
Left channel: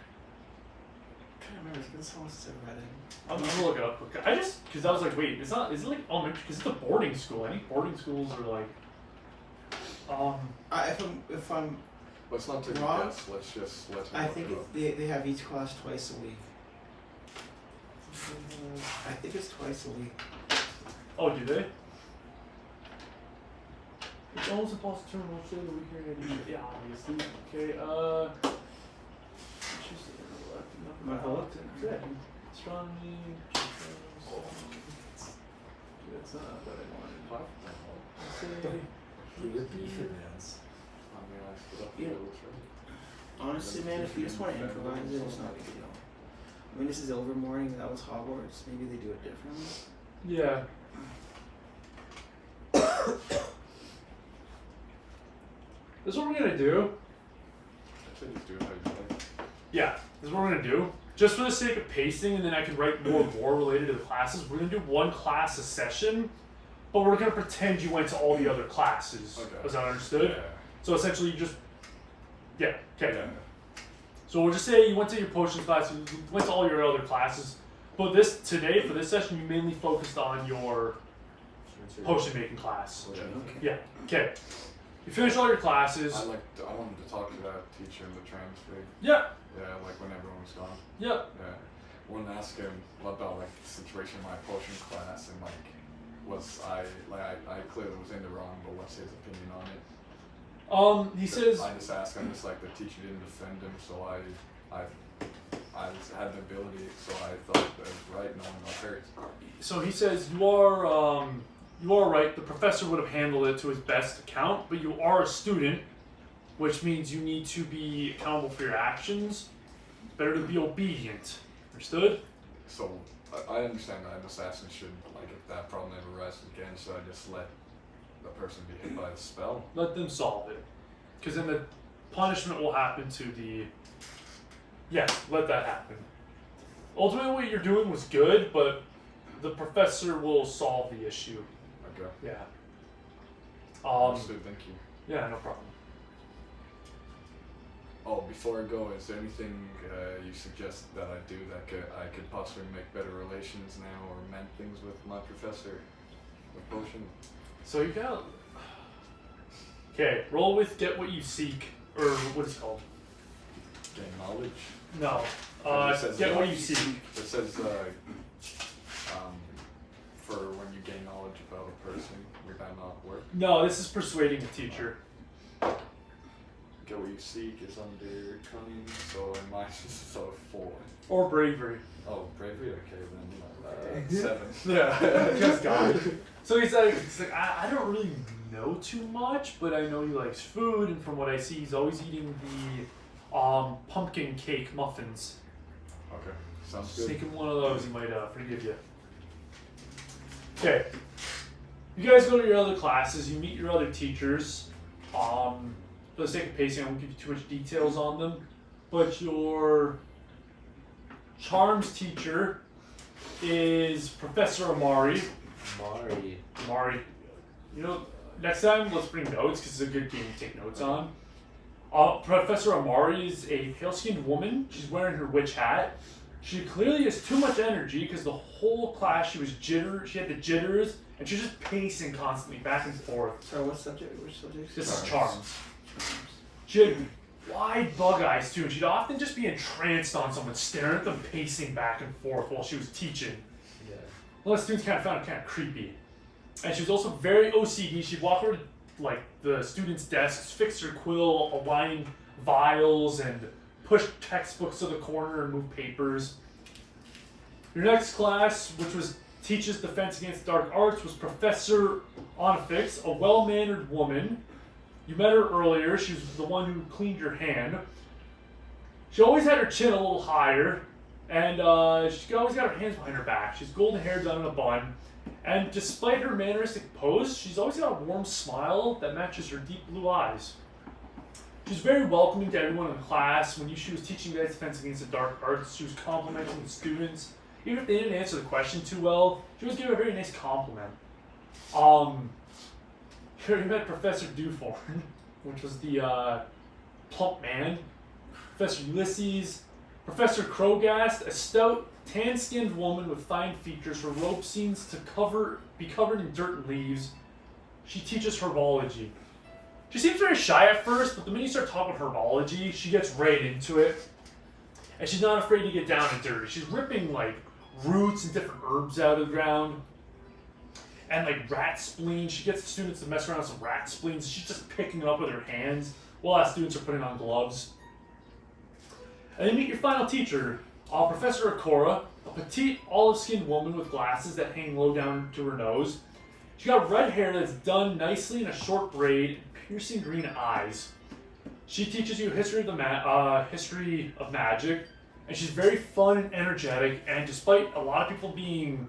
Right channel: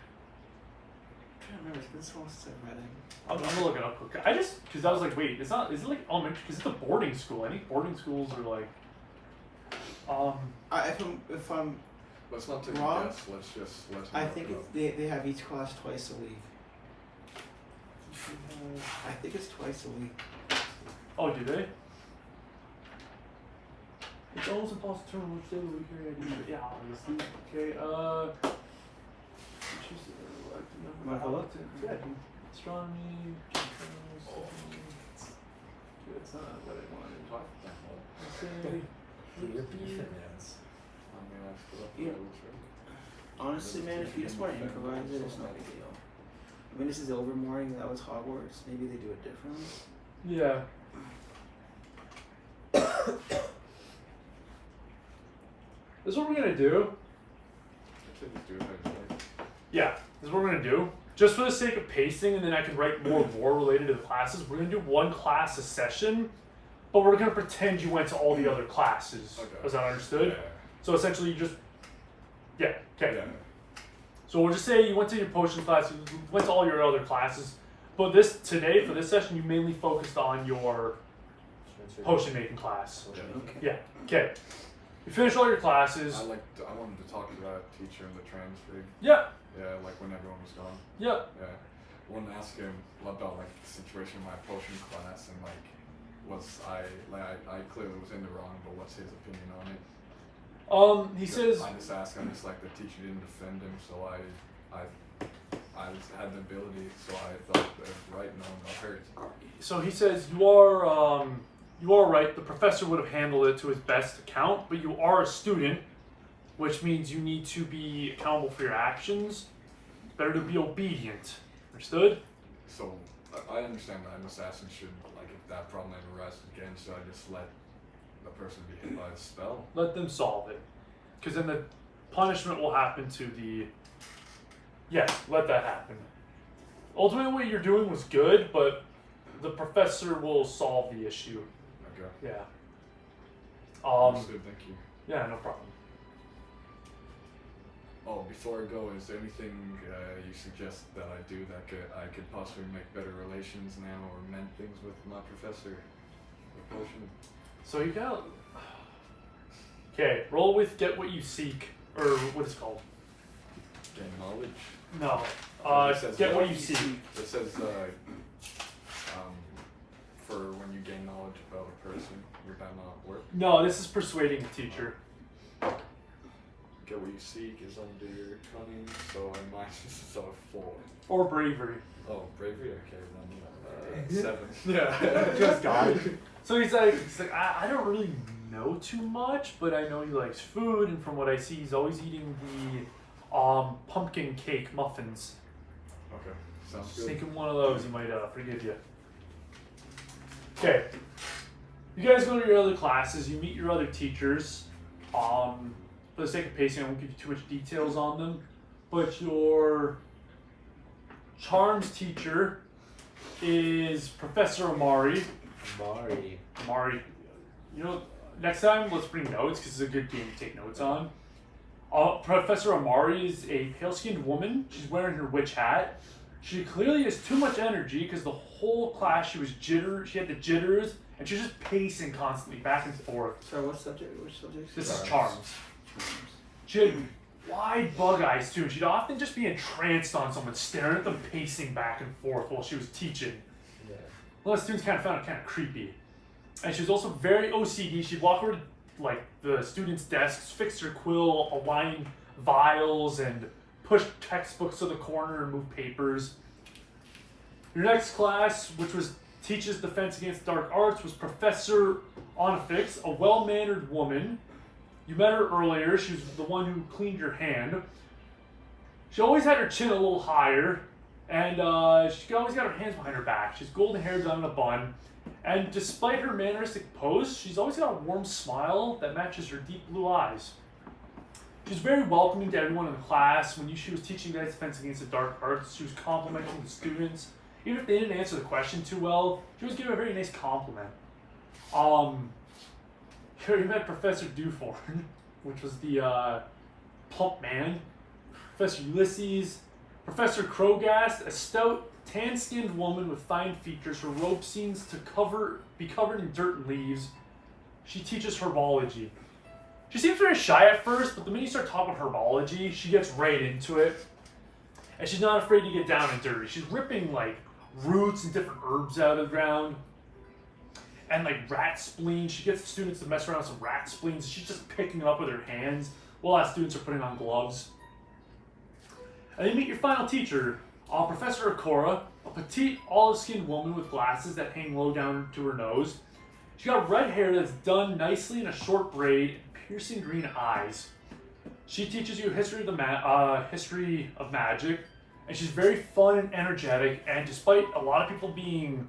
trying to remember. It's been so long since I read it. I'm gonna look it up. I just because I was like, wait, it's not. Is it like elementary? Because it's a boarding school. I think boarding schools are like. If I'm Let's not take wrong. a guess. Let's just let him I look think it up. they have each class twice a week. I think it's twice a week. Oh, do they? It's almost impossible to determine which day of the week you're gonna do. Yeah, obviously. Okay. Wanna follow? Yeah. Astronomy. That's not what I wanted. Let's say. You're beefing, Dance. Yeah. Honestly, man, if you just want to improvise it, it's not a big deal. I mean, this is Ilvermorny. That was Hogwarts. Maybe they do it differently. Yeah. This is what we're gonna do. Yeah, this is what we're gonna do. Just for the sake of pacing, and then I can write more related to the classes. We're gonna do one class a session, but we're gonna pretend you went to all the other classes. Okay. Is that understood? Yeah. So essentially, you just okay. Yeah. So we'll just say you went to your potion class, you went to all your other classes, but today for this session, you mainly focused on your potion making class. Okay. Yeah. Okay. You finish all your classes. I wanted to talk to that teacher in the transfer. Yeah. Yeah, like when everyone's gone. Yep. Yeah. I wanted to ask him about like the situation in my potion class and like I clearly was in the wrong, but what's his opinion on it? He says. I just asked him, just like the teacher didn't defend him, so I had the ability, so I thought that was right, knowing my hurt. So he says you are right. The professor would have handled it to his best account, but you are a student, which means you need to be accountable for your actions. Better to be obedient. Understood? So I understand that an assassin should, like, if that problem ever arises again, so I just let the person be hit by the spell. Let them solve it, because then the punishment will happen to the. Yes, let that happen. Ultimately, what you're doing was good, but the professor will solve the issue. Okay. Yeah. Understood, thank you. Yeah, no problem. Oh, before I go, is there anything you suggest that I do that I could possibly make better relations now or mend things with my professor? With potion? So you got. Okay, roll with get what you seek, or what is it called? Gain knowledge? No. It says Get what you seek. It says for when you gain knowledge about a person, would that not work? No, this is persuading the teacher. Get what you seek is under cunning, so in mine this is a 4. Or bravery. Oh, bravery? Okay, then 7. Yeah, just died. So he's like, I don't really know too much, but I know he likes food, and from what I see, he's always eating the pumpkin cake muffins. Okay, sounds Just good. take him one of those, he might forgive you. Okay. You guys go to your other classes, you meet your other teachers. For the sake of pacing, I won't give you too much details on them, but your charms teacher is Professor Amari. Amari. You know, next time let's bring notes because it's a good game to take notes on. Professor Amari is a pale-skinned woman. She's wearing her witch hat. She clearly has too much energy because the whole class she had the jitters, and she was just pacing constantly back and forth. Sorry, what subject? Which subject? This is charms. She had wide bug eyes too, and she'd often just be entranced on someone, staring at them pacing back and forth while she was teaching. Yeah. Well, the students kind of found it kind of creepy. And she was also very OCD. She'd walk over to like the students' desks, fix her quill, align vials, and push textbooks to the corner and move papers. Your next class, which was Teaches Defense Against Dark Arts, was Professor Onifix, a well-mannered woman. You met her earlier. She was the one who cleaned your hand. She always had her chin a little higher, and she always got her hands behind her back. She's golden hair done in a bun, and despite her manneristic pose, she's always got a warm smile that matches her deep blue eyes. She's very welcoming to everyone in class. When she was teaching guys defense against the dark arts, she was complimenting the students. Even if they didn't answer the question too well, she was giving a very nice compliment. Here we met Professor Dewforn, which was the plump man. Professor Ulysses, Professor Crowgast, a stout, tan-skinned woman with fine features. Her robe seems to be covered in dirt and leaves. She teaches herbology. She seems very shy at first, but the minute you start talking about herbology, she gets right into it. And she's not afraid to get down and dirty. She's ripping like roots and different herbs out of the ground. And like rat spleens. She gets the students to mess around with some rat spleens. She's just picking them up with her hands while our students are putting on gloves. And then meet your final teacher, Professor Akora, a petite, olive-skinned woman with glasses that hang low down to her nose. She got red hair that's done nicely in a short braid, and piercing green eyes. She teaches you history of magic, and she's very fun and energetic. And despite a lot of people being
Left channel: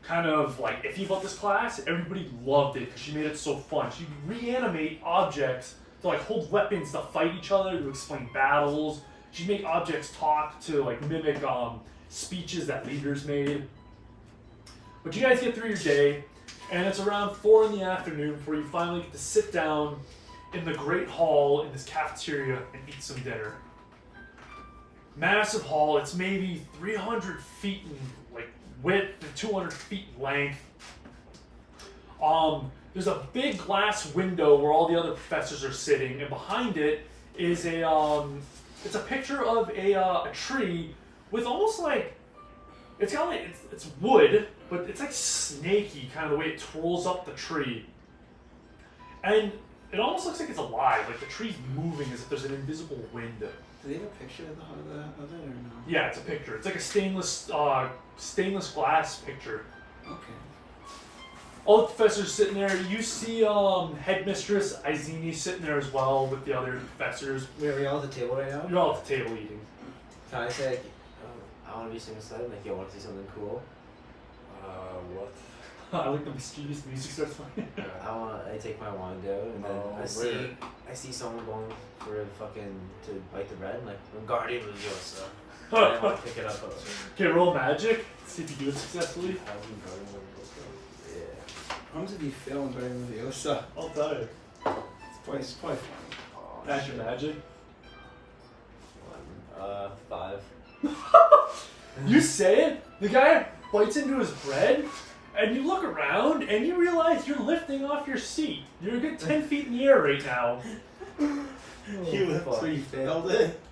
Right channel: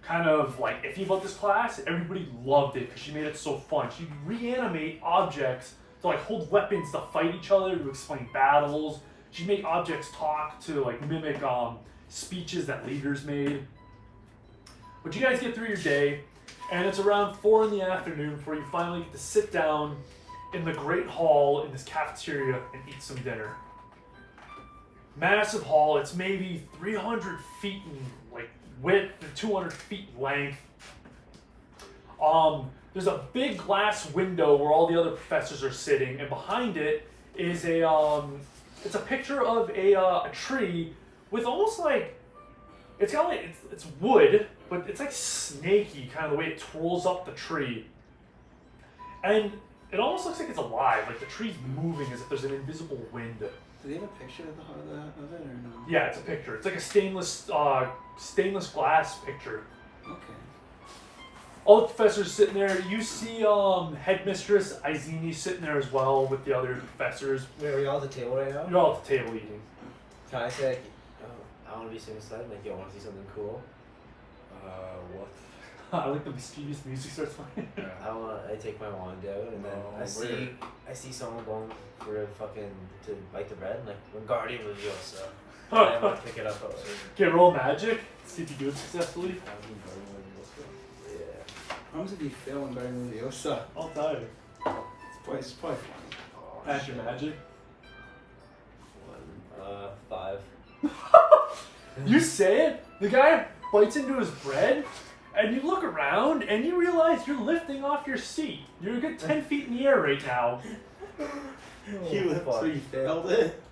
kind of like iffy about this class, everybody loved it because she made it so fun. She'd reanimate objects to like hold weapons to fight each other, to explain battles. She'd make objects talk to like mimic speeches that leaders made. But you guys get through your day, and it's around 4 in the afternoon before you finally get to sit down in the great hall in this cafeteria and eat some dinner. Massive hall. It's maybe 300 feet in like width and 200 feet in length. There's a big glass window where all the other professors are sitting, and behind it is it's a picture of a tree with almost like it's wood, but it's like snaky kind of the way it twirls up the tree, and it almost looks like it's alive, like the tree's moving as if there's an invisible wind. Do they have a picture of it or no? Yeah, it's a picture. It's like a stainless glass picture. Okay. All the professors sitting there. You see Headmistress Izini sitting there as well with the other professors. Wait, are we all at the table right now? You're all at the table eating. Can I say, like, I want to be suicide, like, you want to see something cool? What? I like the mischievous music starts playing. Yeah. I take my wand out, and then I see someone going for to bite the bread, and like, Wingardium Leviosa. I want to pick it up. Okay, roll magic. See if you do it successfully. Yeah. How much did you fail in Guardian Leviosa? I'll tell you. It's probably funny. Oh, Pass your magic. 5. You say it, the guy bites into his bread, and you look around, and you realize you're lifting off your seat. You're a good 10 feet in the air right now. So you failed it?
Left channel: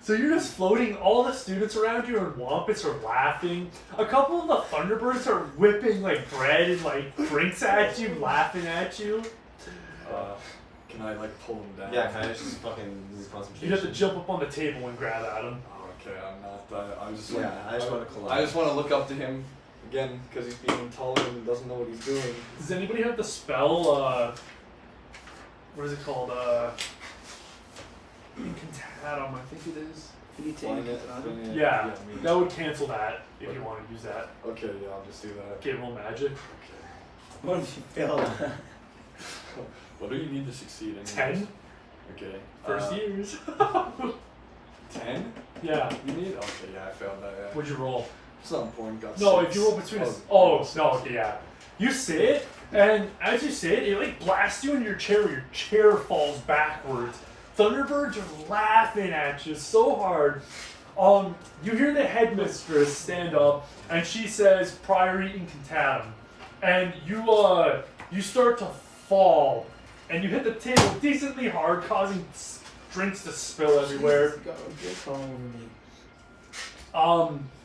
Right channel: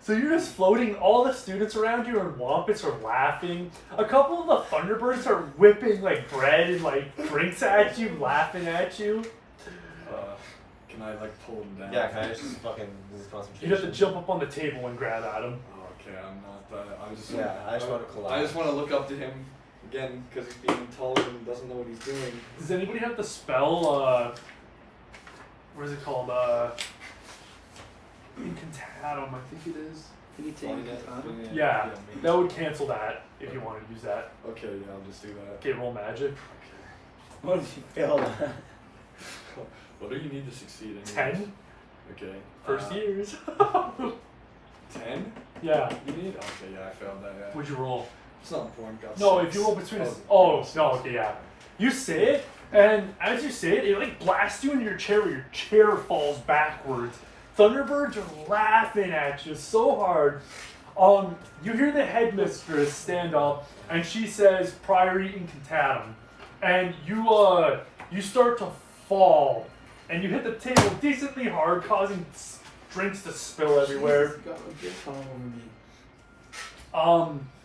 So you're just floating. All the students around you and Wampus are laughing. A couple of the Thunderbirds are whipping like bread and like drinks at you, laughing at you. Can I like pull him down? Yeah, can I just fucking lose concentration? You have to jump up on the table and grab at him. Okay, I'm not that. I just want to collide. I just want to look up to him again because he's being taller and doesn't know what he's doing. Does anybody have the spell? What is it called? Incantatum, I think it is. Can you take it? Yeah, that would cancel that if you want to use that. Okay, yeah, I'll just do that. Okay, roll magic. What if you failed? What do you need to succeed in? 10. Okay. First years. 10? Yeah. You need? Okay, yeah, I found that. Yeah. What'd you roll? It's not important. Got No, 6. if you roll between us. Oh, no, okay, yeah. You say it, and as you say it, it like blasts you in your chair where your chair falls backwards. Thunderbirds are laughing at you so hard. You hear the headmistress stand up, and she says, "Priori incantatum," and you start to fall, and you hit the table decently hard, causing drinks to spill everywhere. You got a drink all over me.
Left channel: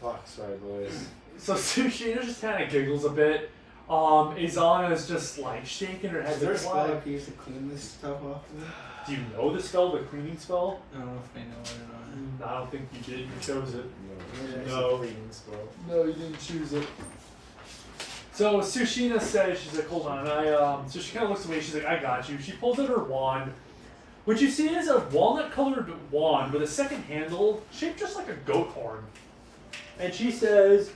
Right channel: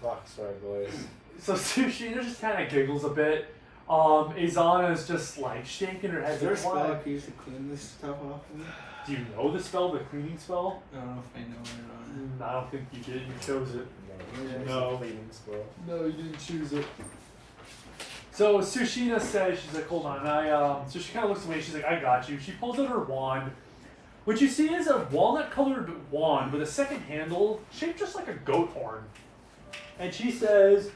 Fuck, sorry, boys. So Sushina just kind of giggles a bit. Izana is just like shaking her head. Is there a like, spell "Why?" I could use to clean this stuff off of it? Do you know the spell, the cleaning spell? I don't know if I know it or not. I don't think you did. You chose it. No. No. Cleaning spell. No, you didn't choose it. So Sushina says, she's like, hold on, so she kind of looks away, she's like, I got you. She pulls out her wand, What you see is a walnut-colored wand with a second handle shaped just like a goat horn. And she says,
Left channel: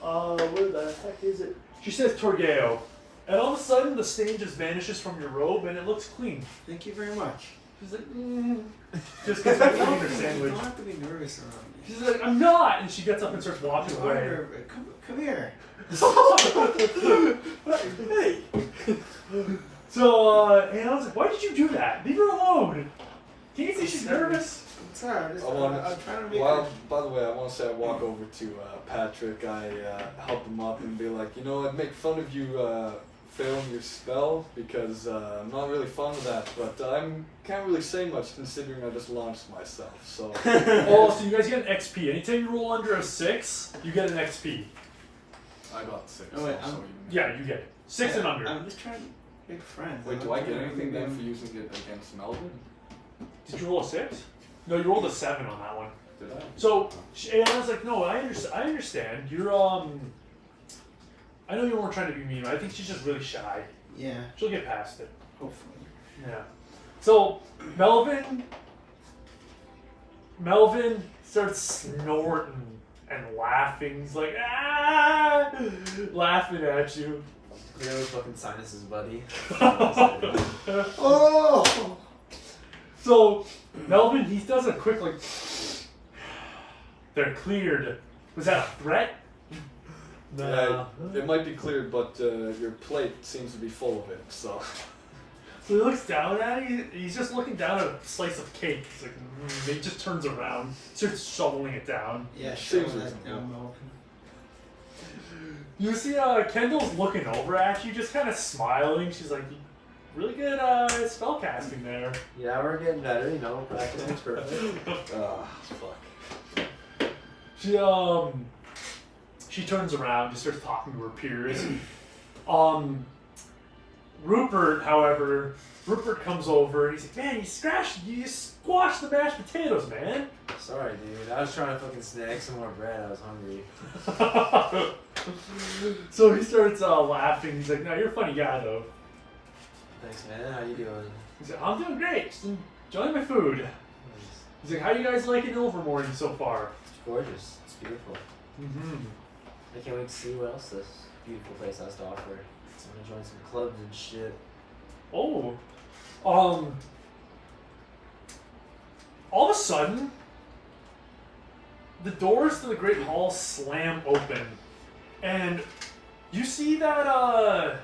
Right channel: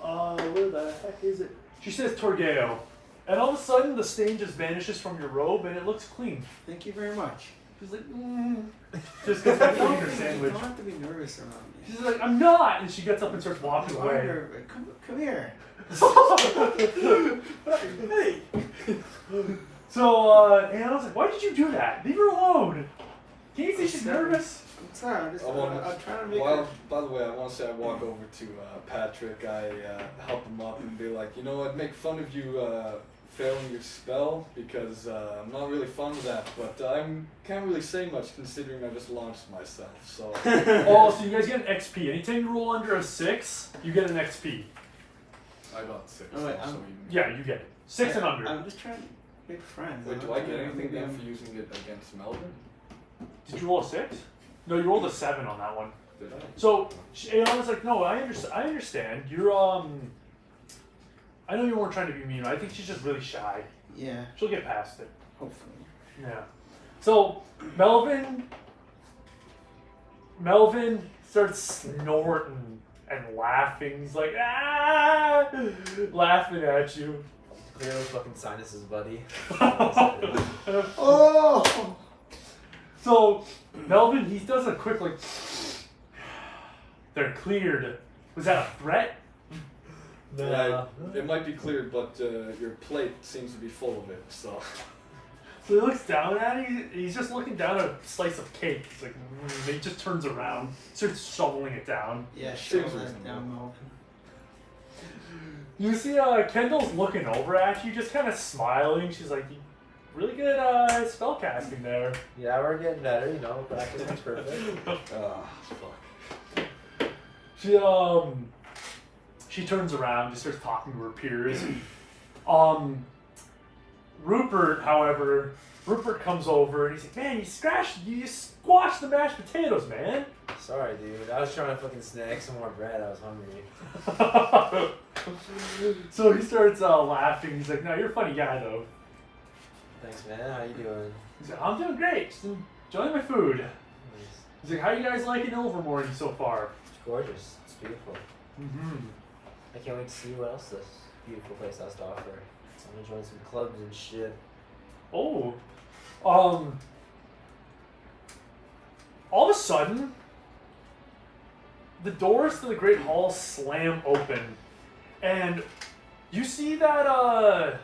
where the heck is it? She says Torgeo. And all of a sudden, the stain just vanishes from your robe and it looks clean. Thank you very much. She's like, just gets back to eating her You sandwich. don't have to be nervous around me. She's like, I'm not! And she gets up and starts walking You are away. nervous. Come here. Hey. So, and I was like, why did you do that? Leave her alone. Can't you see she's nervous? It's alright. I'm trying to make By the way, I want to say I walk over to Patrick. I help him up and be like, you know, I'd make fun of you failing your spell because I'm not really fond of that, but I can't really say much considering I just launched myself. So. Oh, so you guys get an XP. Anytime you roll under a 6, you get an XP. I got 6. Oh, wait, so Yeah, you get it. 6 and under. I'm just trying to make friends. Wait, I'm do not I get trying to anything make then them- for using it against Melvin? Did you roll a 6? No, you rolled a 7 on that one. Did I? So Ayana's like, no, I understand. You're I know you weren't trying to be mean. I think she's just really shy. Yeah, She'll get past it. hopefully. Yeah. So Melvin starts snorting and laughing. He's like, ah, laughing at you. Clearly fucking sinuses, buddy. Oh! So Melvin, he does a quick like. They're cleared. Was that a threat? Yeah, it might be cleared, but your plate seems to be full of it, so. So he looks down at it. He's just looking down at a slice of cake. He's like, he just turns around, starts shoveling it down. Yeah, sure. Seems Let reasonable. them open. You see, Kendall's looking over at you, just kind of smiling. She's like, really good spell casting there. Yeah, we're getting better, you know, practice makes perfect. Fuck. She turns around, just starts talking to her peers. Rupert, however, comes over and he's like, man, you squashed the mashed potatoes, man. Sorry, dude. I was trying to fucking snack some more bread. I was hungry. So he starts laughing. He's like, no, you're a funny guy, though. Thanks, man. How you doing? He's like, I'm doing great. Just enjoying my food. Nice. He's like, how you guys liking Ilvermorny so far? It's gorgeous. It's beautiful. Mm-hmm. I can't wait to see what else this beautiful place has to offer. I'm gonna join some clubs and shit. Oh. All of a sudden, the doors to the Great Hall slam open. And you see that the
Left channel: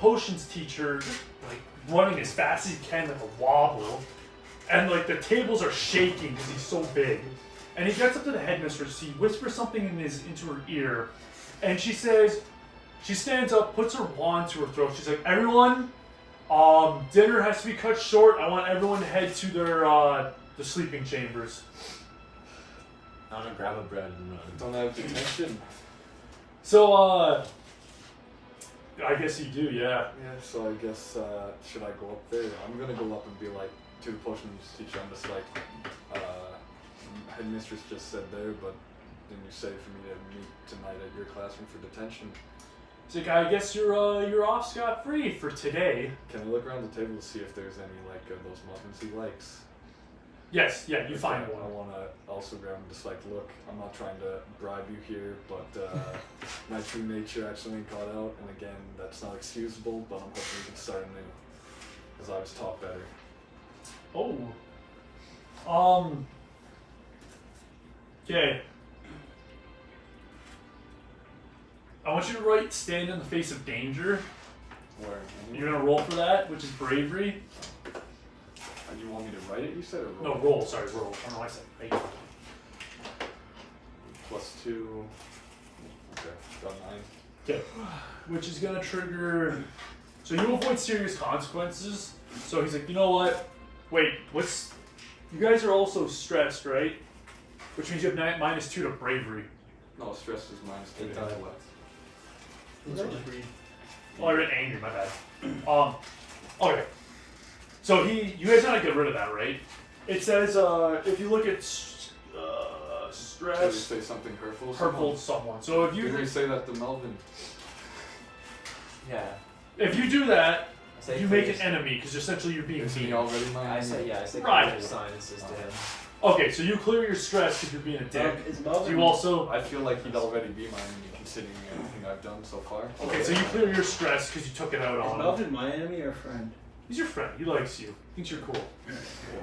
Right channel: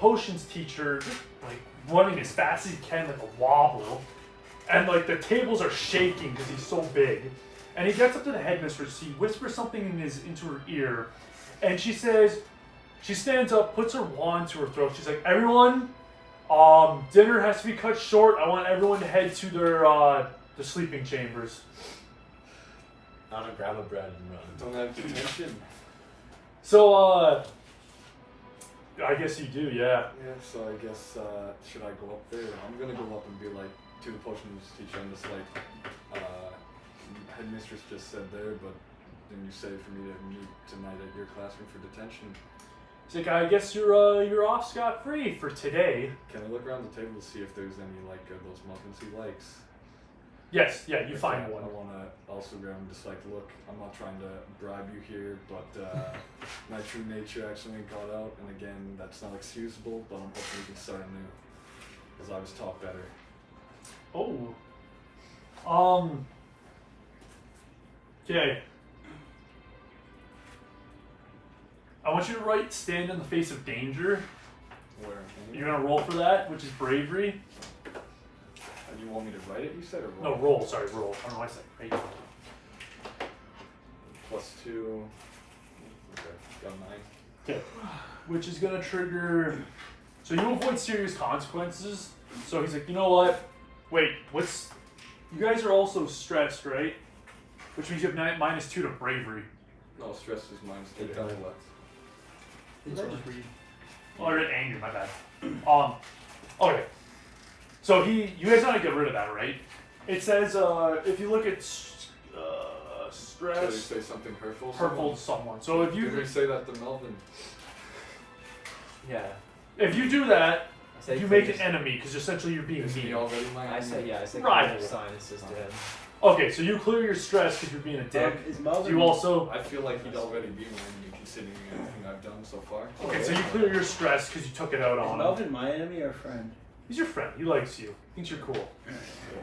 potions teacher like running as fast as he can with a wobble. And like the tables are shaking because he's so big. And he gets up to the headmistress, he whispers something into her ear, and she says, she stands up, puts her wand to her throat. She's like, everyone, dinner has to be cut short. I want everyone to head to their the sleeping chambers. I'm gonna grab a bread and run. Don't have detention. So, I guess you do, yeah. Yeah, so I guess, should I go up there? I'm gonna go up and be like, to the potions teacher, I'm just like, headmistress just said there, but didn't you say for me to meet tonight at your classroom for detention? It's like, I guess you're off scot-free for today. Can I look around the table to see if there's any, like, those muffins he likes? Yes, yeah, you find I one. want to also grab and just like, look, I'm not trying to bribe you here, but my true nature actually got out, and again, that's not excusable, but I'm hoping we can start anew, because I was taught better. Oh. Okay. I want you to write stand in the face of danger. Where? You're gonna roll for that, which is bravery. You want me to write it, you said, or No, roll? roll, sorry, roll. I don't know why I said right. +2. Okay, got 9. Okay. Which is gonna trigger. So you avoid serious consequences. So he's like, you know what? Wait, what's. You guys are also stressed, right? Which means you have -2 to bravery. No, stress is -2 Eight to times. intellect. Did I just read? Oh, I read angry, my bad. Okay. So you guys gotta get rid of that, right? It says, if you look at Did he stress, say something hurtful? hurtful to someone. So Did he say that to Melvin? Yeah. if you do that, say you make an please. enemy because essentially you're being Is he mean. already my I enemy? say yeah. I say Right. clear silences to him. Okay, so you clear your stress because you're being a dick. Is Melvin? You also I feel like he'd already be my enemy considering everything I've done so far. okay, so you clear your stress because you took it out Is on him. Melvin my enemy or friend? He's your friend. He likes you. Thinks you're cool. Yeah,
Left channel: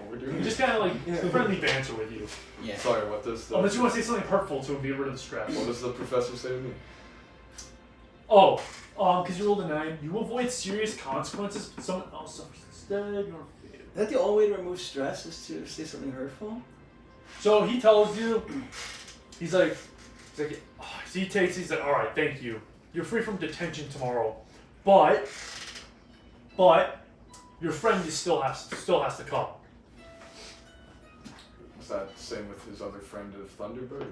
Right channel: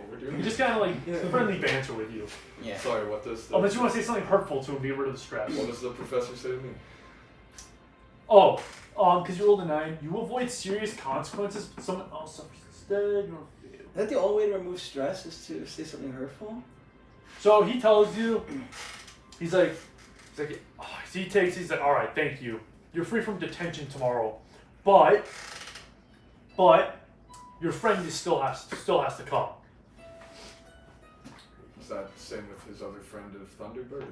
we're doing He just kind of like friendly banter with you. Yeah. Sorry, what does the, Unless you want to say something hurtful to him, get rid of the stress. what does the professor say to me? Oh, because you rolled a 9, you avoid serious consequences. Someone else suffers instead. Is that the only way to remove stress is to say something hurtful? So he tells you, he's like, so he's like, all right, thank you. You're free from detention tomorrow, but your friend still has to come. Is that the same with his other friend of Thunderbird?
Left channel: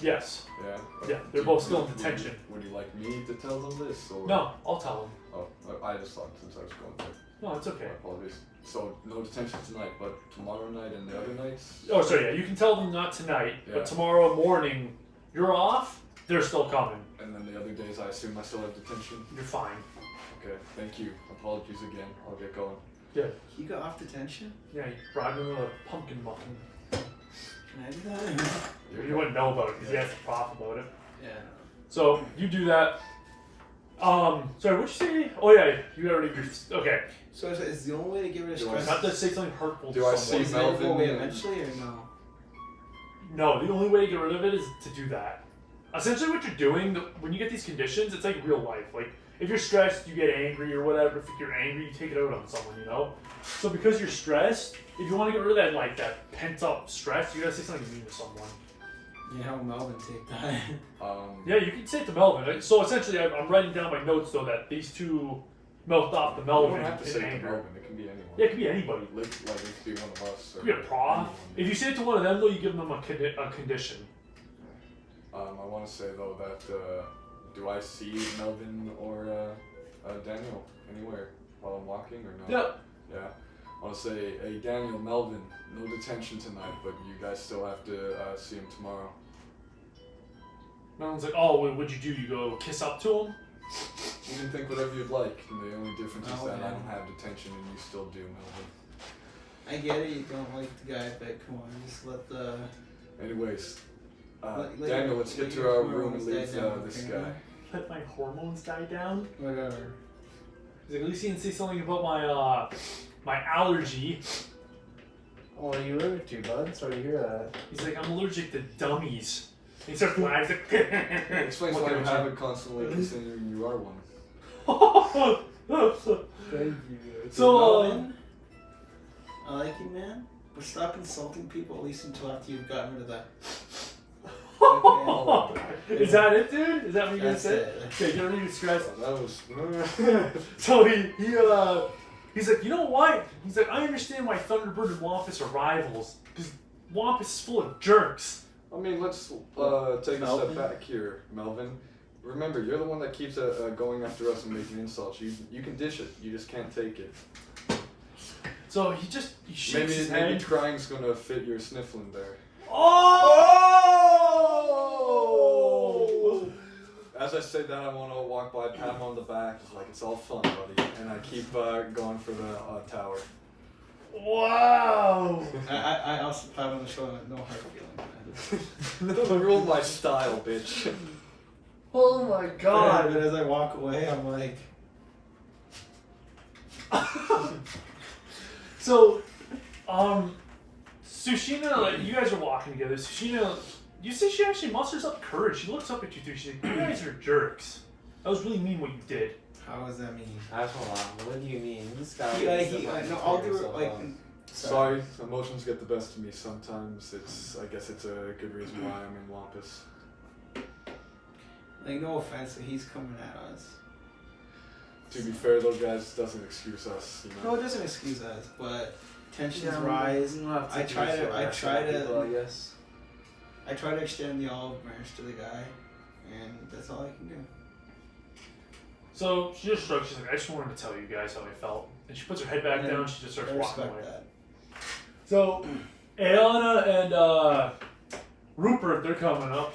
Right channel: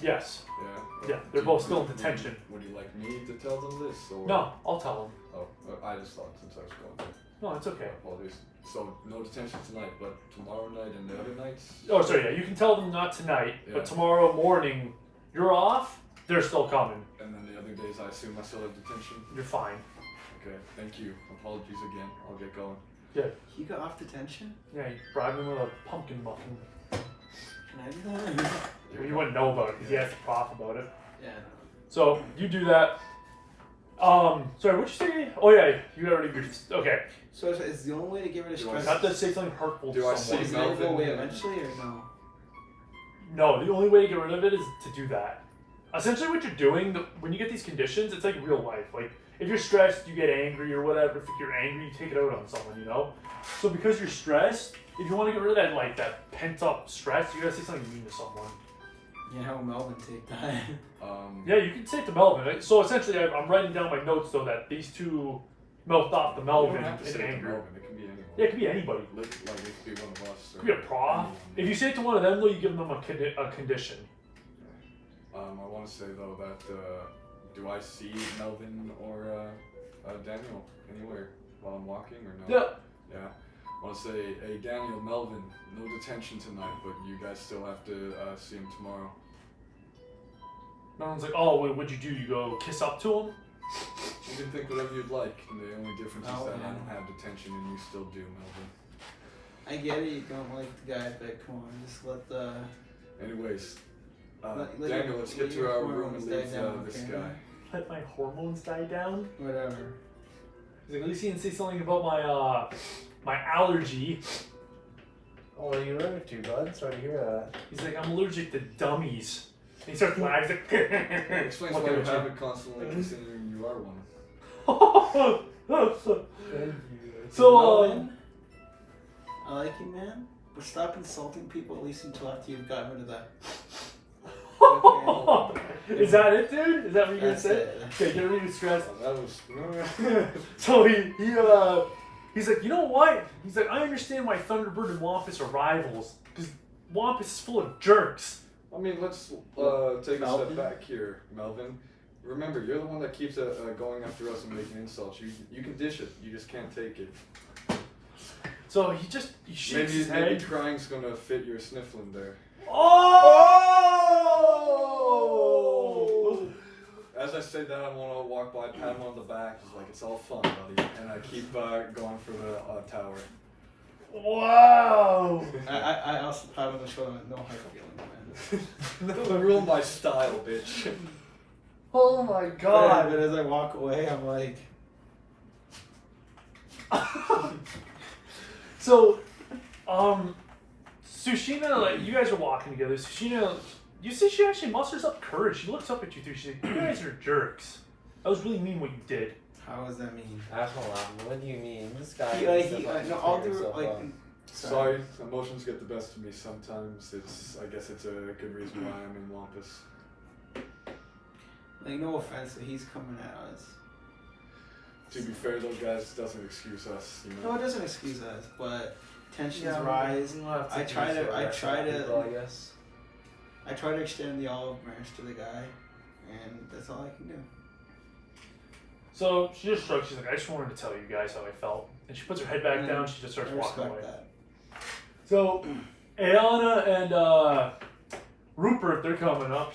Yes. Yeah. Yeah, they're both still in detention. Would you like me to tell them this, or? No, I'll tell him. Oh, well, I just thought since I was going to. No, it's okay. Apologies. So no detention tonight, but tomorrow night and the other nights. Oh, sorry. Yeah, you can tell them not tonight, Yeah. but tomorrow morning you're off. They're still coming. And then the other days, I assume I still have detention. You're fine. Okay, thank you. Apologies again. I'll get going. Good. He got off detention? Yeah, you bribed him with a pumpkin muffin. Can I do that? Well, you wouldn't know about it because he has to cough about it. Yeah. So you do that. Sorry, what'd you say? Oh yeah, you already. Okay. So is the only way to get rid of Do I stress? Not to say something hurtful Do I to someone. Is it ever go away Melvin- eventually or no? No, the only way to get rid of it is to do that. Essentially, what you're doing when you get these conditions, it's like real life. Like if you're stressed, you get angry or whatever. If you're angry, you take it out on someone. You know. So because you're stressed, if you want to get rid of that pent up stress, you gotta say something mean to someone. Yeah, how would Melvin take that? Yeah, you can say it to Melvin. So essentially, I'm writing down my notes though that these two milked off the You Melvin don't have to in say it to anger. Melvin. It can be anyone. Yeah, it could be anybody. Like it could be one of us. It could be a prof. If you say it to one of them though, you give them a condition. I want to say though that do I see Melvin or Daniel anywhere while I'm walking or no? Yeah. Yeah. I want to say, hey Daniel, Melvin, no detention tonight, but you guys still have to see him tomorrow. Melvin's like, oh, what'd you do? You go kiss up to him? You can think whatever you'd like. And the only difference is Oh, that I man. don't have detention and you still do, Melvin. I get it, you don't like the guy, but come on, just let the... Anyways, let Daniel, your- let's let get to your our room hormones and die leave down, this okay? guy. Let my hormones die down. Whatever. He's like, at least he didn't say something about my allergy. Oh, what are you allergic to, bud? Sorry to hear that. He's like, I'm allergic to dummies. And he starts laughing. He's like, It explains why Looking you at you. haven't constantly considering you are one. Thank you. So, Melvin, I like you, man, but stop insulting people at least until after you've gotten rid of that. Is that it, dude? Is that what you're gonna That's say? it. Okay, get rid of your stress. That was. So he's like, you know what? He's like, I understand why Thunderbird and Wampus are rivals because Wampus is full of jerks. I mean, let's take a Melvin? step back here, Melvin. Remember, you're the one that keeps going after us and making insults. You can dish it, you just can't take it. So he shakes his Maybe head. crying's gonna fit your sniffling there. Oh! As I say that, I'm gonna walk by, pat him on the back. It's like, it's all fun, buddy. And I keep going for the tower. Wow! I also pat him on the shoulder with no hard feelings, man. Don't ruin my style, bitch. Oh my god! But as I walk away, I'm like... So, Sushina, like, you guys are walking together. Sushina, you see she actually musters up courage. She looks up at you three. She's like, you guys are jerks. That was really mean what you did. How does that mean? Hold on. What do you mean? This guy. No, I'll do it like... Sorry, emotions get the best of me sometimes. I guess it's a good reason why I'm in Wampus. Like, no offense, that he's coming at us. To be fair, though, guys, doesn't excuse us. You No, know. it doesn't excuse us, but tensions Yeah, rise. we'll have to I do try to- so, I yes, try to- people, I guess. I try to extend the olive branch to the guy, and that's all I can do. So she just shrugs. She's like, I just wanted to tell you guys how I felt. And she puts her head back And down. She just starts I walking respect away. that. So, Ayana and Rupert, they're coming up.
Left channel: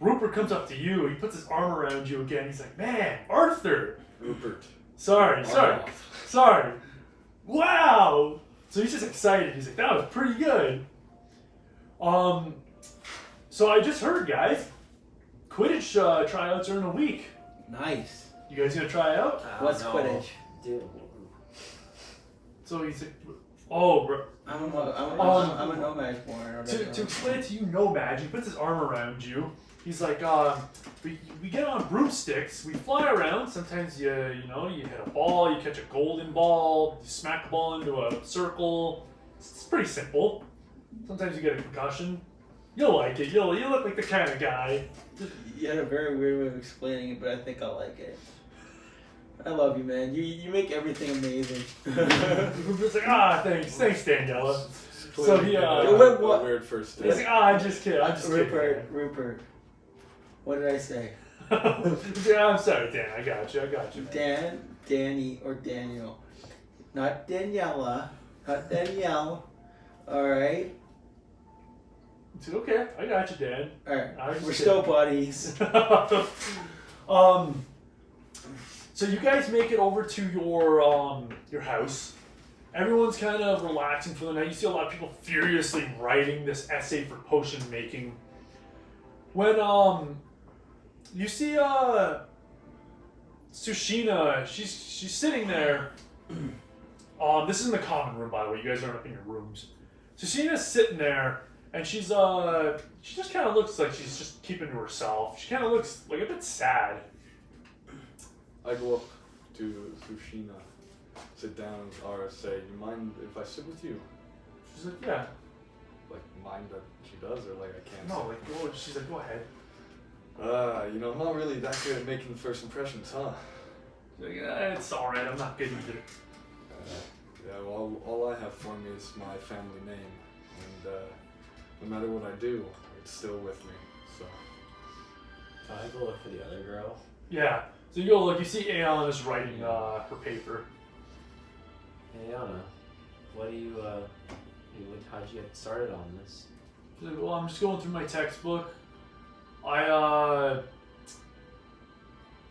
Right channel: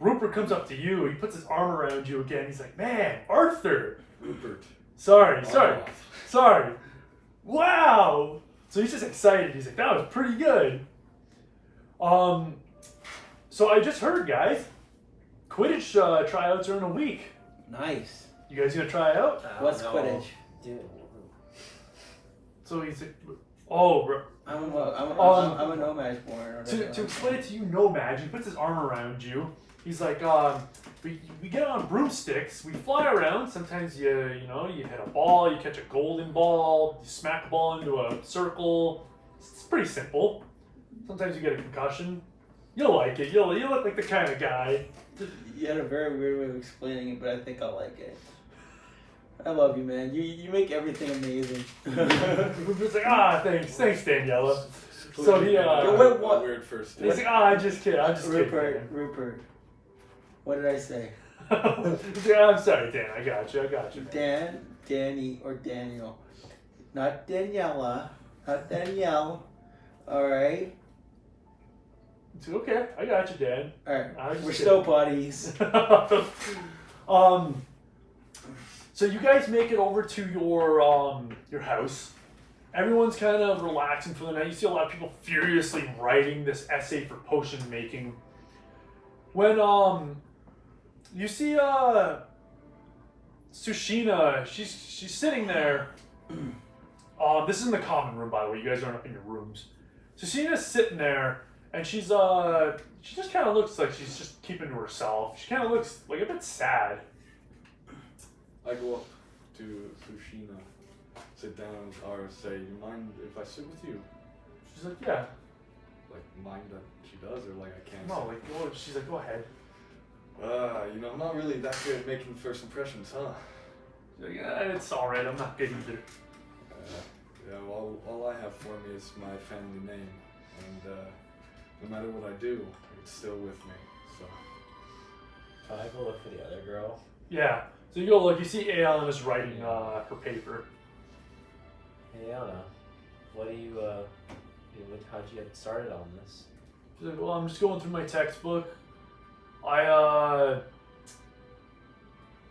Rupert comes up to you. He puts his arm around you again. He's like, man, Arthur. Rupert, Sorry. Wow. So he's just excited. He's like, that was pretty good. So I just heard, guys, Quidditch tryouts are in a week. Nice. You guys gonna try it out? What's Quidditch? Dude. So he's like, oh, bro. I'm a nomad born. To explain it to you, Nomad, he puts his arm around you. He's like, we get on broomsticks, we fly around. Sometimes you hit a ball, you catch a golden ball, you smack the ball into a circle. It's pretty simple. Sometimes you get a concussion. You'll like it. You look like the kind of guy. You had a very weird way of explaining it, but I think I'll like it. I love you, man. You make everything amazing. It's like, thanks, Daniela. So he, what? Weird first he's like, I'm just kidding. Rupert. What did I say? Yeah, I'm sorry, Dan. I got you. Dan, Danny, or Daniel. Not Daniela. Not Danielle. Alright? It's okay. I got you, Dan. Alright. We're still buddies. So you guys make it over to your house. Everyone's kind of relaxing for the night. You see a lot of people furiously writing this essay for potion making. When you see Sushina, she's sitting there. This is in the common room, by the way. You guys aren't up in your rooms. Sushina's sitting there, and she just kind of looks like she's just keeping to herself. She kind of looks like a bit sad. I go up to Sushina, sit down, or say, you mind if I sit with you? She's like, yeah. Like, mind that she does, or like I can't No, sit? like, she's like, go ahead. Not really that good at making first impressions, huh? She's like, it's alright, I'm not good either. All I have for me is my family name, and no matter what I do, it's still with me, so. Can I go look for the other girl? Yeah. So you go look, you see Aeon is writing her paper. Hey, Anna, what do you, how'd you get started on this? She's like, well, I'm just going through my textbook. I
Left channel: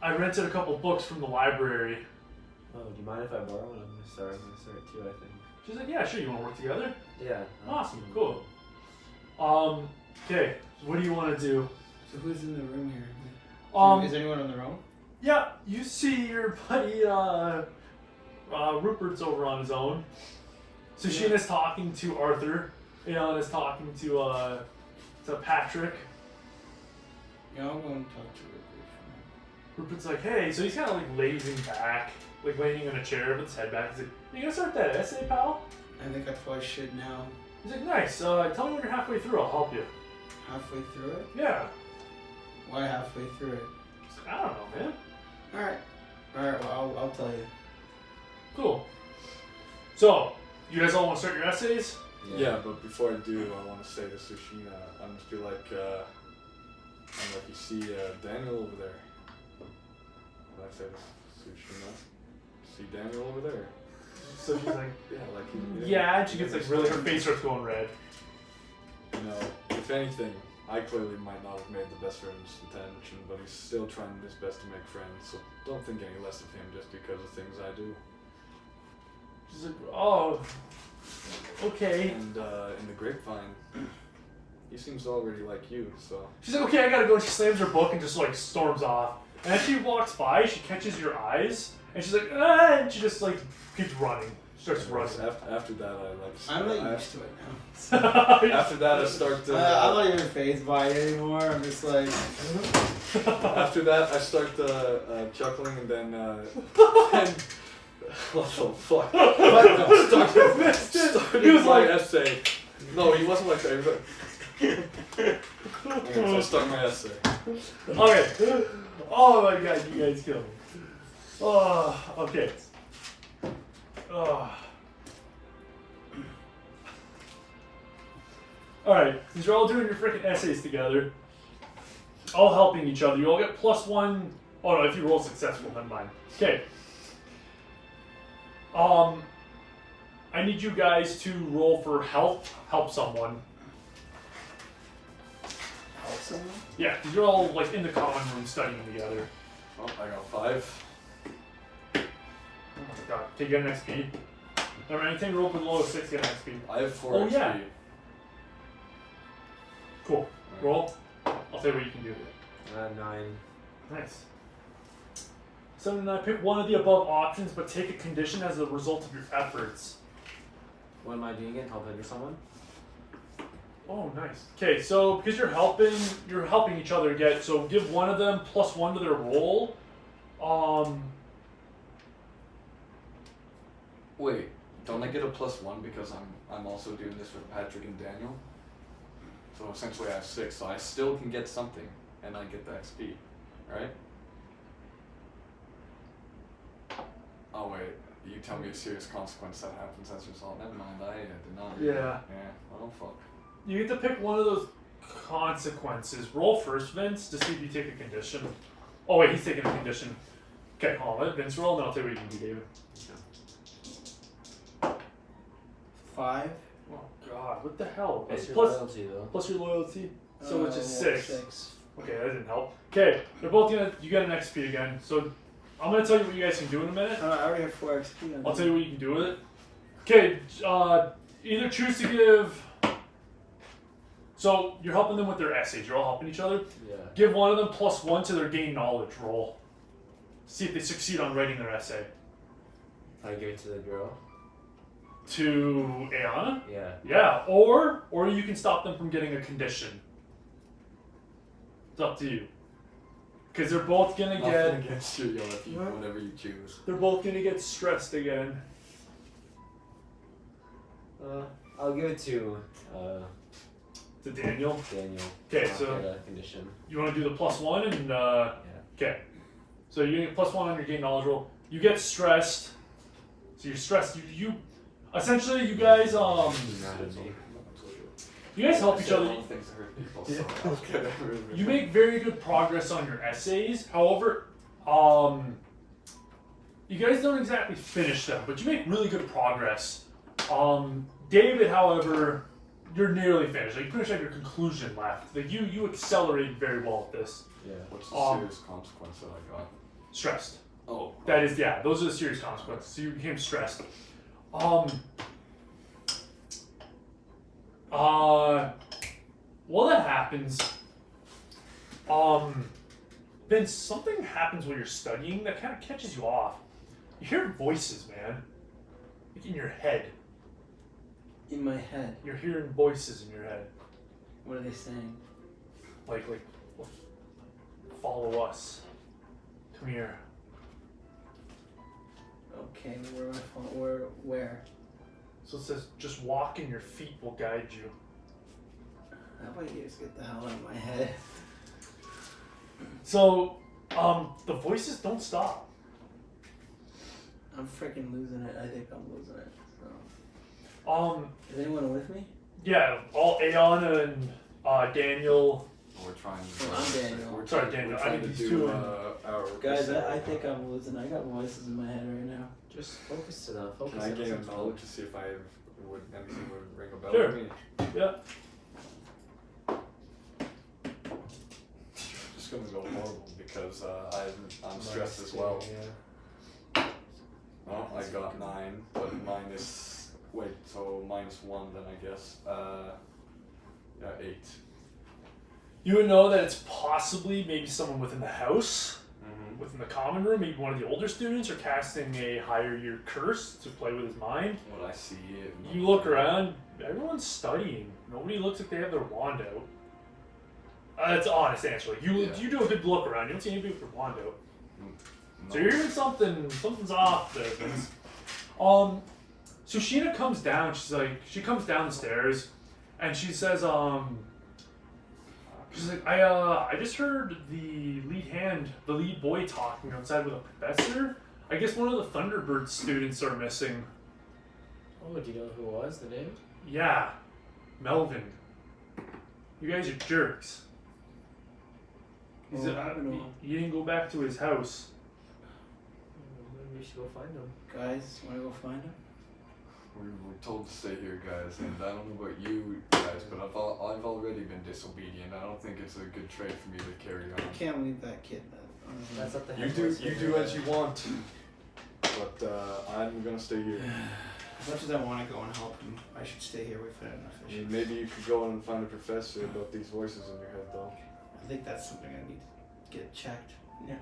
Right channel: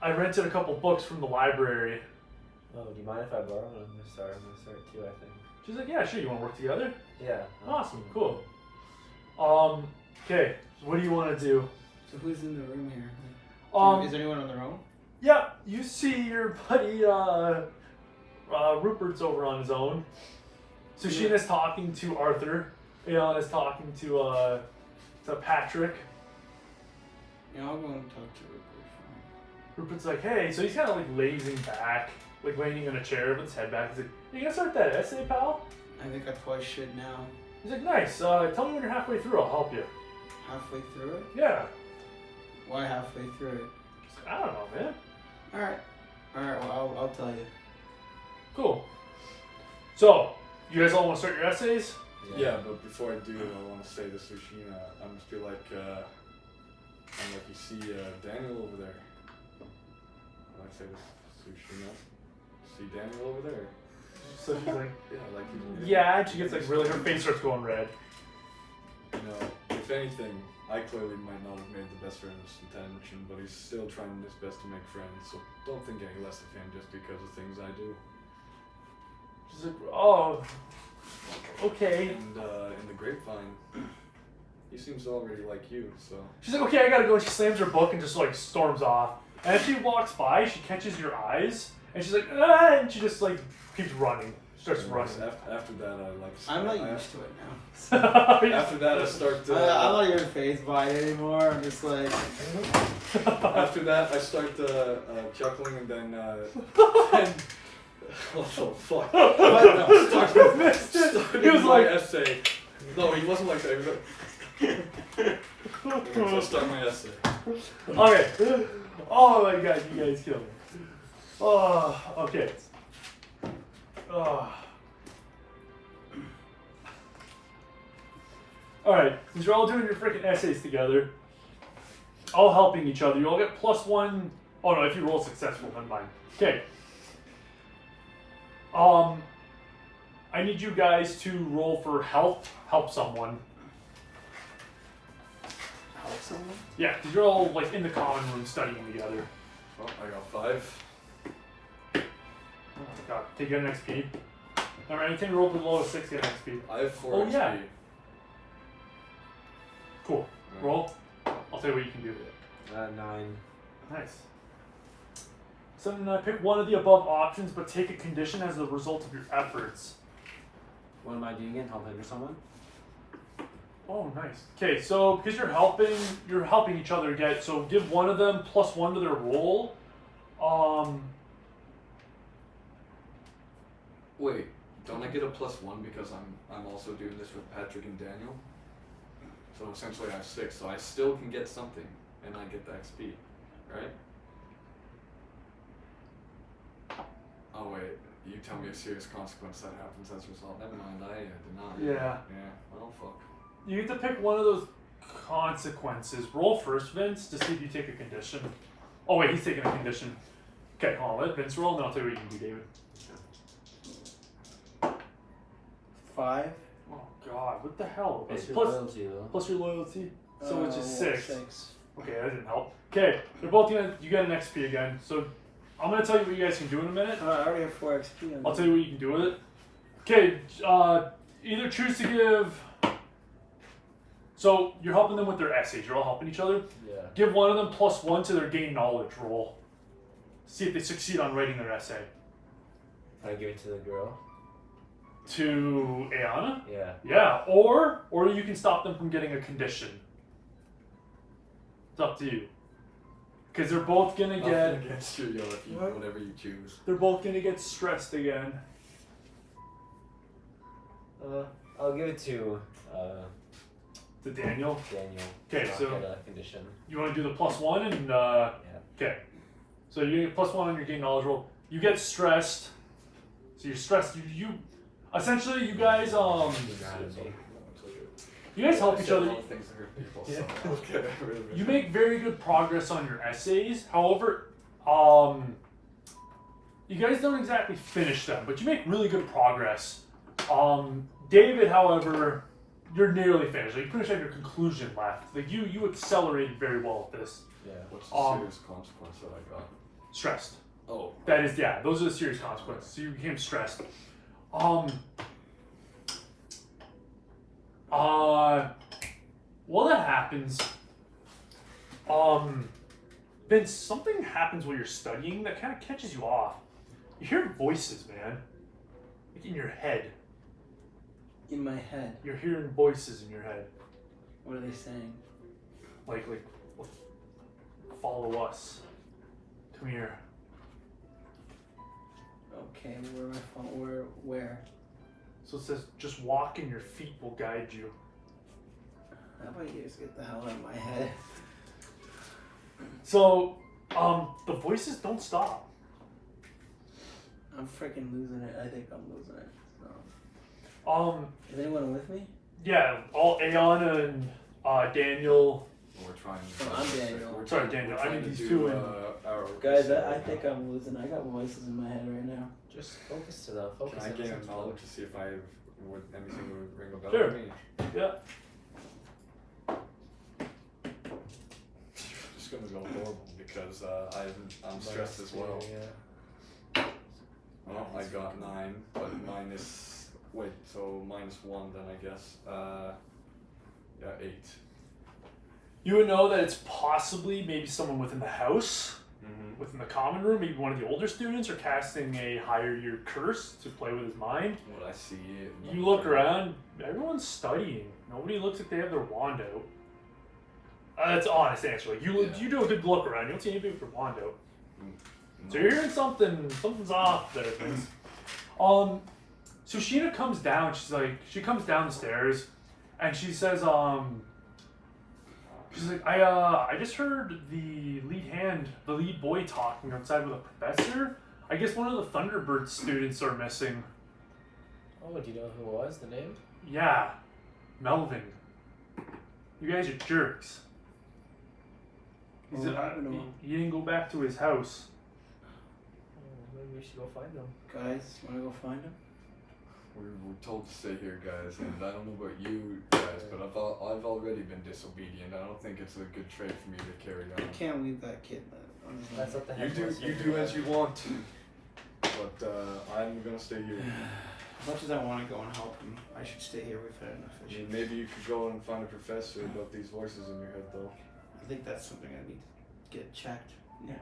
rented a couple books from the library. Oh, do you mind if I borrow one? I'm gonna start too, I think. She's like, yeah, sure, you want to work together? Yeah. Awesome, cool. Okay, so what do you want to do? So who's in the room here? Is anyone on their own? Yeah, you see your buddy Rupert's over on his own. Sushina's talking to Arthur. Aeon is talking to Patrick. Yeah, I'll go and talk to Rupert. Rupert's like, hey, so he's kind of like lazing back, like laying in a chair with his head back. He's like, you gonna start that essay, pal? I think I probably should now. He's like, nice. Tell me when you're halfway through. I'll help you. Halfway through it? Yeah. Why halfway through it? I don't know, man. Alright, well, I'll tell you. Cool. So, you guys all want to start your essays? Yeah, but before I do, I want to say to Sushina, I must be like, you see Daniel over there. What I say to Sushina? See Daniel over there? So she's like, yeah, and she gets like really, her face starts going red. If anything, I clearly might not have made the best first intention, but he's still trying his best to make friends, so don't think any less of him just because of things I do. She's like, oh, okay. And in the grapevine, he seems already like you, so. She's like, okay, I gotta go. And she slams her book and just like storms off. And as she walks by, she catches your eyes, and she's like, ah, and she just like keeps running. Starts running. After that, I'm not used to it now. After that, I start. I'm not even fazed by it anymore. I'm just like. After that, I start chuckling, and then. What the fuck? He was my essay. No, he wasn't like that. He was like. Okay, so I'll start my essay. Okay. Oh my god, you guys killed me. Oh, okay. Oh. Alright, since you're all doing your freaking essays together, all helping each other, you all get +1. Oh no, if you roll successful, never mind. Okay. I need you guys to roll for help someone. Help someone? Yeah, you're all like in the common room studying together. Oh, I got 5. God. Okay, get an XP. Remember, anything rolled below 6, get an XP. I have 4 Oh, XP. yeah. Cool. Roll. I'll tell you what you can do. 9. Nice. 7 and 9. Pick one of the above options, but take a condition as a result of your efforts. What am I doing again? Helping someone? Oh, nice. Okay, so because you're helping each other get. So give one of them +1 to their roll. Wait, don't I get a +1 because I'm also doing this with Patrick and Daniel? So essentially I have 6, so I still can get something, and I get the XP, right? Oh wait, you tell me a serious consequence that happens as a result. Never mind, I did not. Yeah. Yeah, oh fuck. You get to pick one of those consequences. Roll first, Vince, to see if you take a condition. Oh wait, he's taking a condition. Okay, hold on. Let Vince roll, and I'll tell you what you can do, David. 5. Oh God, what the hell? Plus your Plus- loyalty though. plus your loyalty, so which is 6. 6. Okay, that didn't help. Okay, they're both gonna. You get an XP again. So I'm gonna tell you what you guys can do in a minute. I already have 4 XP. I'll tell you what you can do with it. Okay, either choose to give. So you're helping them with their essays. You're all helping each other. Yeah. Give one of them +1 to their gain knowledge roll. See if they succeed on writing their essay. Can I give it to the girl? To Ayana? Yeah. Yeah, or you can stop them from getting a condition. It's up to you. Because they're both gonna Nothing get. against you, if you, What? whatever you choose. They're both gonna get stressed again. I'll give it to To Daniel. Daniel. Okay, Not so get a condition. you want to do the +1 and Yeah. okay. So you're gonna get +1 on your gain knowledge roll. You get stressed. So you're stressed. You essentially you guys you guys help each other. Things hurt people, Yeah. so okay. You make very good progress on your essays. However, you guys don't exactly finish them, but you make really good progress. David, however, you're nearly finished. Like you pretty much have your conclusion left. Like you accelerate very well with this. Yeah. What's the serious consequence that I got? Stressed. Oh. That is, yeah, those are the serious consequences. So you became stressed. While that happens, then something happens while you're studying that kind of catches you off. You hear voices, man. Like in your head. In my head. You're hearing voices in your head. What are they saying? Like, follow us. Come here. Okay, where am I? Where? So it says, just walk and your feet will guide you. How about you guys get the hell out of my head? So, the voices don't stop. I'm freaking losing it. I think I'm losing it. So. Is anyone with me? Yeah, all Ayana and Daniel. We're trying Oh, I'm Daniel. We're Sorry, trying- Daniel, we're I trying need to these do, two in. our Guys, research. I think I'm losing. I got voices in my head right now. Just focus to the Can focus. I on gain something. knowledge to see if I would anything would ring a bell Sure. with me? Yeah. Just gonna go horrible because I'm stressed as well. Yeah. Oh, I got 9, but minus wait, so -1 then I guess. Yeah, 8. You would know that it's possibly maybe someone within the house, Mm-hmm. within the common room, maybe one of the older students, or casting a higher year curse to play with his mind. What I see. You look around, everyone's studying. Nobody looks like they have their wand out. That's an honest answer. Like you do a good look around. You don't see anybody with their wand out. So you're hearing something's off there. So Sheena comes down. She comes down the stairs, and she says, she's like, I just heard the lead boy talking outside with a professor. I guess one of the Thunderbird students are missing. Oh, do you know who it was? The name? Yeah, Melvin. You guys are jerks. He said, he didn't go back to his house. Maybe we should go find him. Guys, wanna go find him? We're told to stay here, guys, and I don't know about you guys, but I've already been disobedient. I don't think it's a good trait for me to carry on. You can't leave that kid on his own. That's at the You head. do as you want to. but I'm gonna stay here. As much as I want to go and help him, I should stay here. We've had enough I issues. mean, maybe you could go on and find a professor about these voices in your head, though. I think that's something I need to get checked. Yeah.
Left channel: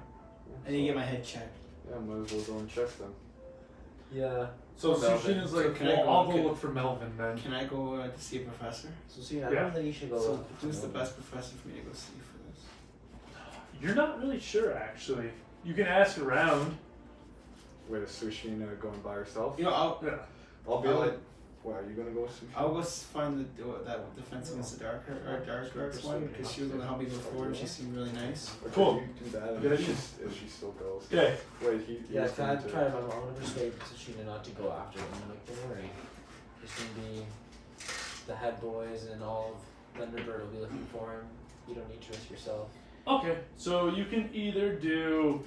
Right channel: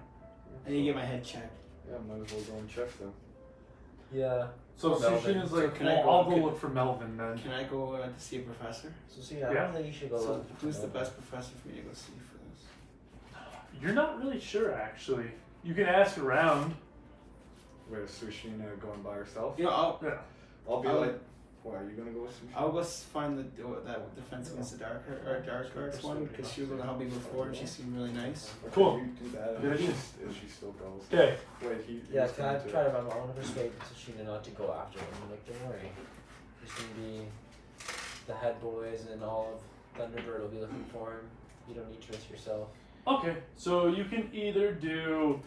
I need to get my head checked. Yeah, might as well go and check them. Yeah. So Melvin. Sushin is like, Can I go- I'll go can- look for Melvin then. Can I go to see a professor? So see, I Yeah. don't think you should go. So look for who's the Melvin. best professor for me to go see for this? You're not really sure, actually. You can ask around. Wait, is Sushina going by herself? You know, Yeah. I'll be I'll- like, what, are you gonna go with Sushina? I'll go find that defense against the dark arts one because she was going to help me before and she seemed really nice. Okay, Cool. You do that, Yeah, and she's- if she still goes. Okay. Wait, he Yeah, was can I going to- try to? I want to persuade Tsushina not to go after him. I'm like, don't worry. There's gonna be the head boys and all of Thunderbird will be looking for him. You don't need to risk yourself. Okay, so you can either do.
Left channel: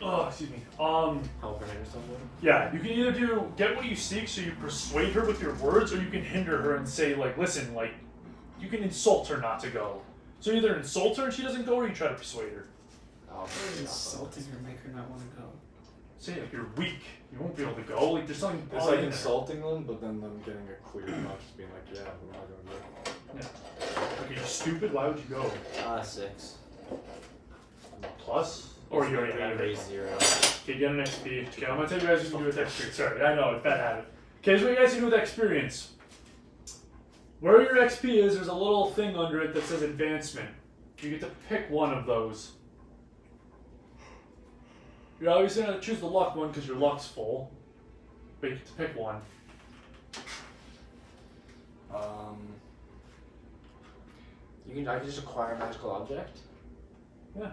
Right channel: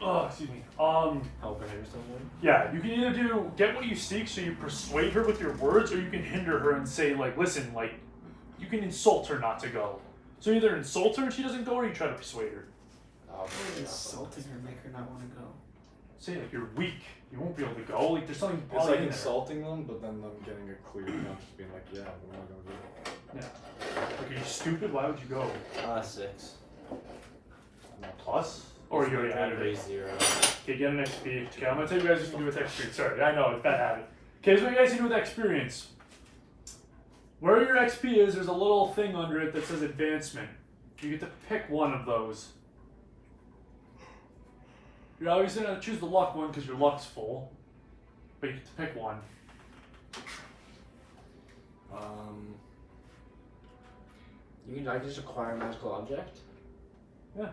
Oh, excuse me. Help her hinder someone. Yeah, you can either do get what you seek, so you persuade her with your words, or you can hinder her and say like, listen, like, you can insult her not to go. So either insult her and she doesn't go, or you try to persuade her. I'll Insulting her, make her not want to go. Say like you're weak, you won't be able to go. Like there's something. It's probably like in there. insulting them, but then them getting it clear, not just being like, yeah, we're not gonna go. Yeah. Like, are you stupid? Why would you go? 6. Plus, or you already had it. raise 0. Okay, get an XP. Okay, I'm gonna tell you guys what you can do with experience. Sorry, I know, it's bad habit. Okay, here's what you guys can do with experience. Where your XP is, there's a little thing under it that says advancement. You get to pick one of those. You're obviously gonna choose the luck one because your luck's full. But you get to pick one. I can just acquire a magical object. Yeah.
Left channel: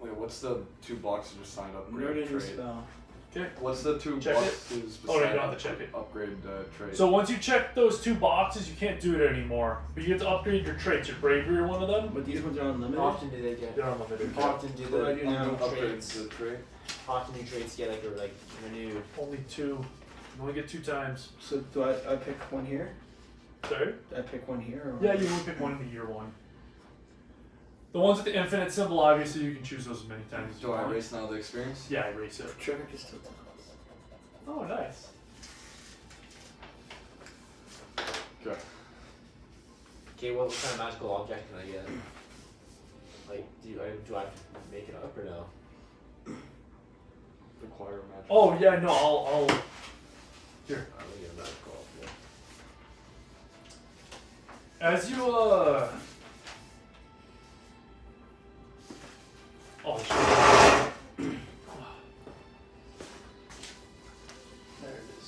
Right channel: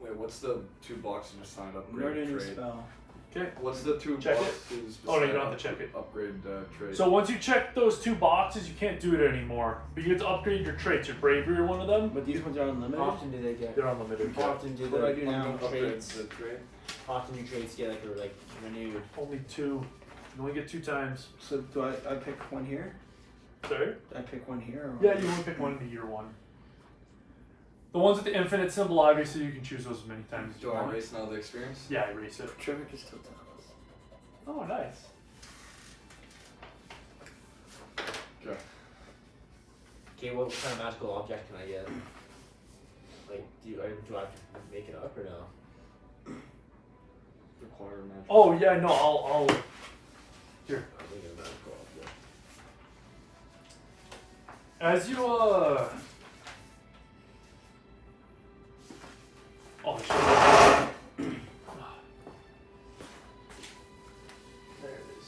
Wait, what's the 2 boxes assigned I'm learning upgrade a new trade? spell. Okay. What's the 2 Check it. boxes Oh, no, you beside don't have to check it. upgrade trade? So once you check those 2 boxes, you can't do it anymore. But you get to upgrade your traits. Your bravery are one of them. But these ones are unlimited. How often do they get? They're unlimited. How often do What do I do the now? upgrade traits? the trade. How often do traits get like renewed? Only 2. You only get 2 times. So do I pick one here? Sorry? Do I pick one here? Or Yeah, you only pick one in the year 1. The ones with the infinite symbol, obviously, you can choose those as many times as you Do I want. erase now the experience? Yeah, erase it. Trevor can still tell us. Oh, nice. Okay. Okay, what kind of magical object can I get? Like, do I have to make it up or no? Require magic. Oh, yeah, no, I'll. Here. I'm gonna get a magical object. As you, Oh, shit. There it is.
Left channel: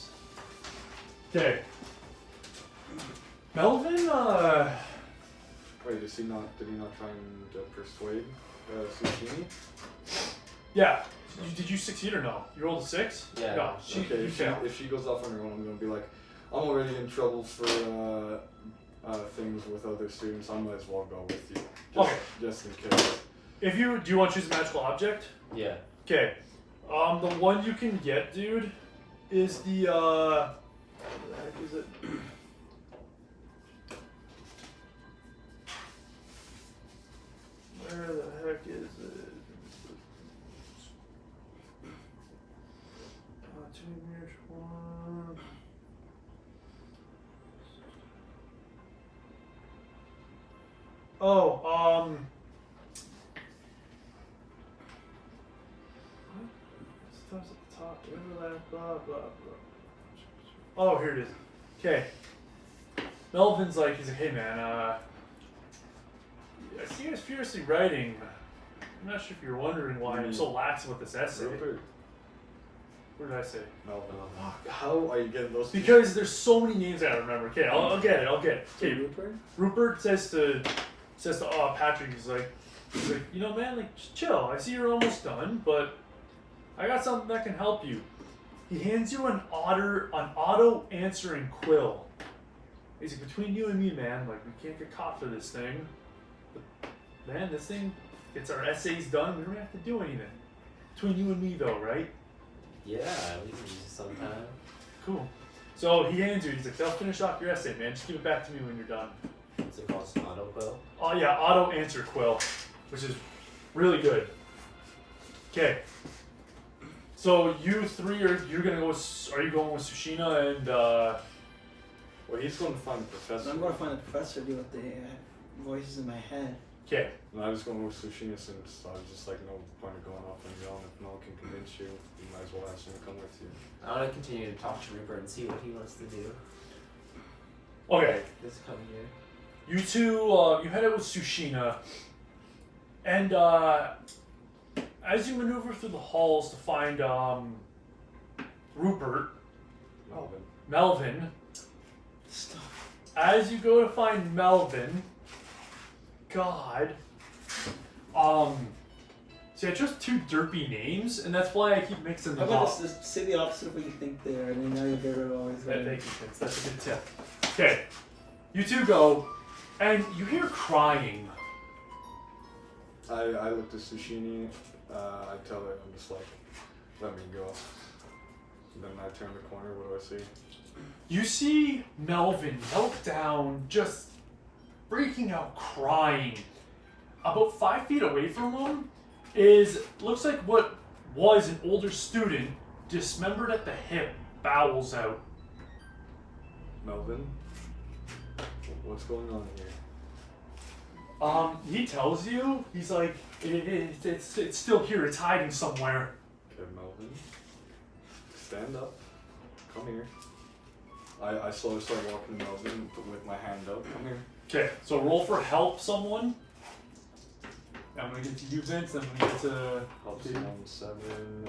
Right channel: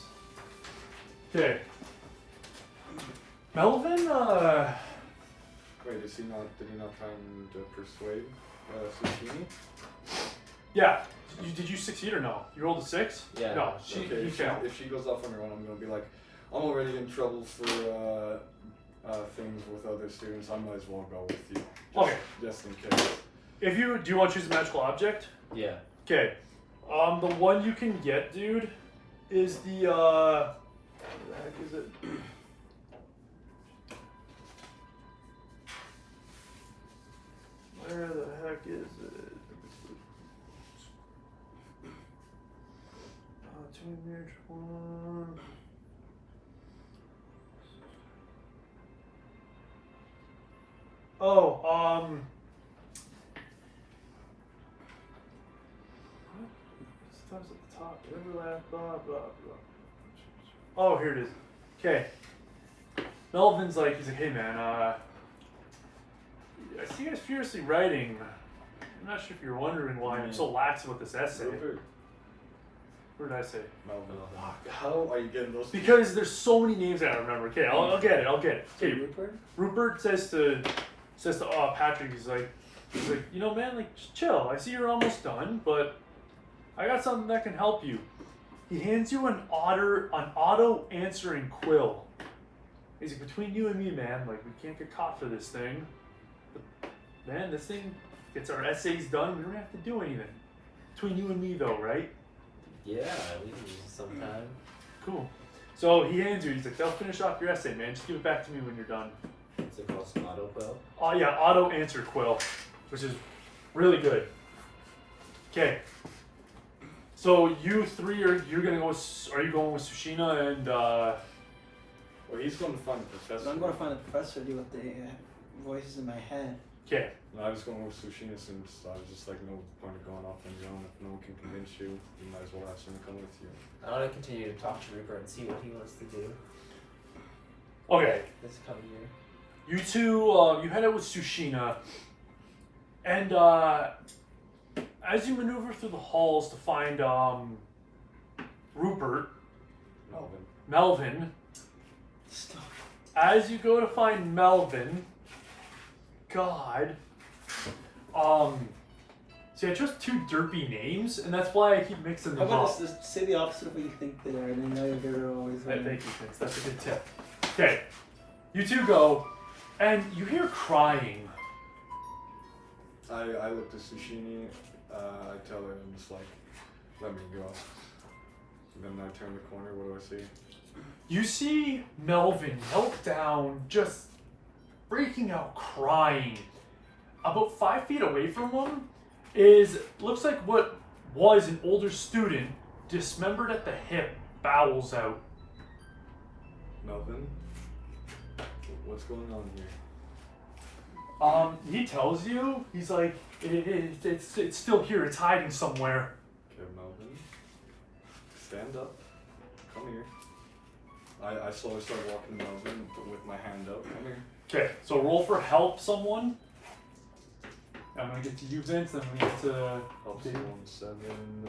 Okay. Melvin, Wait, did he not try and persuade Sushini? yeah. Did you succeed or no? You rolled a 6? Yeah. No, she, Okay, you failed. if she goes off on her own, I'm gonna be like, I'm already in trouble for things with other students. I might as well go with you. Just in case. Do you want to choose a magical object? Yeah. Okay. The one you can get, dude, is the where the heck is it? Where the heck is it? One. Oh, what? Stuff's at the top. Overlap, blah, blah, blah. Oh, here it is. Okay. Melvin's like, he's like, hey man, I see you guys furiously writing. I'm not sure if you're wondering why I'm so lax about this essay. Rupert. What did I say? Fuck, how are you getting those? Because there's so many names I don't remember. Okay, I'll get it. Okay, Rupert? Rupert says to Patrick, he's like, you know, man, like, just chill. I see you're almost done, but I got something that can help you. He hands you an auto answering quill. He's like, between you and me, man, like, we can't get caught for this thing. But, man, this thing gets our essays done. We don't have to do anything. Between you and me, though, right? Yeah, we can use it sometime. Cool. So he hands you. He's like, "I'll finish off your essay, man. Just give it back to me when you're done." What's it called? Auto quill? Oh yeah, auto answer quill, which is really good. Okay. So you three you're gonna go with, are you going with Tsushima and Well, he's going to find the professor. I'm going to find the professor, deal with the voices in my head. okay. No, I was going with Tsushima since I was just like, no point of going off on your own. If no one can convince you, you might as well have someone come with you. I want to continue to talk to Rupert and see what he wants to do. Okay. This coming year. You two you head out with Tsushima, and as you maneuver through the halls to find Rupert, Melvin, Stop. as you go to find Melvin, God, see, I chose two derpy names, and that's why I keep mixing How them about up. just say the opposite of what you think they are, and then now you're always Yeah, right. thank you, Vince. That's a good tip. Okay, you two go, and you hear crying. I looked at Sushini, I tell her, I'm just like, let me go. Then I turn the corner, what do I see? You see Melvin melt down, just freaking out, crying. About 5 feet away from him looks like what was an older student, dismembered at the hip, bowels out. Melvin? What's going on here? He tells you, he's like, it's still here, it's hiding somewhere. Okay, Melvin. Stand up. Come here. I slowly start walking Melvin with my hand up. Come here. Okay, so roll for help someone. I'm gonna get to you, Vince, and I'm gonna get to Help David. someone 7.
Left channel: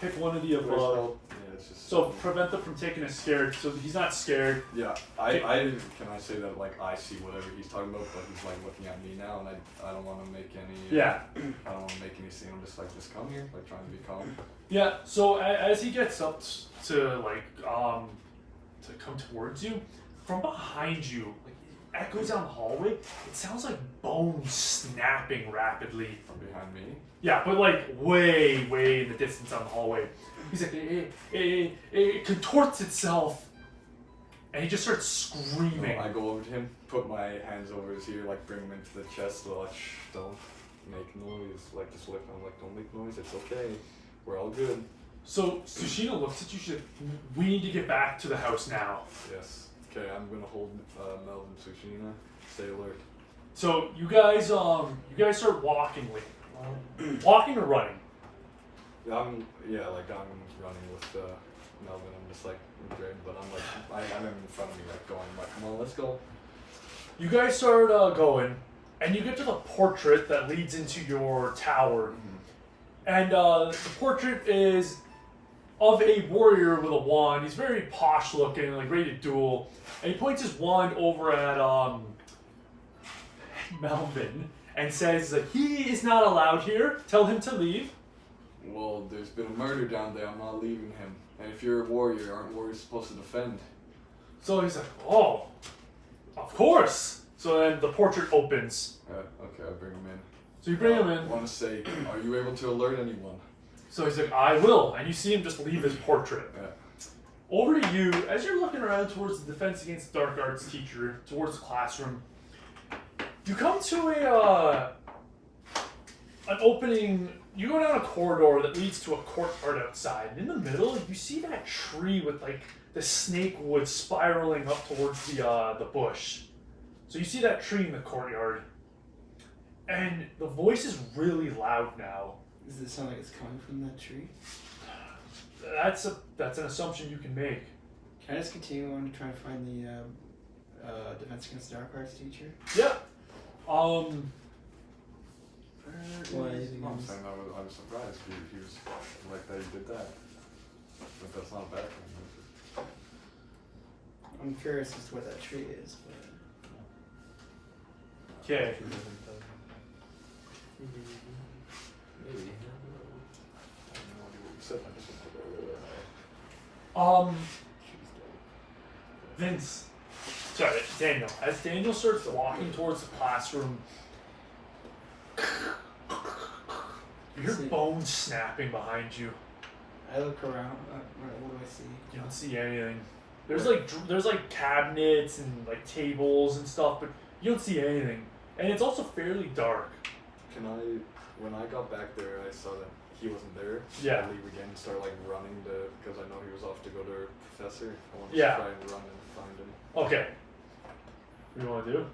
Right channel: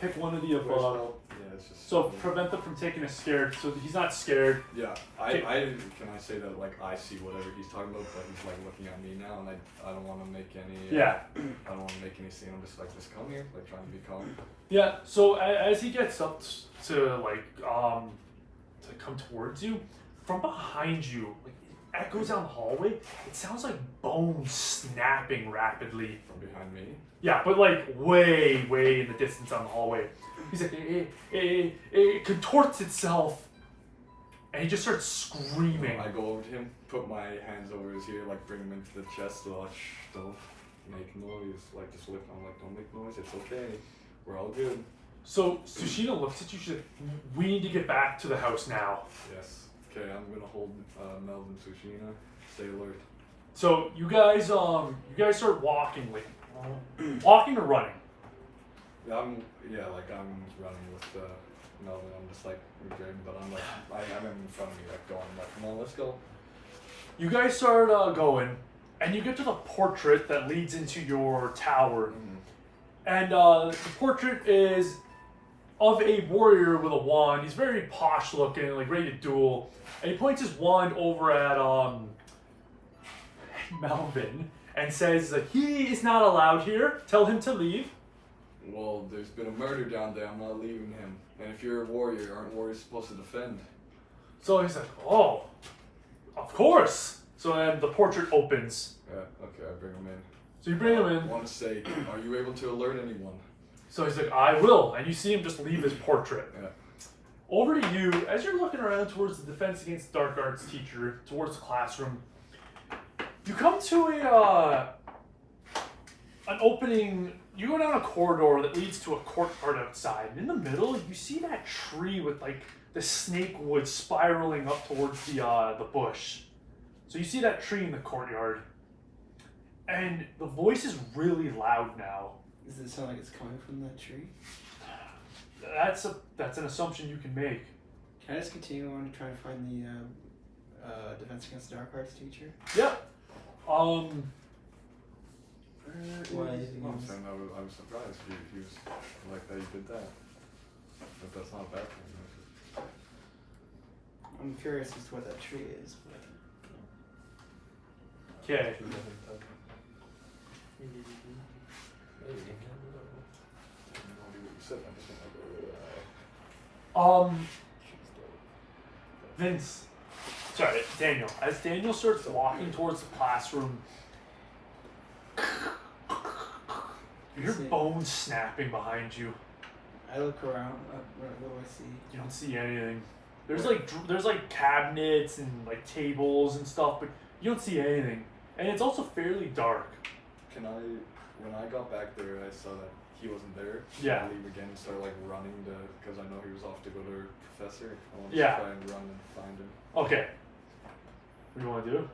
Pick one of the Where's above. help? Yeah, it's just. So prevent them from taking a scared, so he's not scared. Yeah, can I say that like I see whatever he's talking about, but he's like looking at me now, and I don't want to make any. Yeah. I don't want to make any scene. I'm just like, just come here, like trying to be calm. Yeah, so as he gets up to like to come towards you, from behind you, like it echoes down the hallway, it sounds like bones snapping rapidly. From behind me. Yeah, but like way in the distance down the hallway. He's like, it contorts itself. And he just starts screaming. I go over to him, put my hands over his ear, like bring him into the chest, so like, don't make noise, like just lift. I'm like, don't make noise, it's okay, we're all good. So Tsushima looks at you, she's like, we need to get back to the house now. Yes. Okay, I'm gonna hold Melvin Tsushima. Stay alert. So you guys start walking, like walking or running? Yeah, I'm running with Melvin. I'm just like great, but I'm like I'm in front of me, like going, I'm like, come on, let's go. You guys start going, and you get to the portrait that leads into your tower. And the portrait is of a warrior with a wand. He's very posh looking, like ready to duel. And he points his wand over at Melvin and says that he is not allowed here. Tell him to leave. Well, there's been a murder down there. I'm not leaving him. And if you're a warrior, aren't warriors supposed to defend? So he's like, oh, of course. So then the portrait opens. Okay, I'll bring him in. So you bring him in. I want to say, are you able to alert anyone? So he's like, I will. And you see him just leave his portrait. Yeah. Over to you, as you're looking around towards the Defense Against Dark Arts teacher, towards the classroom, you come to an opening. You go down a corridor that leads to a courtyard outside. And in the middle, you see that tree with like the snake wood spiraling up towards the bush. So you see that tree in the courtyard. And the voice is really loud now. Does it sound like it's coming from that tree? That's an assumption you can make. Can I just continue on to try to find the Defense Against Dark Arts teacher? Yeah. Why? I was surprised he was like that he did that. But that's not a bad thing. I'm curious as to what that tree is, but Okay. Vince. Sorry, Daniel. As Daniel starts walking towards the classroom, you hear bones snapping behind you. I look around. What do I see? You don't see anything. There's like cabinets and like tables and stuff, but you don't see anything. And it's also fairly dark. Can I, when I got back there, I saw that he wasn't there. Yeah. I leave again and start like running because I know he was off to go to her professor. I want to Yeah. try and run and find him. Okay. What do you want to do?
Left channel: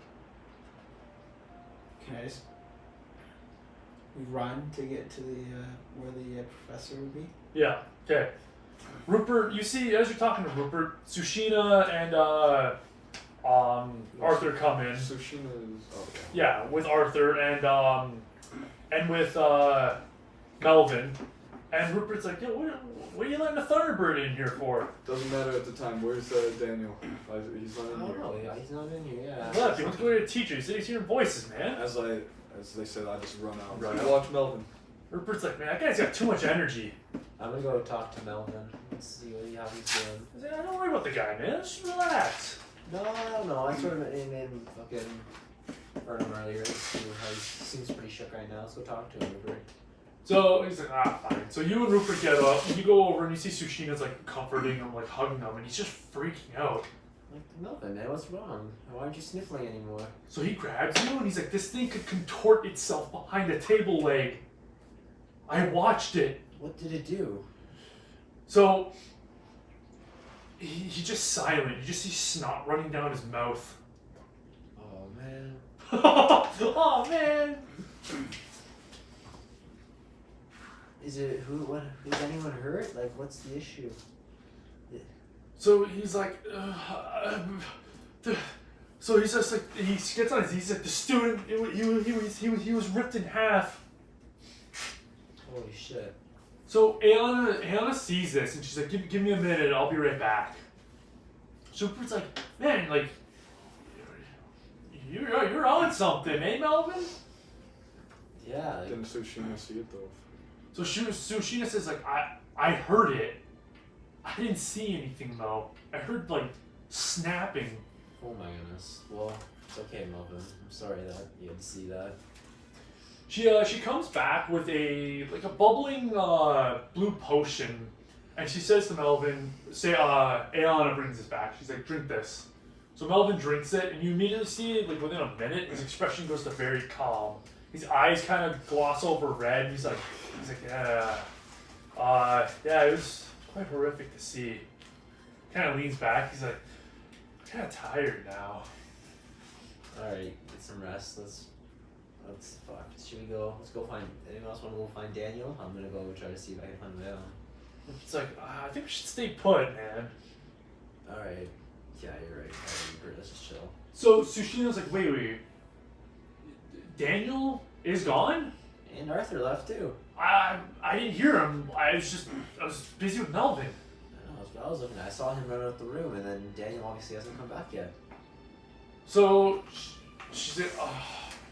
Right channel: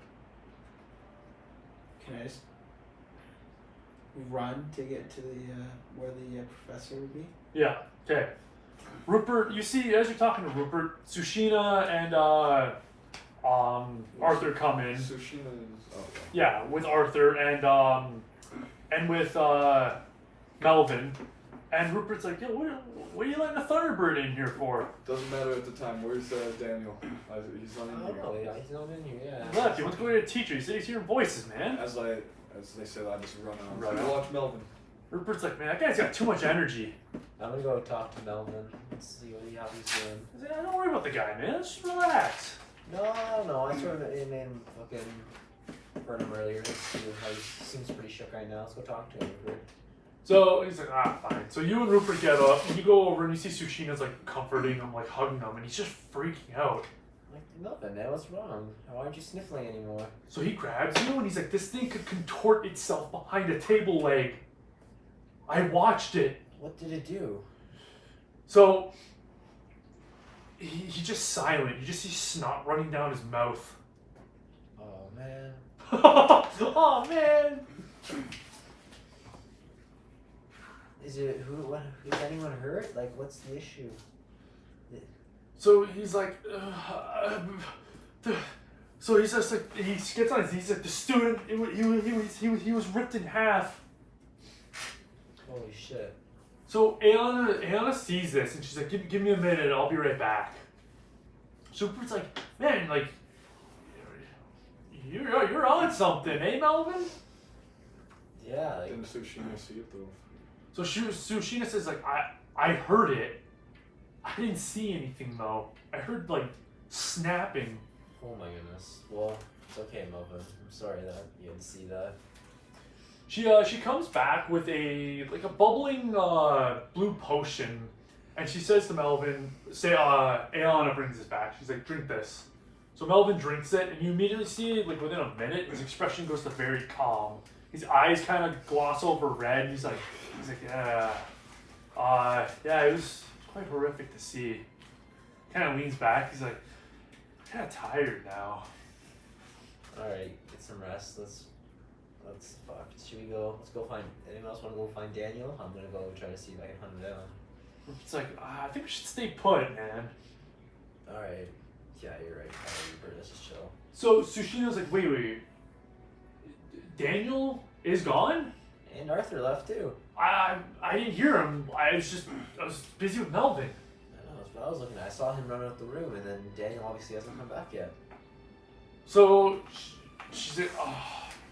Can I just run to get to the where the professor would be? Yeah. Okay. Rupert, you see as you're talking to Rupert, Tsushina and Arthur come in. Tsushina is. Oh, okay. Yeah, with Arthur and with Melvin. And Rupert's like, yeah, what are you letting a Thunderbird in here for? Doesn't matter at the time. Where's Daniel? He's not in Oh here. no, yeah, he's not in here. Yeah. Look, he wants to go get a teacher. He said he's hearing voices, man. As they said, I just run out. Right. So watch Melvin. Rupert's like, man, that guy's got too much energy. I'm gonna go talk to Melvin and see how he's doing. I said, don't worry about the guy, man. Just relax. No. I turned him in fucking heard him earlier. He seems pretty shook right now. Let's go talk to him. Rupert. So he's like, fine. So you and Rupert get up, and you go over, and you see Tsushina's like comforting him, like hugging him, and he's just freaking out. Like, Melvin, man, what's wrong? Why aren't you sniffling anymore? So he grabs you, and he's like, this thing could contort itself behind a table leg. I watched it. What did it do? So he's just silent. You just see snot running down his mouth. Oh man. Oh man. Is anyone hurt? Like, what's the issue? So he's like, so he's just like, he gets on his knees, he's like, the student, he was ripped in half. Holy shit. So Ayana sees this, and she's like, give me a minute, I'll be right back. So Rupert's like, man, like, you're on something, eh, Melvin? Yeah. Like, Didn't Tsushina see it though? So Tsushina says, like, I heard it. I didn't see anything, though. I heard, like, snapping. oh my goodness. Well, it's okay, Melvin. I'm sorry that you had to see that. She comes back with a bubbling blue potion, and she says to Melvin, Ayana brings this back. She's like, drink this. So Melvin drinks it, and you immediately see, like, within a minute, his expression goes to very calm. His eyes kind of gloss over red. He's like, yeah. Yeah, it was quite horrific to see. Kind of leans back. He's like, kind of tired now. Alright, get some rest. Let's fuck. Should we go? Let's go find. Anyone else want to go find Daniel? I'm gonna go try to see if I can hunt him down. It's like, I think we should stay put, man. Alright. Yeah, you're right. Alright, let's just chill. So Tsushina's like, wait. Daniel is gone? And Arthur left too. I didn't hear him. I was busy with Melvin. I know, that's what I was looking at. I saw him run out the room, and then Daniel obviously hasn't come back yet. So she's like, oh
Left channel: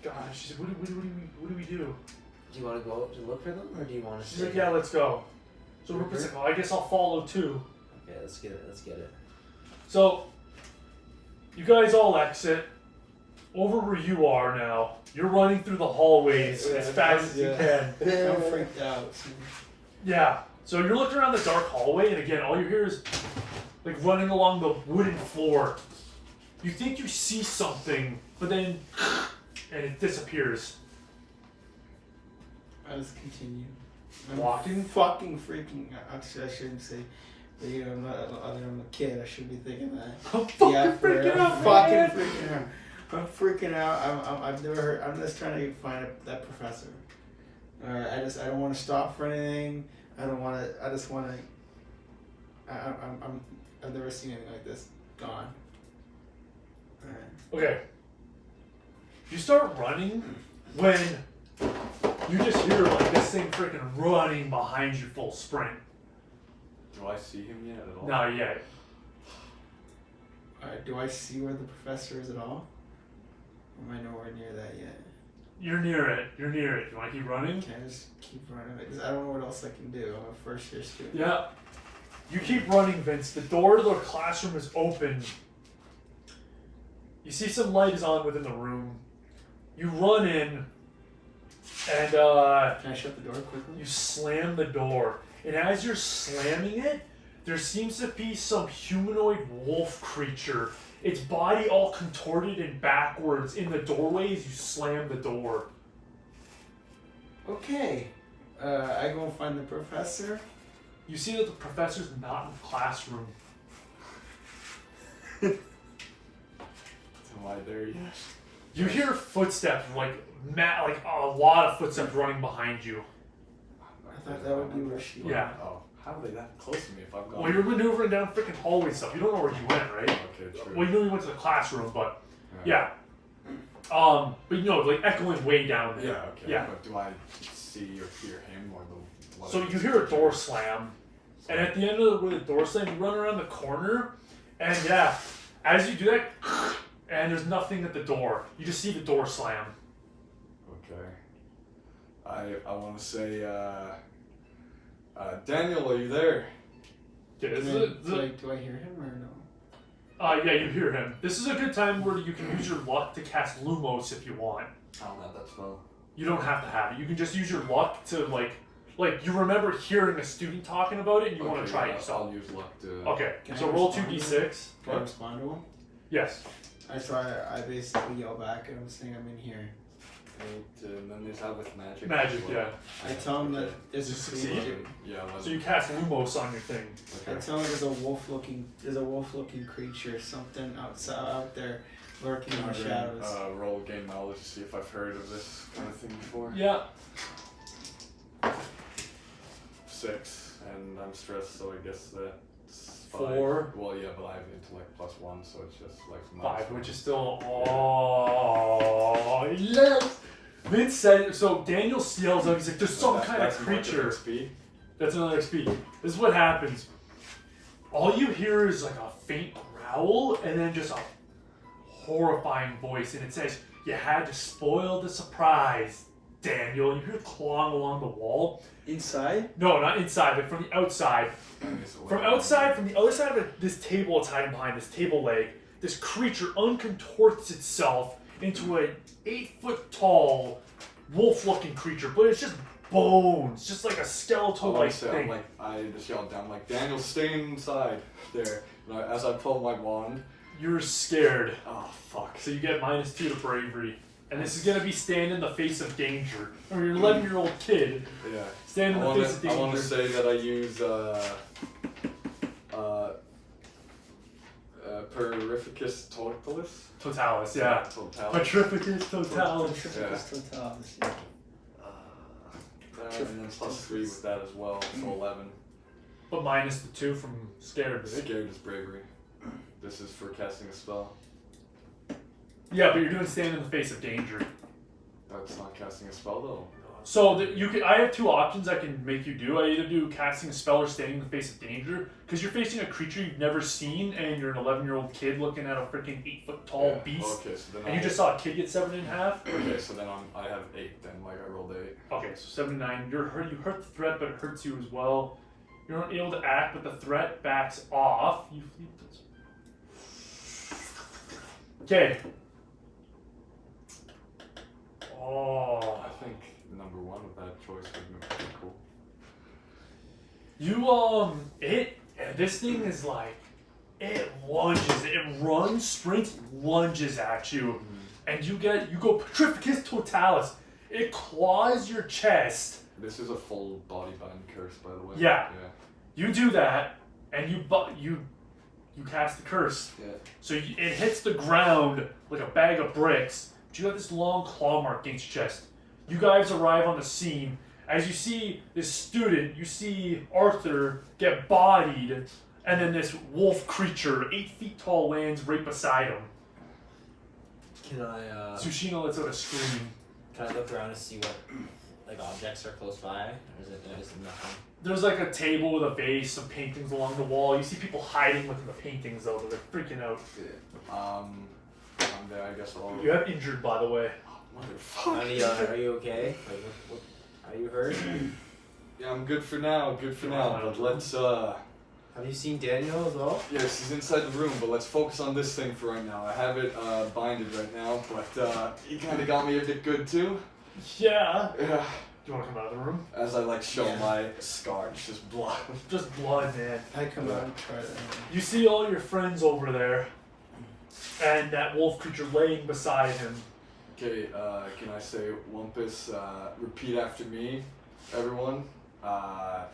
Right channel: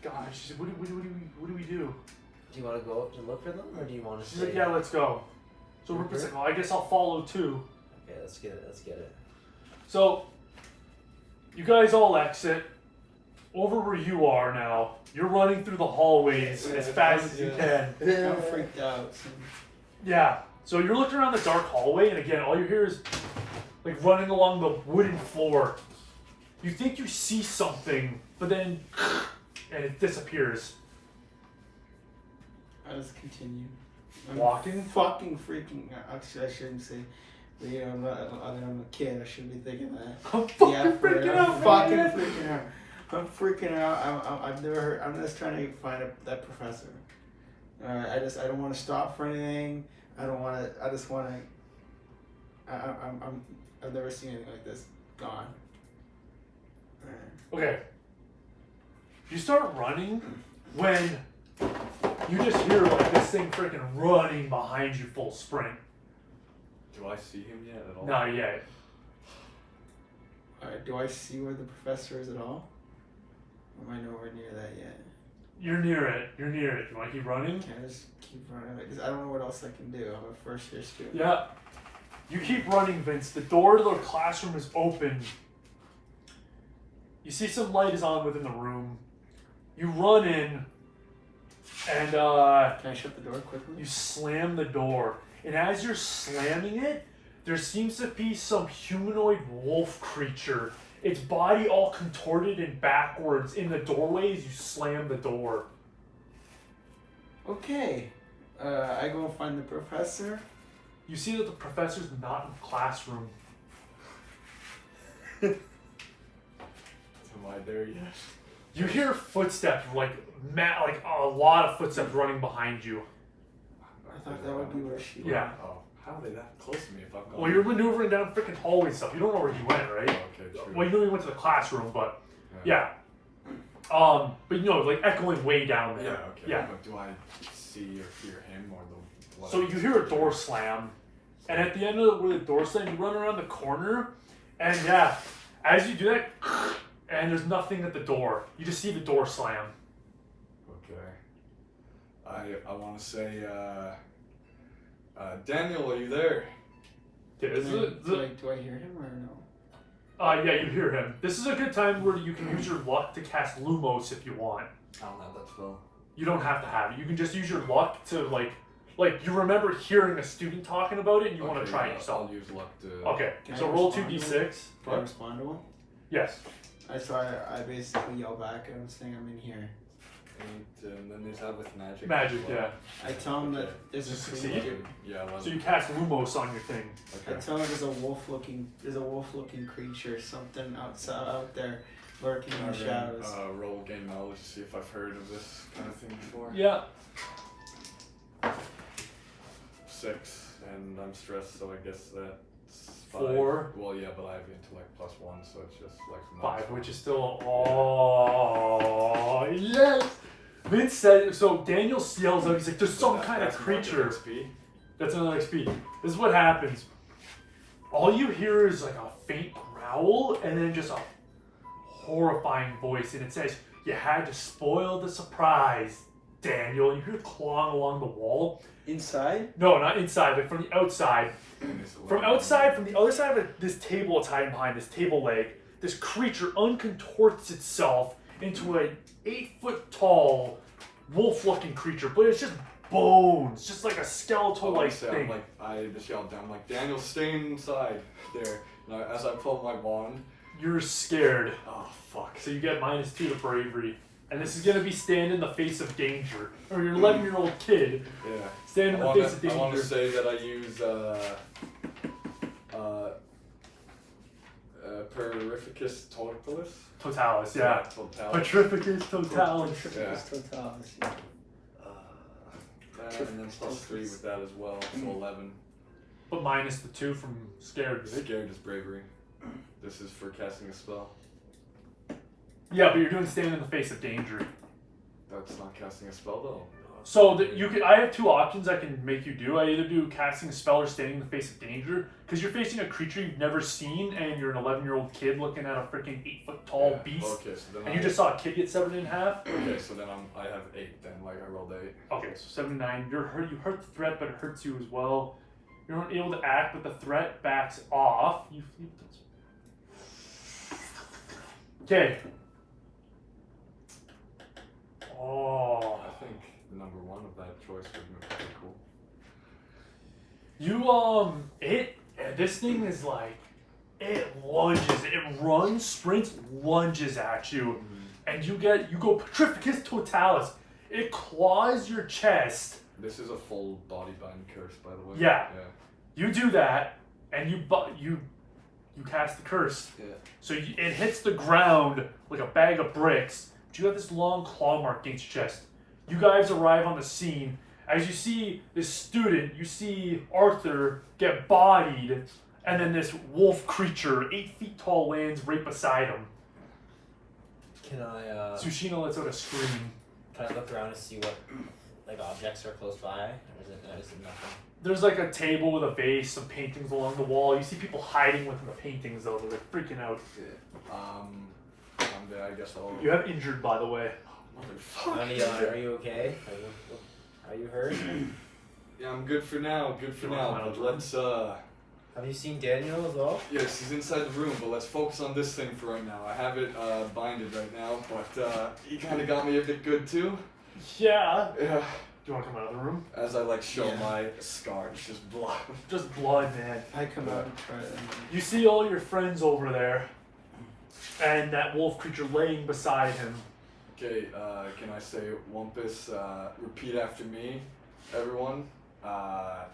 god. She's like, what do we do? Do you want to go to look for them, or do you want to She's stay? like, yeah, let's go. So Rupert's like, well, I guess I'll follow too. Okay, let's get it. So you guys all exit. Over where you are now. You're running through the hallways as fast as you can. I'm freaked out. Yeah. So you're looking around the dark hallway, and again, all you hear is like running along the wooden floor. You think you see something, but then and it disappears. I just continue. Walking? Fucking freaking out. Actually, I shouldn't say. But you know, I'm a kid. I shouldn't be thinking that. I'm fucking freaking out, I'm fucking man. freaking out. I'm freaking out. I've never heard. I'm just trying to find that professor. Alright, I don't want to stop for anything. I don't want to. I just want to. I've never seen anything like this. Gone. Alright. Okay. You start running when you just hear like this thing freaking running behind you full sprint. Do I see him yet at all? Not yet. Alright. Do I see where the professor is at all? Or am I nowhere near that yet? You're near it. You want to keep running? Can I just keep running? Because I don't know what else I can do. I'm a first year student. Yeah. You keep running, Vince. The door to the classroom is open. You see some light is on within the room. You run in, and Can I shut the door quickly? you slam the door. And as you're slamming it, there seems to be some humanoid wolf creature. Its body all contorted and backwards in the doorway as you slam the door. Okay. I go and find the professor. You see that the professor's not in the classroom. Am I there yet? You hear footsteps, like a lot of footsteps running behind you. I thought that would be where she went. Yeah. Oh, how are they that close to me if I've gone? Well, you're maneuvering down freaking hallway stuff. You don't know where you went, right? Okay, true. Well, you know you went to the classroom, but Right. yeah. But you know, like echoing way down there. Yeah, okay. Yeah. But do I see or hear him or the... So you hear a door slam, and at the end of where the door slam, you run around the corner, and yeah, as you do that, and there's nothing at the door. You just see the door slam. Okay. I want to say, Daniel, are you there? Okay, this is Do I hear him or no? yeah, you hear him. This is a good time where you can use your luck to cast Lumos if you want. Oh, no, that's well. You don't have to have it. You can just use your luck to like you remember hearing a student talking about it and you want to try it yourself. I'll use luck to... Okay, Can so I roll respond to 2d6. Can I respond to him? Yes. I basically yell back at him saying I'm in here. And then is that with magic? Magic, as well? yeah. I tell him that there's a Succeed? creature. Yeah, So you cast Lumos on your thing. I tell him there's a wolf-looking creature, something out there, lurking in the shadows. Roll game knowledge to see if I've heard of this kind of thing before. Yeah. 6, and I'm stressed, so I guess that's 5. 4. Well, yeah, but I have intellect +1, so it's just like 5, which is still yes. Vince said so. Daniel yells out. He's like, "There's some kind of creature." That's another XP. This is what happens. All you hear is like a faint growl, and then just a horrifying voice, and it says, "You had to spoil the surprise, Daniel." And you hear clawing along the wall. Inside? No, not inside, but from the outside. From outside, from the other side of this table it's hiding behind, this table leg, this creature uncontorts itself into an 8-foot-tall, wolf-looking creature, but it's just bones, just like a skeletal-like thing. I just yelled down, like, Daniel, stay inside there. And as I pulled my wand, You're scared, oh fuck. so you get -2 to bravery. And this is gonna be stand in the face of danger. Or your 11-year-old kid, Yeah. stand in the face of I want to danger. say that I use Perificus Totalis. Totalis, yeah. Totalis. Petrificus totalis. And then +3 with that as well, so 11. But -2 from scared, right? Scared is bravery. This is for casting a spell. Yeah, but you're doing stand in the face of danger. That's not casting a spell though. So I have 2 options I can make you do. I either do casting a spell or standing in the face of danger, because you're facing a creature you've never seen, and you're an 11-year-old kid looking at a freaking 8-foot-tall beast, Okay, so then and you just saw a kid get severed in half. Okay, so then I have 8 then, like I rolled 8. Okay, so 79. You hurt the threat, but it hurts you as well. You're able to act, but the threat backs off. You okay. Oh. I think number 1 with that choice would be pretty cool. This thing is like, it lunges, it runs, sprints, lunges at you, and you go Petrificus Totalis. It claws your chest. This is a full body bind curse, by the way. Yeah. You do that, and you cast the curse. Yeah. So it hits the ground like a bag of bricks. But you have this long claw mark against your chest. You guys arrive on the scene. As you see this student, you see Arthur get bodied, and then this wolf creature, 8 feet tall, lands right beside him. Can I Tsushima lets out a scream. Can I look around and see what like objects are close by, or is it nothing? There's like a table with a vase, some paintings along the wall. You see people hiding within the paintings though. They're freaking out. I'm dead, I guess I'll... You have injured, by the way. Motherfucker. Honey, are you okay? Are you hurt? Yeah, I'm good for now, but let's, Have you seen Daniel as well? yes, he's inside the room, but let's focus on this thing for right now. I have it, binded right now, but, he kinda got me a bit good too. Yeah. Yeah. Do you want to come out of the room? As I, show Yeah. my scar, it's just blood. Just blood, man. I come out and try to. You see all your friends over there, and that wolf creature laying beside him. Okay, can I say Wumpus, repeat after me, everyone. I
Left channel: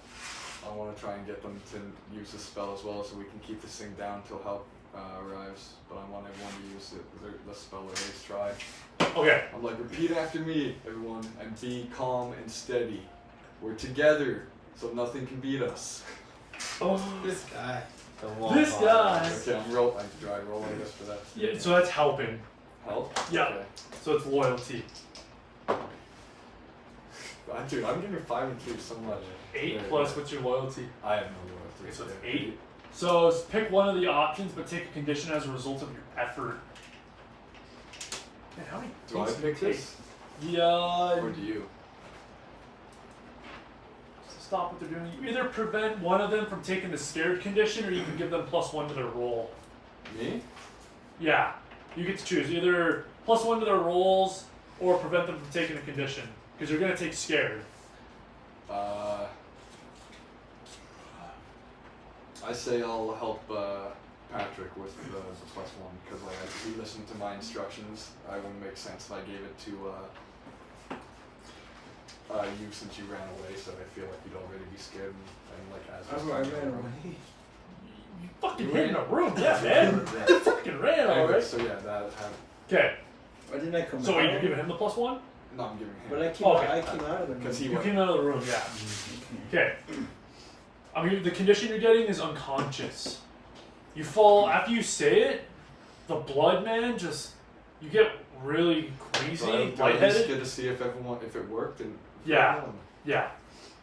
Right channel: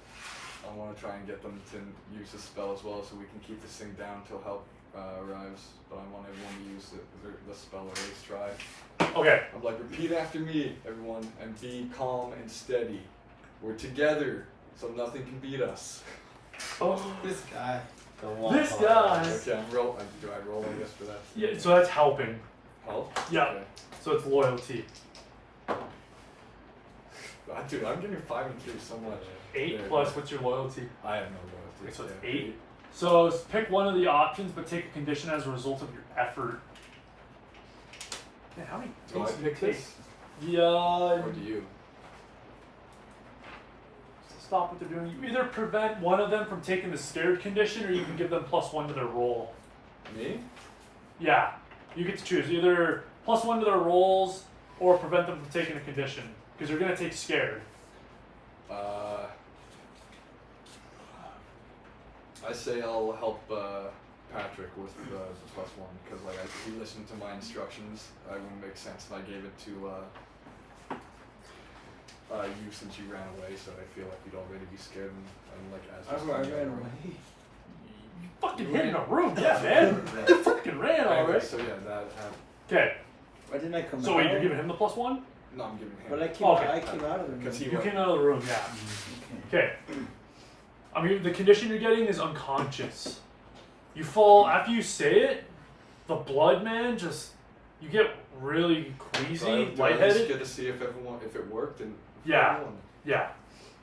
want to try and get them to use the spell as well so we can keep this thing down until help arrives. But I want everyone to use the spell at least try. Okay. I'm like, repeat after me, everyone, and be calm and steady. We're together, so nothing can beat us. Oh, This guy. this guy. Okay, I roll, I guess, for that. Yeah, so that's helping. Help? Yeah. Okay. So it's loyalty. Dude, I'm getting 5 and 3 so much. 8 Yeah, plus what's your loyalty? I have no loyalty. Okay, so it's Yeah. 8. So pick one of the options, but take a condition as a result of your effort. Man, how many Do I things pick do you this? take? Or do you? Stop what they're doing. You either prevent one of them from taking the scared condition, or you can give them +1 to their roll. Me? Yeah, you get to choose either +1 to their rolls, or prevent them from taking the condition, because you're gonna take scared. I say I'll help Patrick with the +1 because like he listened to my instructions. It wouldn't make sense if I gave it to you since you ran away. So I feel like you'd already be scared and like as I ran away. You fucking hid in a room, yeah, man. You fucking ran Anyway, already. so yeah, that. Okay, Why didn't I come so out? wait, you're giving him the +1? No, I'm giving him. But I came, Okay. I came out of the room. Because he You went. came out of the room, yeah. Okay. Okay. I mean, the condition you're getting is unconscious. You fall after you say it. The blood, man, just you get really queasy, So I just lightheaded. get to see if it worked and. Yeah. Yeah.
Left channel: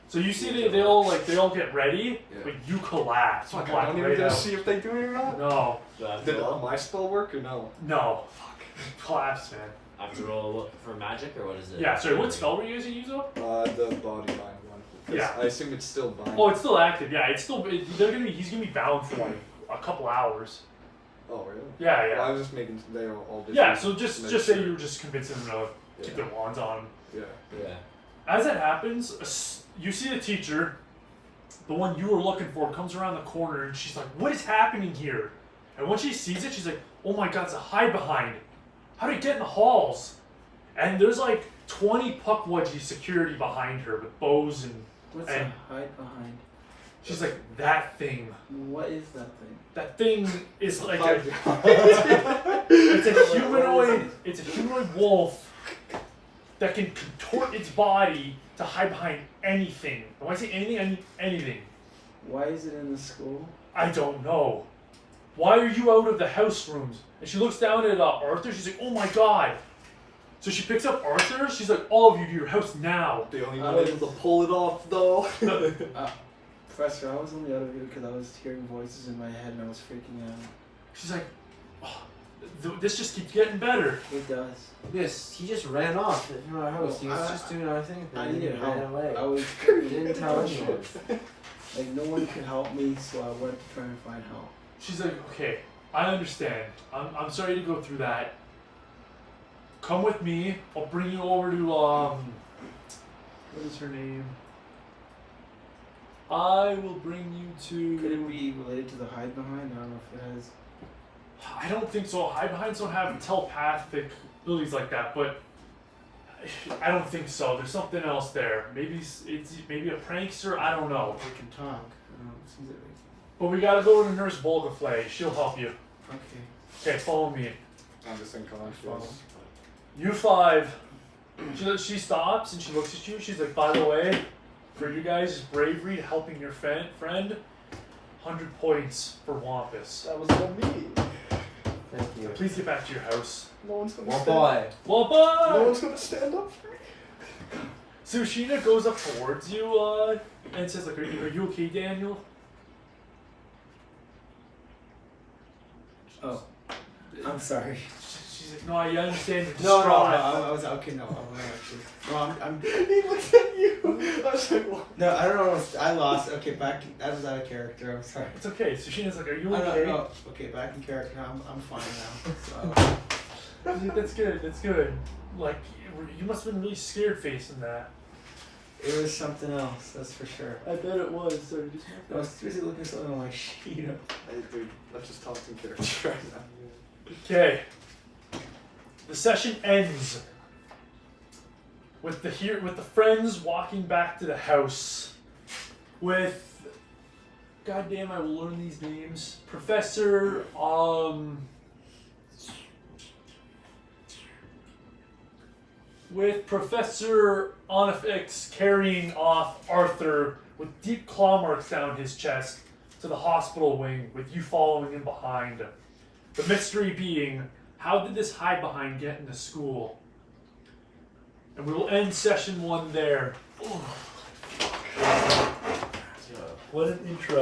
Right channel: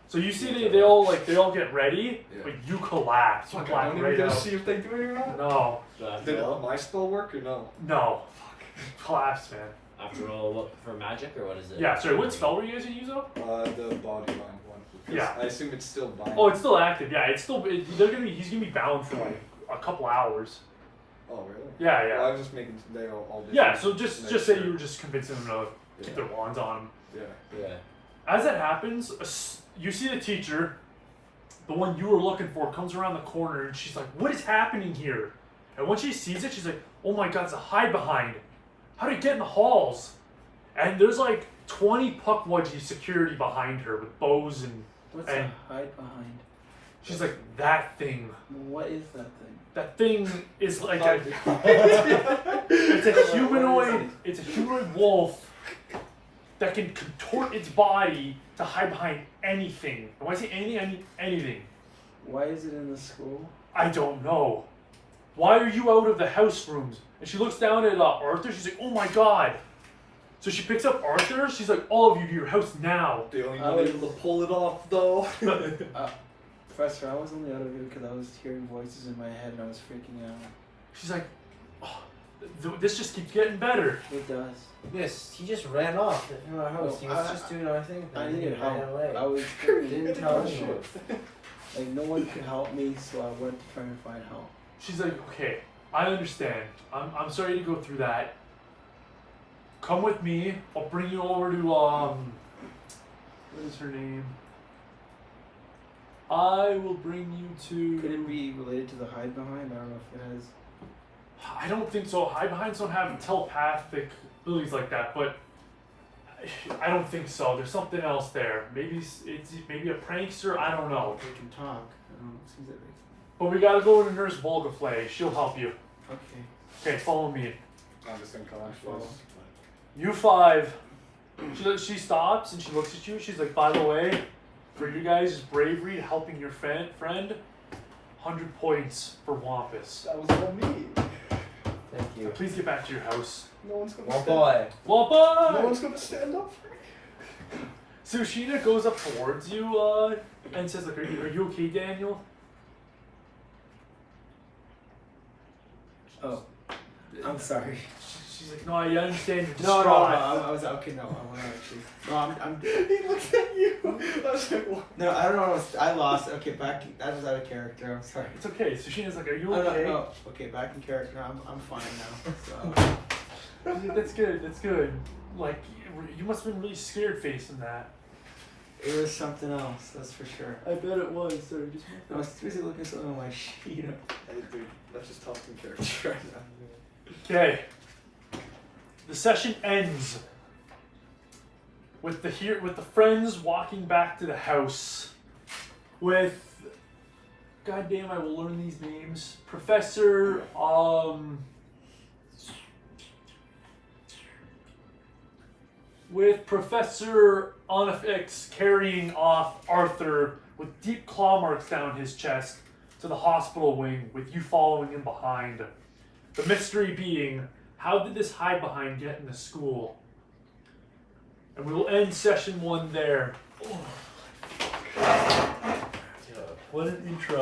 So you see they all get ready, Yeah. but you collapse. You Fuck, I black don't even right get to out. see if they do it or not. No, Did my spell work or no? no. Collapse, man. I have to roll for magic or what is it? Yeah. Sorry, what spell were you using, Yuzo? The body mind one. 'Cause Yeah. I assume it's still bind. Oh, it's still active. Yeah, it's still. He's gonna be bound for like a couple hours. Oh really? Yeah, yeah. Well, I was just making they all different. Yeah. So just make say sure. you were just convincing them to keep their wands on them. Yeah. Yeah. As that happens, you see the teacher, the one you were looking for, comes around the corner and she's like, "What is happening here?" And when she sees it, she's like, "Oh my God, it's a hide behind. How did it get in the halls?" And there's like 20 Puckwudgie security behind her with bows and. What's And- a hide behind? She's like, "That thing. What is that thing? That thing is like Oh, it's a humanoid. It's a humanoid wolf that can contort its body to hide behind anything. And when I say anything, I mean anything. Why is it in the school? I don't know. Why are you out of the house rooms? And she looks down at Arthur. She's like, "Oh my God." So she picks up Arthur. She's like, "All of you to your house now." They only were able to pull it off though. Professor, I was only out of here because I was hearing voices in my head and I was freaking out. She's like, "Oh, this just keeps getting better." It does. Yes, he just ran off from our house. He was I- just doing our thing. I and he needed ran help. away. I was He freaking didn't tell out. anyone. Like no one could help me, so I went to try and find help. She's like, "Okay, I understand. I'm sorry to go through that. Come with me. I'll bring you over to what is her name? I will bring you Could to. it be related to the hide behind? I don't know if it is. I don't think so. Hide behinds don't have telepathic abilities like that, but I don't think so. There's something else there. Maybe it's maybe a prankster. I don't know. We can talk. I don't know. Seems like But we gotta go to Nurse Volgaflay. She'll help you. okay. Okay, follow me. I'm just unconscious. Follow. You 5. She stops and she looks at you. She's like, "By the way, for you guys' bravery helping your friend, 100 points for Wampus. That was on me. Thank you. Please get back to your house." No one's gonna One stand boy. Wampa! No one's gonna stand up for me. So Sheena goes up towards you and says, like, are you okay, Daniel? Oh, I'm sorry. She's like, "No, I understand you're No, distraught." I was okay. No, I wasn't actually. No, I'm. He looked at you. I was like, what? No, I don't know. I lost. Okay, back. That was out of character. I'm sorry. It's okay. So Sheena's like, "Are you I don't okay?" know. Okay, back in character. I'm fine now. So. She's like, "That's good. That's good." Like, you must have been really scared facing that. It was something else, that's for sure. I bet it was. So just I was busy looking at something on my sheet. Hey, dude, let's just talk in character right now. okay. The session ends with the friends walking back to the house, with goddamn, I will learn these names. Professor with Professor Onifix carrying off Arthur with deep claw marks down his chest to the hospital wing, with you following him behind. The mystery being, how did this hide behind get into school? And we will end session 1 there. What an intro.